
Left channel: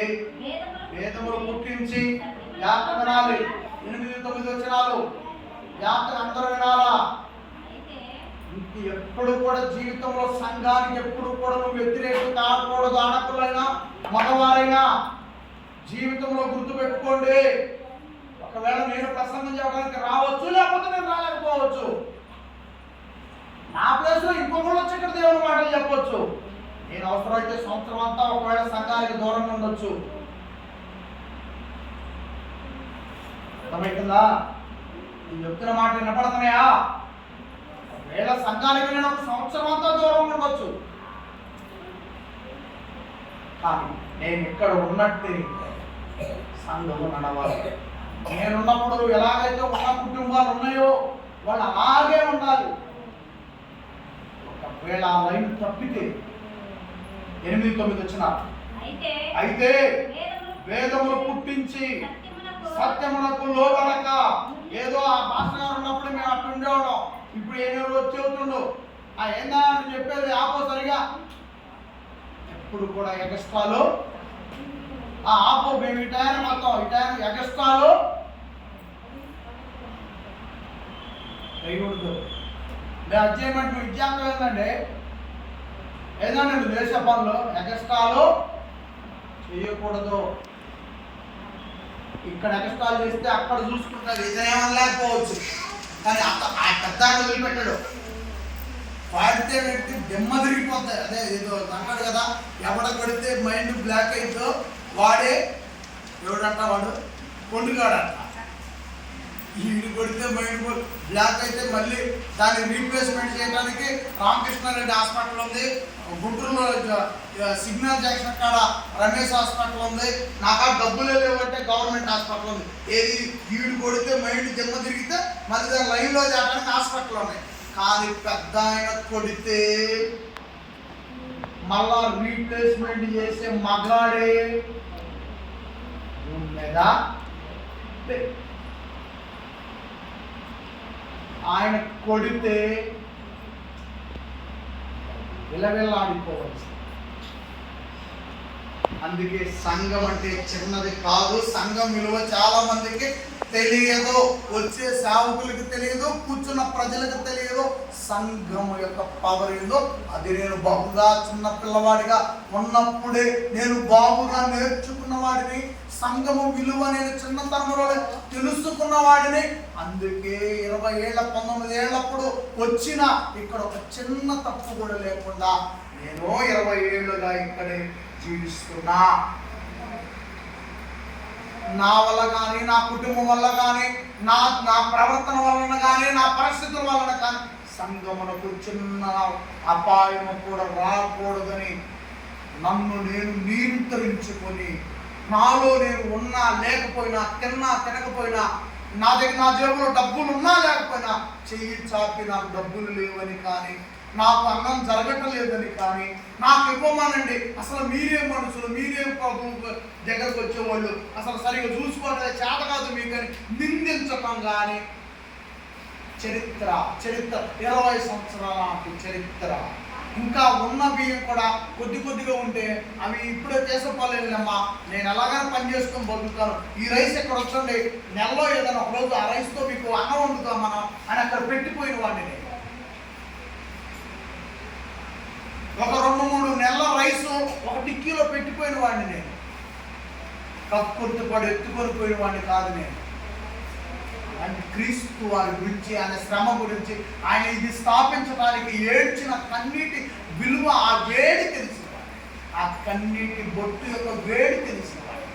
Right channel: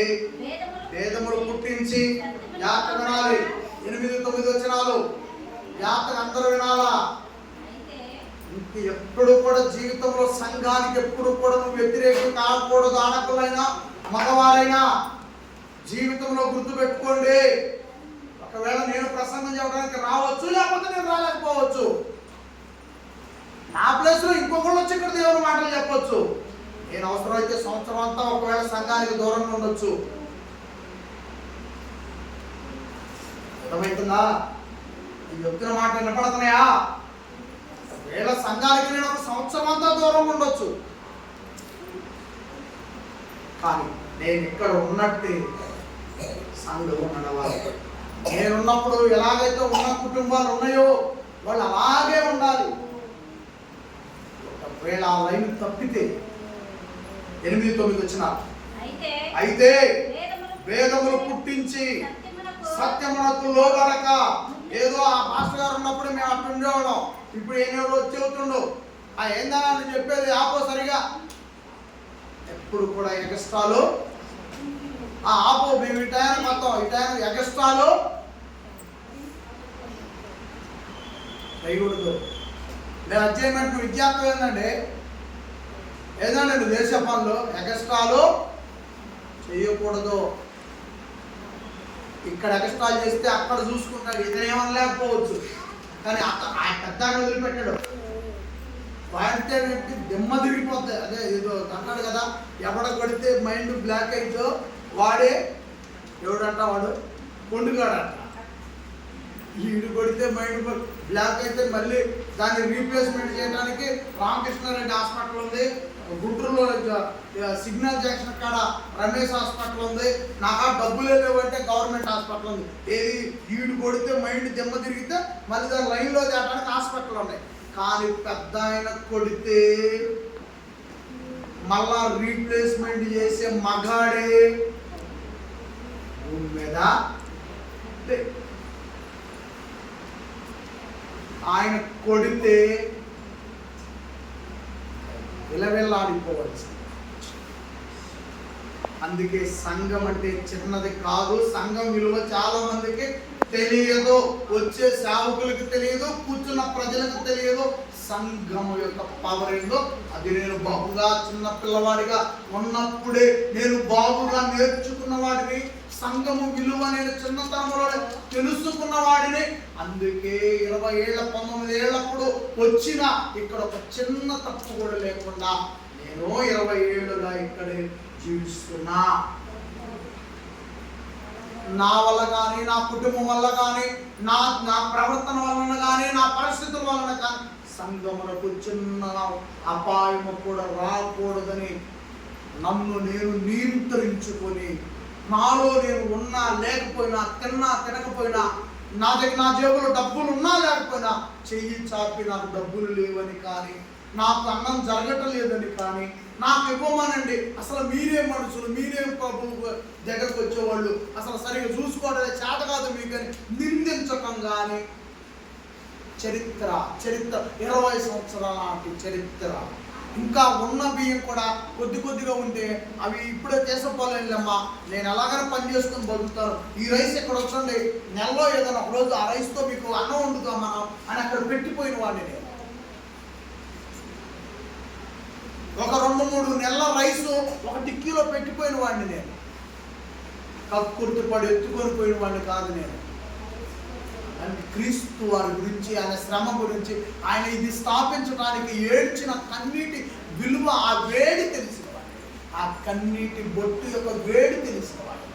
వేదములు పుట్టించి జాగ్రత్త వినాలి. 8-9 వచనాలు జాగ్రత్త అందరూ వినాలా. ఎప్పుడు కూడా జీవితంలో సంఘానికి ఎప్పుడు కూడా నువ్వు వ్యతిరేకం కాకూడదు. ఆడకులైనా మగవారైనా జీవితంలో గుర్తుపెట్టుకోండి. ఒకవేళ నేను ప్రసంగం చేయడానికి రావచ్చు, లేకపోతే నేను రాలేకపోవచ్చు. నా ప్లేస్లో ఇంకొకళ్ళు వచ్చి ఇక్కడ దేవుని మాటలు చెప్పొచ్చు. నేను అవసరమైతే సంవత్సరం అంతా ఒకవేళ సంఘానికి దూరంగా ఉండొచ్చు. అర్థమవుతుందా? నేను చెప్తున్న మాట వినపడుతున్నాయా? ఒకవేళ సంఘానికి నేను ఒక సంవత్సరం అంతా దూరంగా ఉండొచ్చు, కానీ నేను ఇక్కడ ఉన్నట్టే సంఘం నడవాలి. నేనున్నప్పుడు ఎలాగైతే ఉన్న కుటుంబాలు ఉన్నాయో వాళ్ళు అలాగే ఉండాలి. ఒకవేళ ఆ లైన్ తప్పితే 8-9 వచనాలు. అయితే వేదములు పుట్టించి సత్యమునకు లోబడక, ఏదో ఆ మాస్టర్ గారు ఉన్నప్పుడు మేము అట్లా ఉండేవాళ్ళం, ఇప్పుడు ఏమేమి వచ్చి చెబుతుండు ఏందా అని చెప్పేది ఆపో సరిగా. ఎప్పుడు కూడా ఎగస్ట్రాలు ఆపో, మేము ఈ టైం మొత్తం ఈ టైం ఎగస్ట్రాలు వేయకూడదు. నేను అధ్యయనం విద్యార్థి ఏంటంటే ఏదో నేను దేశ పనులు ఎగస్ట్రాలు చేయకూడదు. ఇక్కడ ఎగస్ట్రాలు చేస్తే అక్కడ చూసుకుంటాడు, ఇదేమని లేకపోవచ్చు, కానీ ఆ పెద్ద వదిలిపెట్టాడు. వాడితే దెమ్మ తిరిగిపోతాయి. అదే ఏదో అంటాడు కదా, ఎవడ కొడితే మైండ్ బ్లాక్ అయితో వాడే ఎవడంట, వాడు కొండుగాడంట. ఈడు కొడితే మైండ్ బ్లాక్ అయితే మళ్ళీ దాన్ని రీప్లేస్మెంట్ చేయడానికి రామకృష్ణారెడ్డి హాస్పిటల్ ఉంది, గుంటూరులో సిగ్నల్ జంక్షన్ కాడ రమేష్ హాస్పిటల్ ఉంది, నాకు డబ్బులే లేవంటే గవర్నమెంట్ హాస్పిటల్ ఉంది. ఏది ఈడు కొడితే మైండ్ దిమ్మ తిరిగితే మళ్ళీ దాని లైన్లో చేయడానికి హాస్పిటల్ ఉన్నాయి. కానీ పెద్ద ఆయన కొడితే మళ్ళా రీప్లేస్మెంట్ చేసే మగాడే భూమి మీద. ఆయన కొడితే విలవిల్లాడిపోవచ్చు. అందుకే సంఘం అంటే చిన్నది కాదు. సంఘం విలువ చాలా మందికి తెలియదు, వచ్చే సేవకులకి తెలియదు, కూర్చున్న ప్రజలకు తెలియదు. సంఘము యొక్క పవర్ ఏందో అది నేను బాగుగా చిన్న పిల్లవాడిగా ఉన్నప్పుడే నేను బాగుగా నేర్చుకున్న వాడిని, సంఘము విలువ నేను చిన్నతనంలో తెలుసుకున్న వాడిని. అందుకే 20 ఏళ్ళ 19 ఏళ్ళప్పుడు వచ్చిన ఇక్కడ ఒక చిన్న తప్పు కూడా లేకుండా నేను 20 ఏళ్ళుగా ఇక్కడే జీవిస్తున్నా. నా వల్ల కానీ, నా కుటుంబం వల్ల కానీ, నా ప్రవర్తన వలన కానీ, నా పరిస్థితుల వలన కానీ సంఘమునకు చిన్న అపాయము కూడా రాకూడదని నన్ను నేను నియంత్రించుకొని, నాలో నేను ఉన్నా లేకపోయినా, తిన్నా తినకపోయినా, నా జేబులో డబ్బులు ఉన్నా లేకపోయినా చెయ్యి చాపి నాకు డబ్బులు లేవని కానీ, నాకు అన్నం జరగటం లేదని కానీ, నాకు ఇవ్వమనండి, అసలు మీరేం మనుషులు, మీరేం ప్రభు దగ్గరకు వచ్చేవాళ్ళు, అసలు సరిగా చూసుకోవడం చేత కాదు మీకు అని నిందించటం కానీ చరిత్ర 20 సంవత్సరాల నాటి చరిత్ర. ఇంకా ఉన్న బియ్యం కూడా కొద్దిగా ఉంటే అవి ఇప్పుడే తీసుకోలేమ్మా, నేను ఎలాగైనా పని చేసుకొని బతుకుతాను, ఈ రైస్ ఎక్కడ వచ్చండి, నెలలో ఏదైనా ఒక రోజు ఆ రైస్తో మీకు అన్నం వండుతాం మనం అని అక్కడ పెట్టిపోయిన వాడిని. ఒక 2-3 నెలల రైసు ఒక టిక్కీలో పెట్టిపోయిన వాడిని నేను. కక్కుర్తి పడి ఎత్తుకొని పోయిన వాడిని కాదు నేను. అంటే క్రీస్తు వారి గురించి, ఆయన శ్రమ గురించి, ఆయన ఇది స్థాపించడానికి ఏడ్చిన కన్నీటి విలువ, ఆ వేడి తెలిసిన వాడు, ఆ కన్నీటి బొట్టు యొక్క వేడి తెలిసిన వాడు.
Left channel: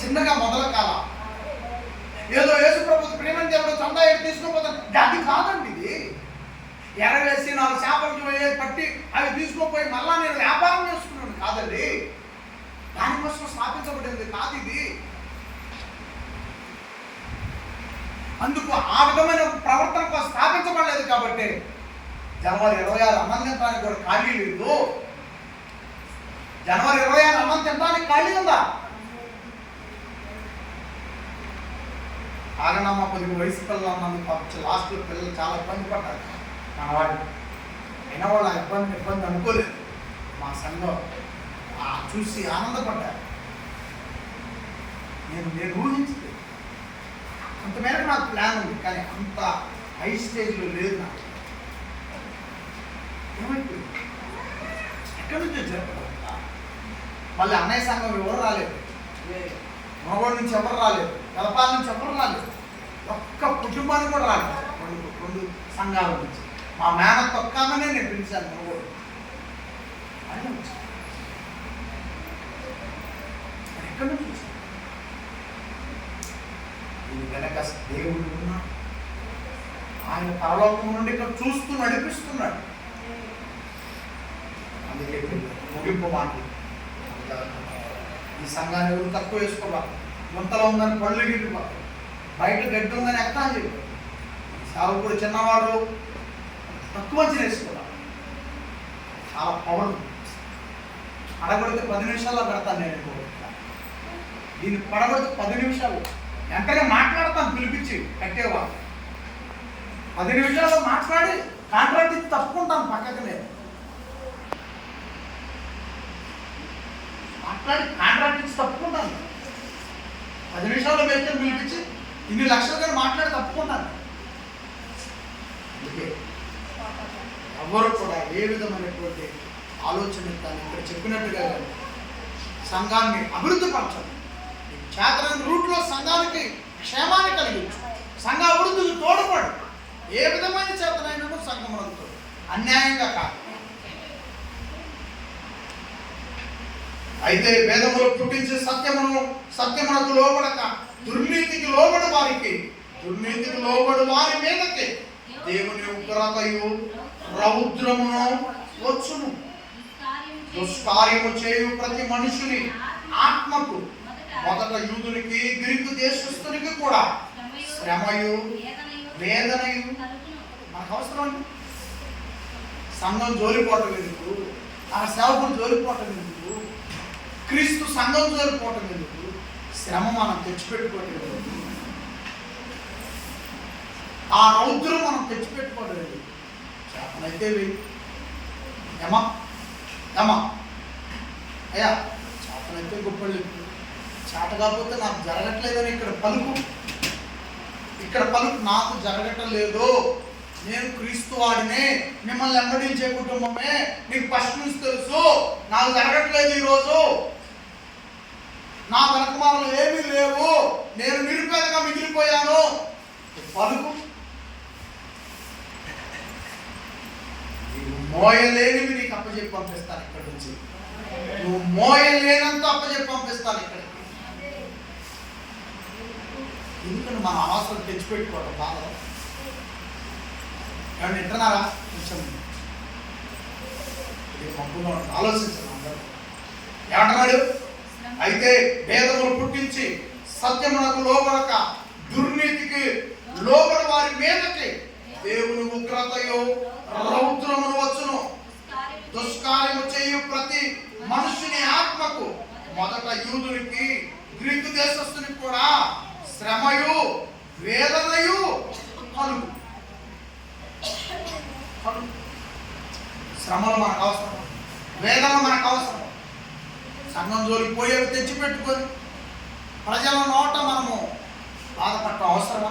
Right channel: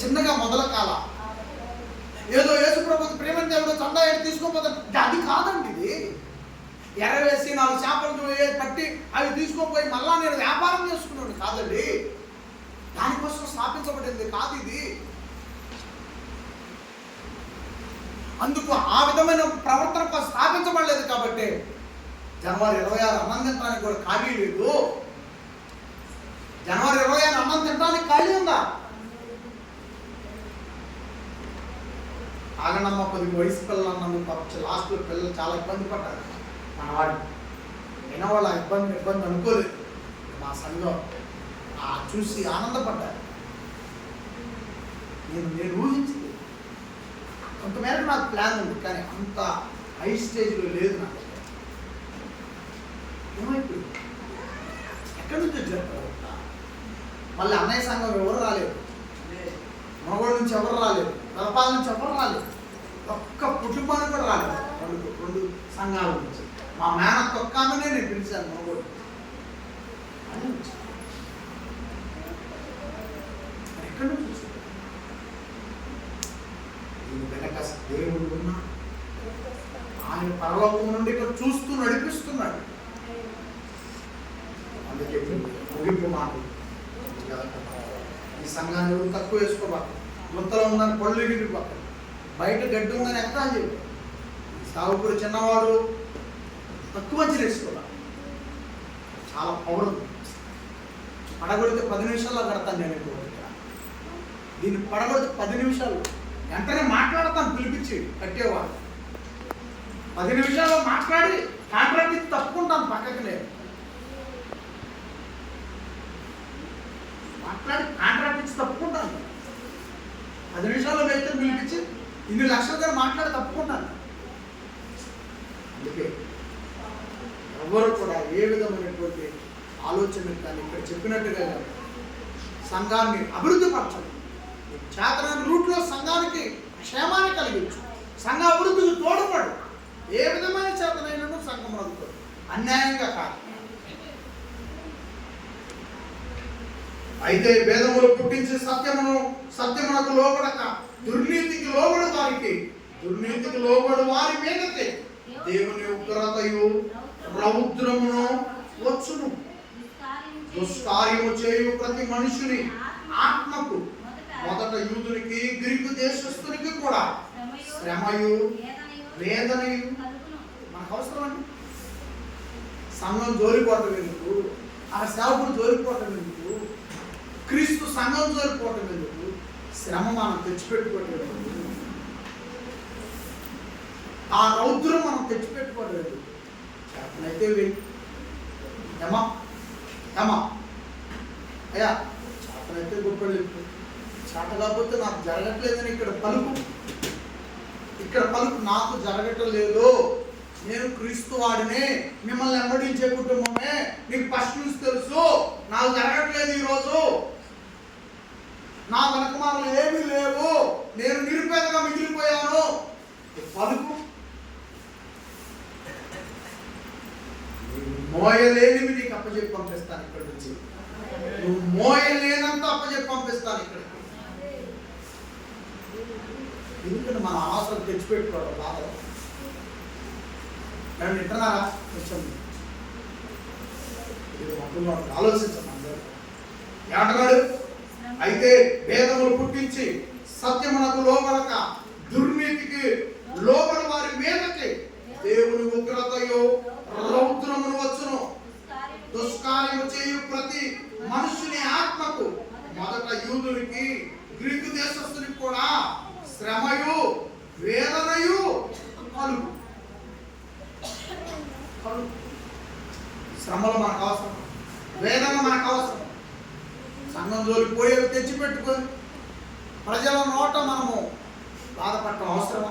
చిన్నగా మొదల కాల ఏదో యేసుప్రభు ప్రేమని దేవుడు చందా ఏడు తీసుకొని పోతాను, అది కాదండి. ఇది ఎరవేసి 4 చేపలు పట్టి అవి తీసుకోపోయి మళ్ళా నేను వ్యాపారం చేసుకున్నాను కాదండి. దానికోసం స్థాపించబడింది కాదు ఇది. అందుకు ఆ విధమైన ప్రవర్తన కోసం స్థాపించబడలేదు. కాబట్టి జనవరి 26 అన్నం తినడానికి కూడా ఖాళీ లేదు. జనవరి 26 అన్నం తినడానికి ఖాళీ ఉందా? ఆగనమ్మ కొద్దిగా వయసు పిల్లలు అన్నందుకు లాస్ట్లో పిల్లలు చాలా ఇబ్బంది పడ్డారు. మనవాడు అయినా వాళ్ళు ఇబ్బంది అనుకోలేదు. మా సంఘం చూసి ఆనందపడ్డారు. నేను ఊహించలేదు. కొంతమేరకు నాకు ప్లాన్ ఉంది, కానీ అంత హై స్టేజ్లో లేదు నాకు. ఏమైపోయింది, ఎక్కడి నుంచి వచ్చారు? మళ్ళీ అన్నయ్య సంఘం ఎవరు రాలేదు, మగోడు నుంచి ఎవరు రాలేదు, కలపాల నుంచి ఎవరు రాలేదు, ఒక్క కుటుంబానికి కూడా రాలేదు. 2 సంఘాల నుంచి మా మేనత్త ఒక్కనే నేను పిలిచాను. మగోడు ఆయన వచ్చాను. ఎక్కడి నుంచి వచ్చాను? దీని వెనక దేవుడు ఉన్నాడు. ఆయన పరలోకం నుండి ఇక్కడ చూస్తూ నడిపిస్తున్నాడు. అందుకే ముగింపు మాట, ఈ సంఘాన్ని ఎవరు తక్కువ వేసుకోవాలి. గుంతలో ఉందని పళ్ళు గిరిపోతాయి, బయట గడ్డి ఉందని ఎక్కడా చెప్పు. సావుకుడు చిన్నవాడు తక్కువ మంచి వేసుకోవాలి. చాలా పవర్ పడగొడితే 10 నిమిషాల్లో కడతాను నేను. ఎక్కువ దీన్ని పడగొడితే 10 నిమిషాలు వెంటనే మాట్లాడతాను పిలిపించి కట్టేవాడు. 10 నిమిషాల్లో మాట్లాడి కాంట్రాక్ట్ ఇచ్చి తప్పుకుంటాను పక్కకి. నేను మాట్లాడి కాంట్రాక్ట్ ఇచ్చి తప్పుకుంటాను. 10 నిమిషాల్లో వ్యక్తులు పిలిపించి ఇన్ని లక్షలుగా మాట్లాడి తప్పుకుంటాను. అందుకే ఎవరు కూడా ఏ విధమైనటువంటి ఆలోచన కానీ ఇక్కడ చెప్పినట్టుగా కానీ సంఘాన్ని అభివృద్ధి పరచాలి. చేతనైన రూట్లో సంఘానికి క్షేమాన్ని కలిగించు, సంఘ అభివృద్ధికి తోడ్పడు. ఏ విధమైన చేతనైనా సంఘమునకు తోడు, అన్యాయంగా కాదు. అయితే భేదములు పుట్టించి సత్యమునకు లోబడక దుర్నీతికి లోబడి వారికి, దుర్నీతికి లోబడి వారి మీదకి దేవుని ఉగ్రతయు రౌద్రమును వచ్చును. దుష్కార్యము చేయు ప్రతి మనుషుని ఆత్మకు, మొదట యూదునికి గ్రీకు దేశస్థునికి కూడా శ్రమయు వేదనయు. మనకు అవసరం అండి. సంఘం జోలిపోవటం ఎందుకు? ఆ సేవకులు జోలిపోవటం ఎందుకు? క్రీస్తు సంఘం జోలిపోవటం ఎందుకు? శ్రమ మనం తెచ్చిపెట్టుకోవటం ఎందుకు? ఆ రౌద్రం మనం తెచ్చిపెట్టుకోవటం ఎందుకు? చేతనైతే ఏమా ఏమా అయ్యా, చేతనైతే గొప్పలు, చేత కాకపోతే నాకు జరగట్లేదని ఇక్కడ పలుకు, నాకు జరగట్లేదు, నేను క్రీస్తు వాడినే, మిమ్మల్ని వెంబడించే కుటుంబమే, నీకు ఫస్ట్ నుంచి తెలుసు, నాకు జరగట్లేదు, ఈరోజు నా వెనకమాలు ఏమీ లేవు, నేను నిరుపేదగా మిగిలిపోయాను పలుకు. నువ్వు మోయలేనివి నీకు అప్పచెప్పి పంపిస్తాను ఇక్కడి నుంచి. నువ్వు మోయలేనంత అప్పచెప్పి పంపిస్తాను ఇక్కడికి. ఎందుకంటే మన అవసరం తెచ్చిపెట్టుకోవడం బాధలో. ఏమన్నా వింటున్నారా? కొంచెం మబ్బులో ఆలోచించండి అందరూ. ఏమంటున్నాడు? అయితే భేదములు పుట్టించి సత్యమునకు లోబడక దుర్నీతికి లోబడి వారి మీదకి దేవుని ఉగ్రతయు రౌద్రమును వచ్చును. దుష్కార్యము చేయు ప్రతి మనుషుని ఆత్మకు, మొదట యూదునికి గ్రీకు దేశస్థునికి కూడా శ్రమయు వేదనయు కలుగు. శ్రమలు మనకు అవసరం, వేదన మనకు అవసరం. సంఘం జోలికి పోయేవి తెచ్చిపెట్టుకొని ప్రజల నోట మనము బాధపడటం అవసరమా?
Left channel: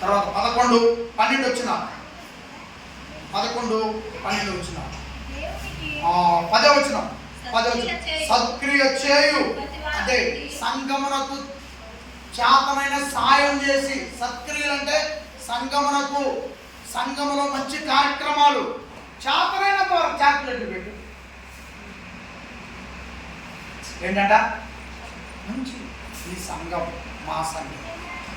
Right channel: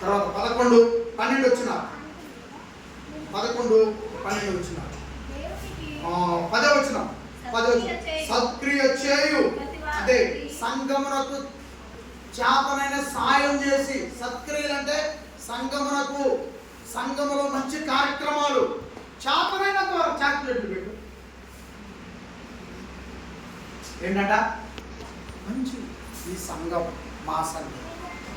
తర్వాత 11, 12 వచ్చిన 11, 12 వచ్చిన 10 వచ్చిన సత్క్రియ చేయు, అంటే సంఘమునకు చేతనైన సాయం చేసి. సత్క్రియలు అంటే సంఘములో మంచి కార్యక్రమాలు చేతనైనంత వరకు చాక్లెట్లు పెట్టి ఏంటంట మంచి ఈ సంఘం, మా సంఘం,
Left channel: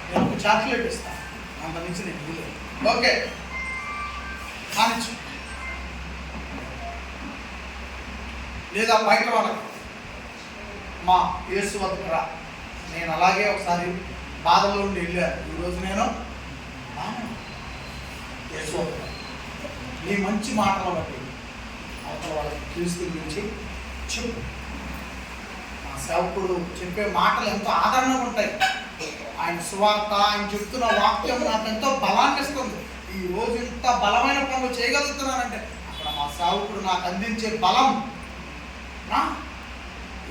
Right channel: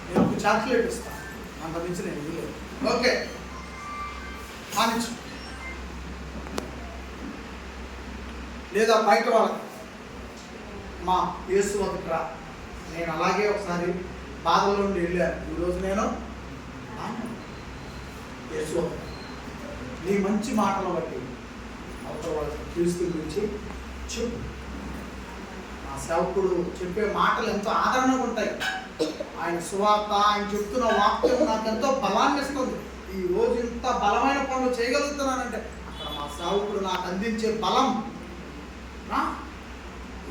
నేను ఒక చాక్లెట్ ఇస్తాను, అంత నుంచి నేను ఇవ్వలేదు, ఓకే కానిచ్చు. లేదా బయట వాళ్ళకి మా యేసు వద్దకు రా, నేను అలాగే ఒకసారి బాధలో నుండి వెళ్ళాను, ఈరోజు నేను యేసు వద్దకు రా. నీ మంచి మాటలు బట్టి అవతల వాళ్ళకి క్రీస్తు గురించి చెప్పు. మా సేవకుడు చెప్పే మాటలు ఎంతో ఆదరణగా ఉంటాయి. ఆయన సువార్త, ఆయన చెప్తున్న వాక్యం నాకు ఎంతో బలాన్ని ఇస్తుంది. ఈ రోజు ఇంత బలమైన పనులు చేయగలుగుతున్నానంటే అక్కడ మా సేవకుడు నాకు అందించే బలం.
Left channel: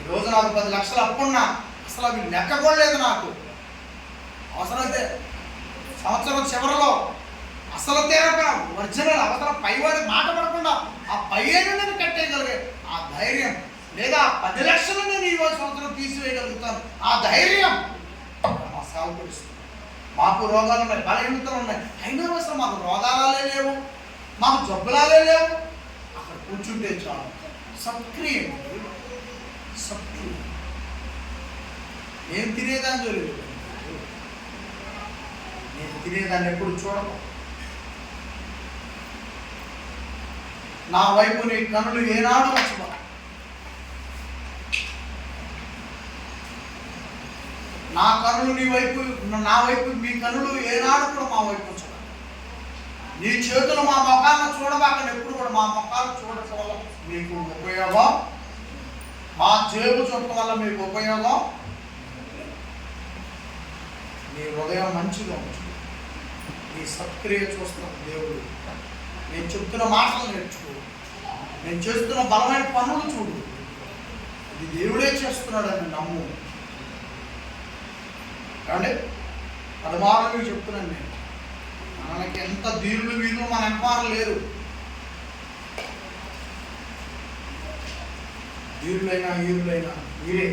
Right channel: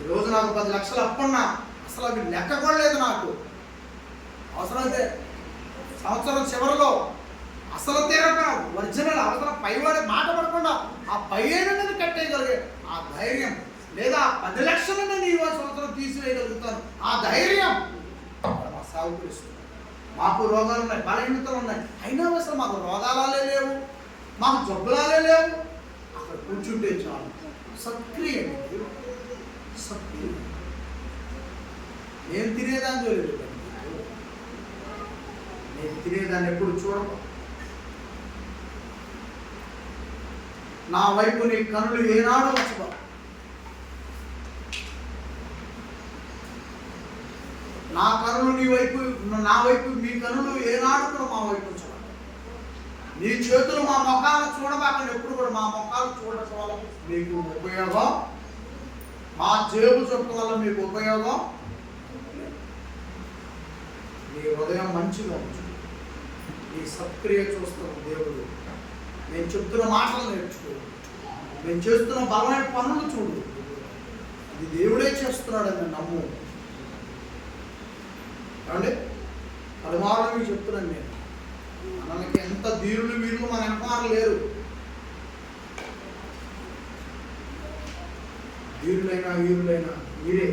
ఈరోజు నాకు 10 లక్షలు అప్పున్నా అసలు అవి లెక్క కూడా లేదు నాకు. అవసరమైతే సంవత్సరం చివరిలో అసలు తీరపోయిన ఒరిజినల్ అవసరం పైవాడి మాట పడకుండా ఆ 15 నేను కట్టేయగలిగే ఆ ధైర్యం, లేదా 10 లక్షలు నేను ఈ సంవత్సరం తీసివేయగలుగుతాను ఆ ధైర్యం మా సేవకుడు ఇస్తుంది. మాకు రోగాలు ఉన్నాయి, బలహీనతలు ఉన్నాయి, అయినా అసలు మాకు రోగాలే లేవు, మాకు జబ్బులాలే లేవు. అక్కడ కూర్చుంటే చాలు. సత్క్రియ, సత్క్రియ. నేను తినేదాన్ని చూడలేదు, నేను తినేదాన్ని ఎప్పుడు చూడను. నా వైపు నీ కనులు ఏనాడు వచ్చబా. నా కనులు నీ వైపు, నా వైపు మీ కనులు ఏనాడు కూడా మా వైపు ఉంచబా. నీ చేతులు మా ముఖాలను చూడబాకని ఎప్పుడు కూడా మా ముఖాలు చూడటం వల్ల మీకు ఉపయోగం, మా జేబు చొక్క వల్ల మీకు ఉపయోగం. నీ హృదయం మంచిగా ఉంచు. నీ సత్క్రియ చూస్తున్న దేవుడు. నేను చెప్తున్న మాటలు నేర్చుకో, నేను చేస్తున్న బలమైన పనులు చూడు. ఇది దేవుడే చేస్తున్నాడని నమ్ము. ఏమండి 10 మార్లు మీకు చెప్తున్నాను నేను. మనకి ఎంత ధీరులు వీరులు మన వెనకమారు లేరు. ధీరులైనా వీరులైనా మీరే.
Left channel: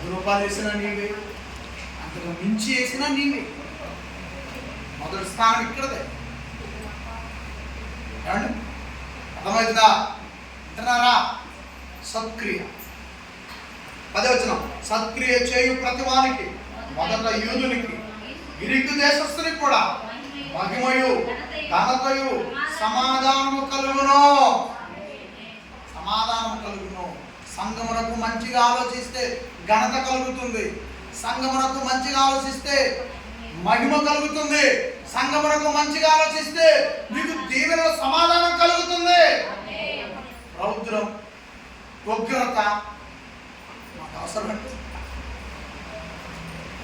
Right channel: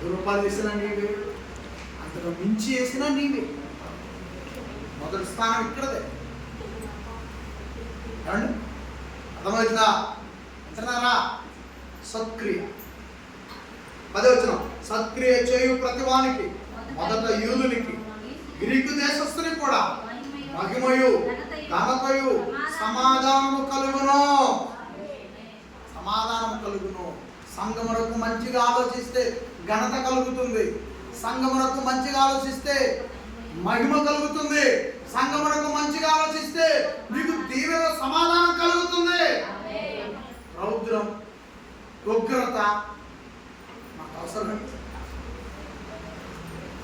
₹10 వేసినా నీవే, అంతకు మించి వేసినా నీవే. మొదటి స్థానం ఇక్కడదే. ఏమండి అర్థమవుతుందా? వింటున్నారా? సత్క్రియ. 10వ వచనం, సత్క్రియ చేయు ప్రతివానికి, మొదట యూదునికి గ్రీకు దేశస్థునికి కూడా మహిమయు ఘనతయు సమాధానము కలుగును. సమాధానం కలుగును. సంఘమునకు మంచిగా ఆలోచిస్తే ఘనత కలుగుతుంది. సంఘమునకు మంచిగా ఆలోచిస్తే మహిమ కలుగుతుంది. సంఘమునకు మంచిగా ఆలోచిస్తే మీకు దీవెన సమాధానం కలుగుతుంది. రౌద్రం, ఉగ్రత నాకు అవసరం.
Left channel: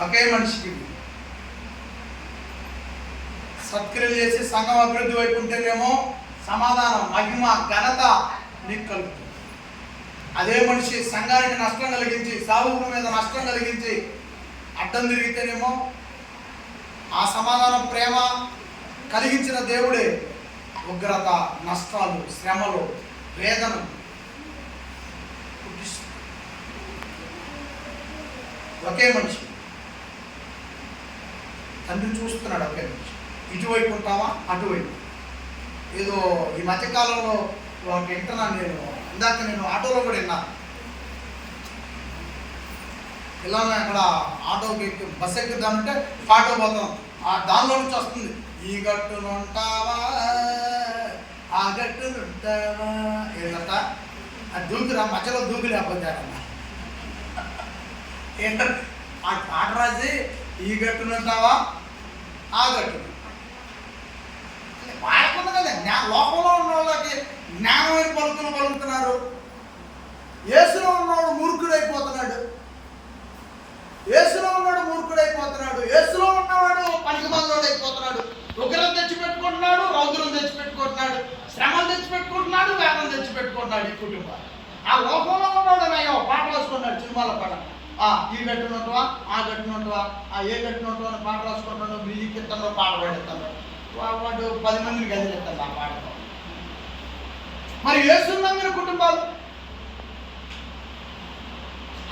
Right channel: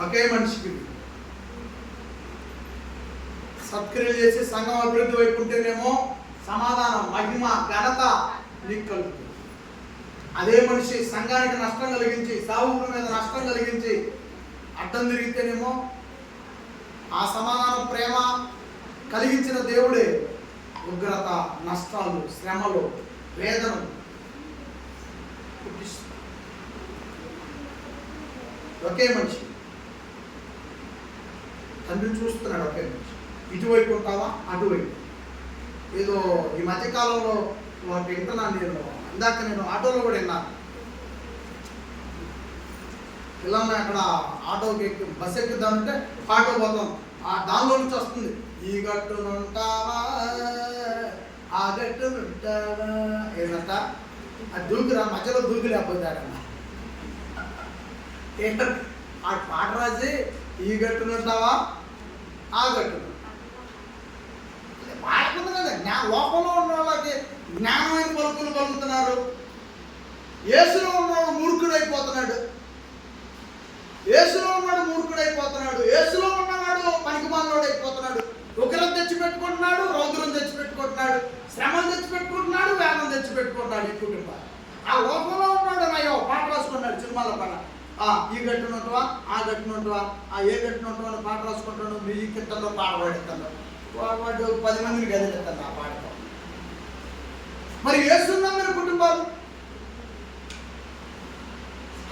ఒకే మనిషికి సత్క్రియలు చేసి సంఘం అభివృద్ధి వైపు ఉంటేనేమో సమాధానం, మహిమ, ఘనత నీకు కలుగుతుంది. అదే మనిషి సంఘానికి నష్టం కలిగించి, సావుల మీద నష్టం కలిగించి అడ్డం తిరిగితేనేమో ఆ సమాధానం, ప్రేమ కలిగించిన దేవుడే ఉగ్రత, నష్టాలు, శ్రమలు, వేదనలు పుట్టిస్తుంది. ఒకే మనిషి తండ్రి చూస్తున్నాడు. ఒకే మనిషి. ఇటువైపు ఉంటావా అటువైపు. ఏదో ఈ మధ్యకాలంలో ఒకటి వింటున్నాను నేను. ఇందాక నేను ఆటోలో కూడా విన్నాను. పిల్లల్ని అక్కడ ఆటోకి ఎక్కి బస్ ఎక్కుదామంటే ఆటో పోతాం, దానిలో నుంచి వస్తుంది, ఈ గట్టునుంటావా ఆ గట్టునుంటావా ఏదంట. అది దూకురా, మధ్యలో దూకి లేకపోతే ఆ పాట రాసి ఈ గట్టునుంటావా ఆ గట్టును వాడకుండా కదా. లోకంలో ఉన్న వాళ్ళకి జ్ఞానమైన పలుకులు పలుకుతున్నారు. యేసులో ఉన్నవాడు మూర్ఖుడైపోతున్నాడు. యేసులో ఉన్నాడు మూర్ఖుడైపోతున్నాడు. యేసులో ఉన్నవాడు పనికిమాలోడైపోతున్నాడు. ఉగ్రం తెచ్చిపెట్టుకుంటున్నాడు, రౌద్రం తెచ్చిపెట్టుకుంటున్నాడు, శ్రమలు తెచ్చిపెట్టుకుంటున్నాడు, వేదం తెచ్చిపెట్టుకుంటున్నాడు. ఈ కుటుంబాలు ఆ లోకంలో ఉన్నాడు. అయ్యో పాట రాసుకున్నాడు, సినిమాల పాట. ఈ గట్టునుంటవా ఆ గట్టునుంటవా, ఏ గట్టునుంటవా అని పాట రాసుకుంటాడు. మ్యూజిక్ ఇస్తాను, పాట పాడిస్తాను. వాడు 10 మందిని గదిలేస్తాడు ఆ పాటతో. మరి యేసున్నాం మీరు కుటుంబాలు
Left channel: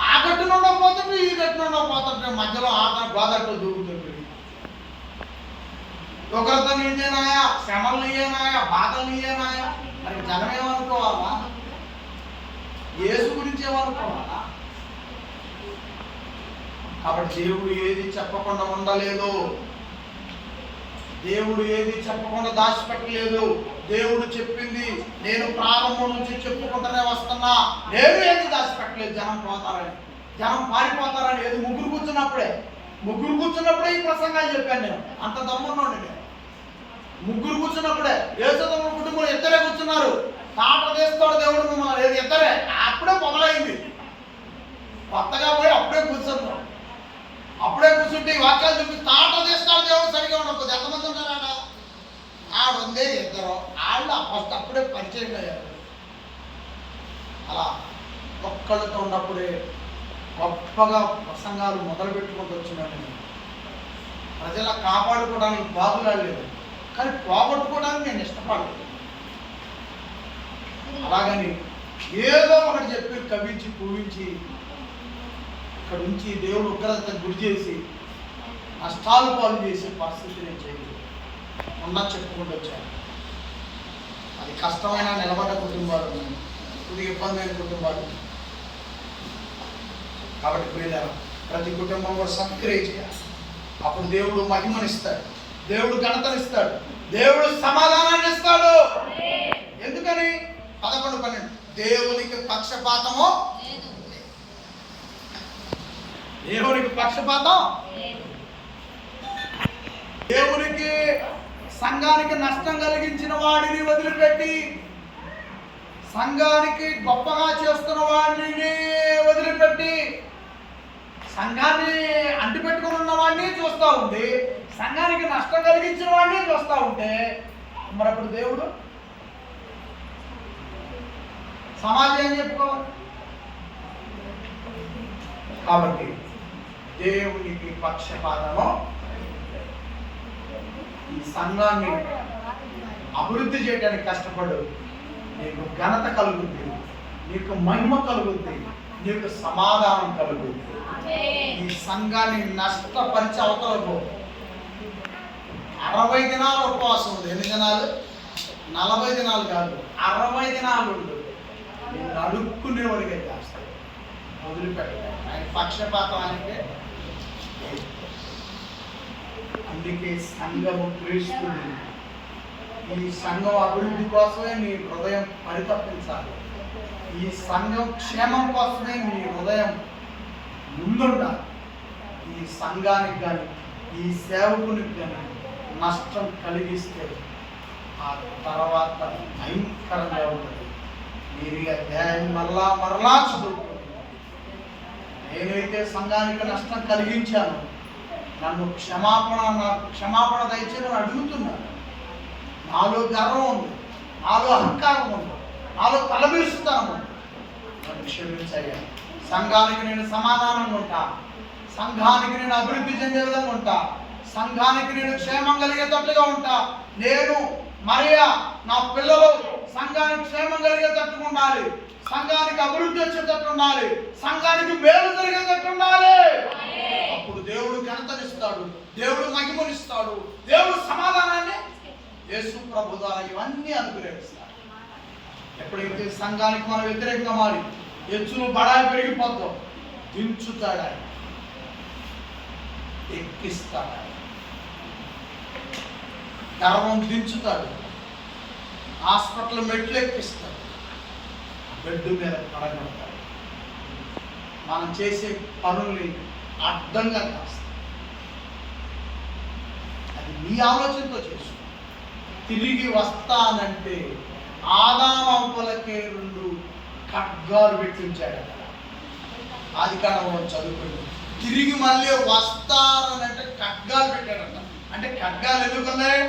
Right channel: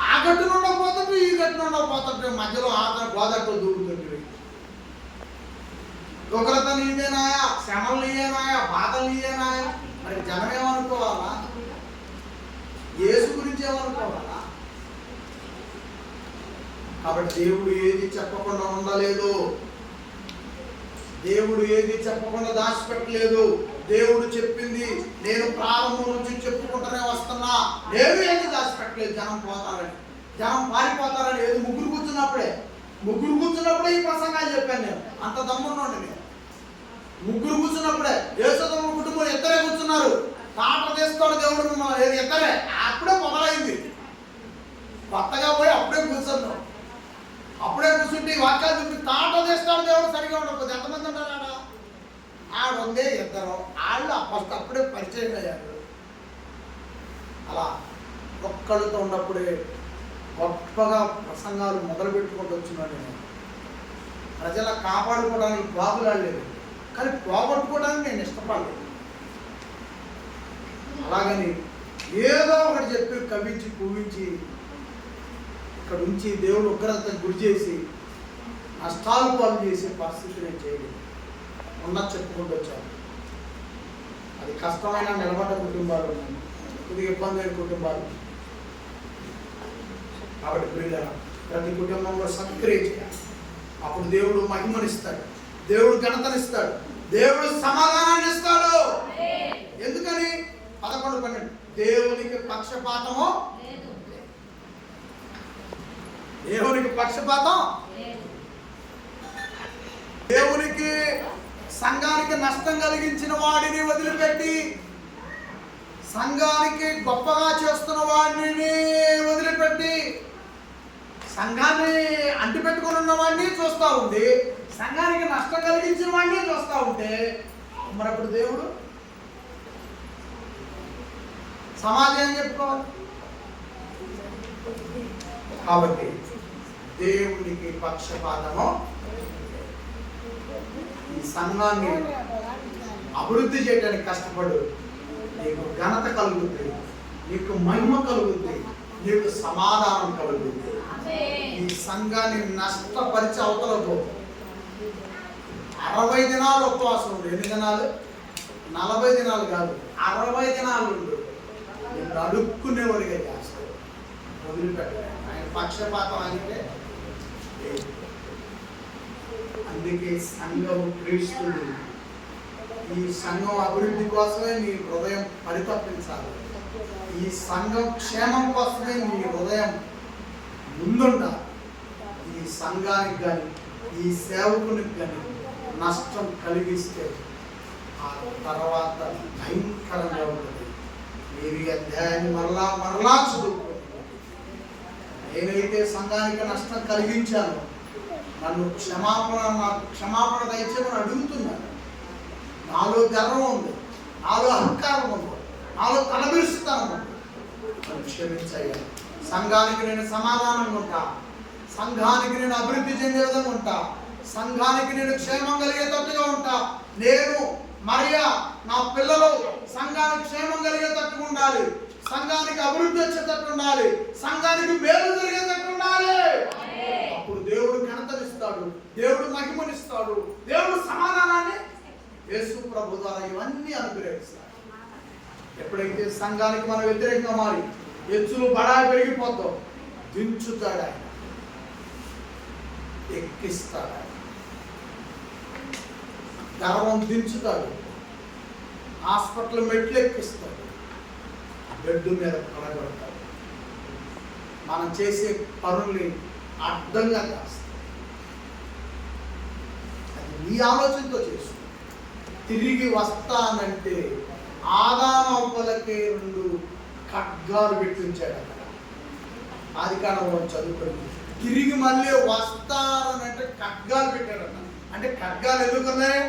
ఆ గట్టునుండో పోతుంటే ఈ గట్టునుండో పోతుంటే మధ్యలో గోదట్టు దూకుతుంది. ఉగ్రత నీయేనాయా, శ్రమలు నీయేనాయా, బాధలు నీయేనాయా. మరి జనం ఏమనుకోవాలా? యేసు గురించి ఏమనుకోవాలా? కాబట్టి దేవుడు ఏది చెప్పకుండా ఉండలేదు. దేవుడు ఏది చెప్పకుండా దాచిపెట్టలేదు. దేవుడు చెప్పింది నేను ప్రారంభం నుంచి చెప్పుకుంటూనే వస్తున్నా. నేను ఏది దాచిపెట్టలేదు. జనం పోతారని, జనం పారిపోతారని. ఏది ముగ్గురు కూర్చున్నప్పుడే ఈ ప్రసంగాలు చెప్పాను నేను. అంత దమ్మున్నాడు నేను. ముగ్గురు కూర్చున్నప్పుడే, యేసుదమ్మ కుటుంబం ఇద్దరే కూర్చున్నారు. తాట తీస్తాడు దేవుడు మిమ్మల్ని, లేదు ఇద్దరే. అప్పుడే మొదలైంది. కొత్తగా పోయి అప్పుడే కూర్చున్నాం. అప్పుడే కూర్చుంటే ఈ వాక్యాలు చెప్పి తాట తీస్తాడు దేవుడు. సరిగా ఉండకపోతే ఎంతమంది ఉంటారు ఆడ? ఆడుందే ఇద్దరు. వాళ్ళు ఫస్ట్ అప్పుడే పరిచయం అయ్యారు. అలా ఒక్కళ్ళతో ఉన్నప్పుడే గొప్పగా ప్రసంగాలు మొదలు పెట్టుకుంటూ వచ్చినాడు. నేను ప్రజల కాపాడుకోవడానికి బాగులాడలేదు, కానీ పోగొట్టుకోవడానికి నేను ఇష్టపడలేదు. అలాగని ఏదో ఒకటి చెప్పి కవించి పూవించి ఇక్కడ ఉంచి దేవుడు ఉగ్రతకు గురి చేసి నష్టాలు పాలు చేసే పరిస్థితి నేను చేయలేదు. ఉన్నది చెప్పుకుంటూ వచ్చాను. అది కష్టమైన నిలబడ్డ కుటుంబాలు ఉన్నాయి, కొద్దిగా ఇబ్బంది అయిన కుటుంబాలు. కాబట్టి ప్రియులారా, ప్రతి కుటుంబం కూడా సత్క్రియ చేయాలి. అప్పుడు దేవుడు మహిమనిస్తాడు, దేవుడు ఘనతనిస్తాడు, దేవుడు సమాధానాన్ని ఇస్తాడు. ఎందుకని? 11, 12 దేవునికి పక్షపాతము, దేవునికి పక్షపాతం. దేవునికి సంఘానికి నష్టం కలిగించిన వాడిని వదిలిపెట్టి సంఘానికి గొప్పగా చేస్తున్న వాడిని వదిలిపెట్టి సంఘాన్ని అంటిపెట్టుకుని ఉన్న వాడిని చూస్తూ ఉండి సంఘానికి నష్టం కలిగించిన వాడిని చూస్తూ ఉంటే మరి అప్పుడు దేవుడు సమాజం ఏం చెప్పుకోవాలి? కాబట్టి దేవునికి పక్షపాతము. ఈ సంఘాన్ని అభివృద్ధి చేయడానికి కష్టపడు. నీకు ఘనత కలుగుద్ది, నీకు మహిమ కలుగుద్ది, నీకు సమాధానం కలుగుద్ది. ఈ సంఘాన్ని నష్టపరిచే అవతలకు 60 దినాలు ఉపవాసం ఉంది. ఎన్ని దినాలు? 40 దినాలు కాదు, 60 దినాలు ఉండు, నిన్ను అడుక్కునేవాడిగా చేస్తాడు. వదిలిపెట్టాడు. ఆయన పక్షపాతం ఆయనకే. అందుకే సంఘము క్రీస్తుని, ఈ సంఘం అభివృద్ధి కోసమే నీ హృదయం పరితపించాలి. ఈ సంఘం క్షేమం కోసమే నీ హృదయం ముందుండాలి. ఈ సంఘానికి కానీ ఈ సేవకునికి కానీ నష్టం కలిగిస్తే ఆ తర్వాత భయంకరంగా ఉంటుంది. మీరు ఈ అధ్యాయాన్ని మరలా చదువుకోండి. నేనైతే సంఘానికి నష్టం కలిగించాను, నాకు క్షమాపణ దయచేమని అడుగుతున్నాను. నాలో గర్వం ఉంది, నాలో అహంకారం ఉంది, నాలో తలబిరుస్తాను ఉంది. నన్ను క్షమించయ్యా. సంఘానికి నేను సమాధానంగా ఉంటా, సంఘానికి నేను అభివృద్ధి చెందే విధంగా ఉంటా, సంఘానికి నేను క్షేమం కలిగేటట్టుగా ఉంటా. నేను మరియా, నా పిల్లలు సంఘానికి క్షేమం కలిగేటట్టుగా ఉండాలి, సంఘానికి అభివృద్ధి వచ్చేటట్టు ఉండాలి, సంఘానికి మేలు జరిగేటట్టు ఉండాలి. అప్పుడు దేవుడు ఘనతనిస్తాడు, దేవుడు మహిమనిస్తాడు, దేవుడు సమాధానాన్ని యేసు ప్రభు ద్వారా ఇవన్నీ అనుగ్రహిస్తాడు. ఎప్పుడైతే సంఘానికి మనం వ్యతిరేకంగా మారి హెచ్చులు బడాయి పెరిగిపోతాం, దించుతాడు ఆయన, ఎక్కిస్తాడు ఆయన, గర్వం దించుతాడు, హాస్పిటల్ మెట్లు ఎక్కిస్తాడు, బెడ్ మీద పడగొడతాడు, మనం చేసే పనుల్ని అడ్డంగా చేస్తాడు. అది నీ ఆలోచనతో చేసుకో. తిరిగి వస్తానంటే ఆదామవులకే 2 ఖడ్గాలు పెట్టించాడు అక్కడ. ఆదికాండం చదువుకోండి. తిరిగి మళ్ళీ వస్తారనంటే ఖడ్గాలు పెట్టాడట. అంటే ఖడ్గాలు ఎందుకున్నాయి?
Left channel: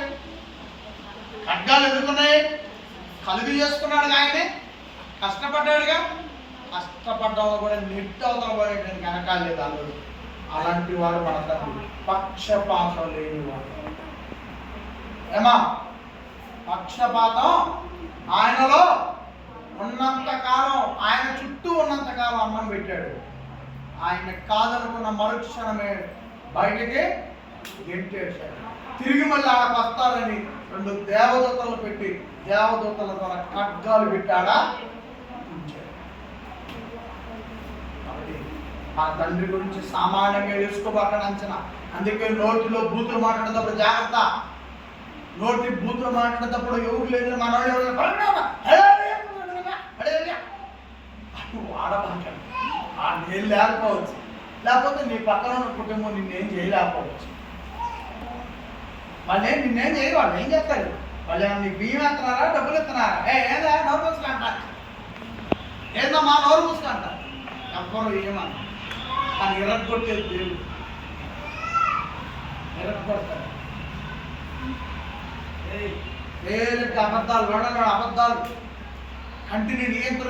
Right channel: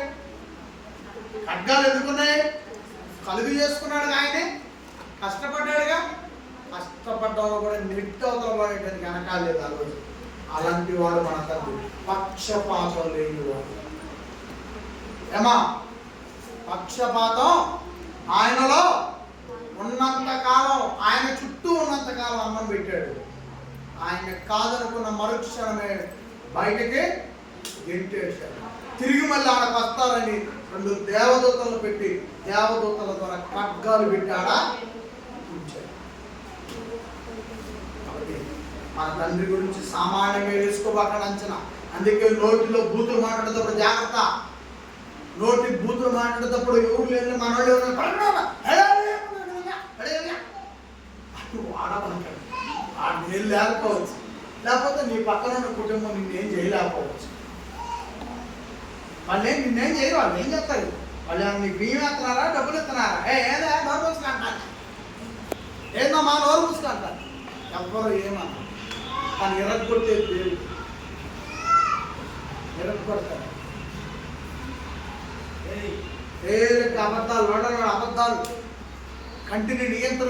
కలుగు చేసుకున్నాడు ఆయనే, కష్టపడ్డాడుగా. కష్టపడ్డంలో కూడా నెట్ అవతల పడేటానికి వెనకాలేదు ఆ రోజు. అలాంటి వాడు మన తండ్రి, పక్షపాతం లేనివాడు. ఏమా, పక్షపాతం ఆయనలో ఉన్నంతకాలం, ఆయన చుట్టూ ఉన్నంతకాలం అన్నం పెట్టాడు. ఆయన కాదనుకున్న మరుక్షణమే బయటికి గెంటేశాడు. తిరిగి మళ్ళీ ఆడకు వస్తారని 2 దేవదూతలు పెట్టి దేవదూతల ద్వారా ఖడ్గాలు పెట్టాడా ఉంచాడు. కాబట్టి మన తండ్రి గురించి సామాన్యంగా వేసుకోబాక అంచనా. అందుకే నోటిలో బూతులు మాట్లాడేటప్పుడు జాగ్రత్త. నోటి బూతులు మాట్లాడేటప్పుడు ఎవరు లేదు, మన వాళ్ళు వాడబాక. ఆ నీళ్ళు లేకపోవచ్చు, లేకపోతే నీ పక్కన ఉన్న కుటుంబం నిన్నేం చేయలేకపోవచ్చు. వాళ్ళు నిన్నేం చేయరు, వాళ్ళు ఏం చేస్తారు? వాళ్ళు నీకు బియ్యం ఎత్తున్నారా, డబ్బులు ఇస్తున్నారా? ఏదా నోరు మూసుకుంటారు, ఏందమ్మా నోరు మూసుకుంటారు. ఎవ్వరు ఏమన్నా, కానీ ఎరగొట్టేది దేవుడు. ఎరగొడతారు. అబద్ధాలు, అబద్ధాలు కంటిని నియంత్రణ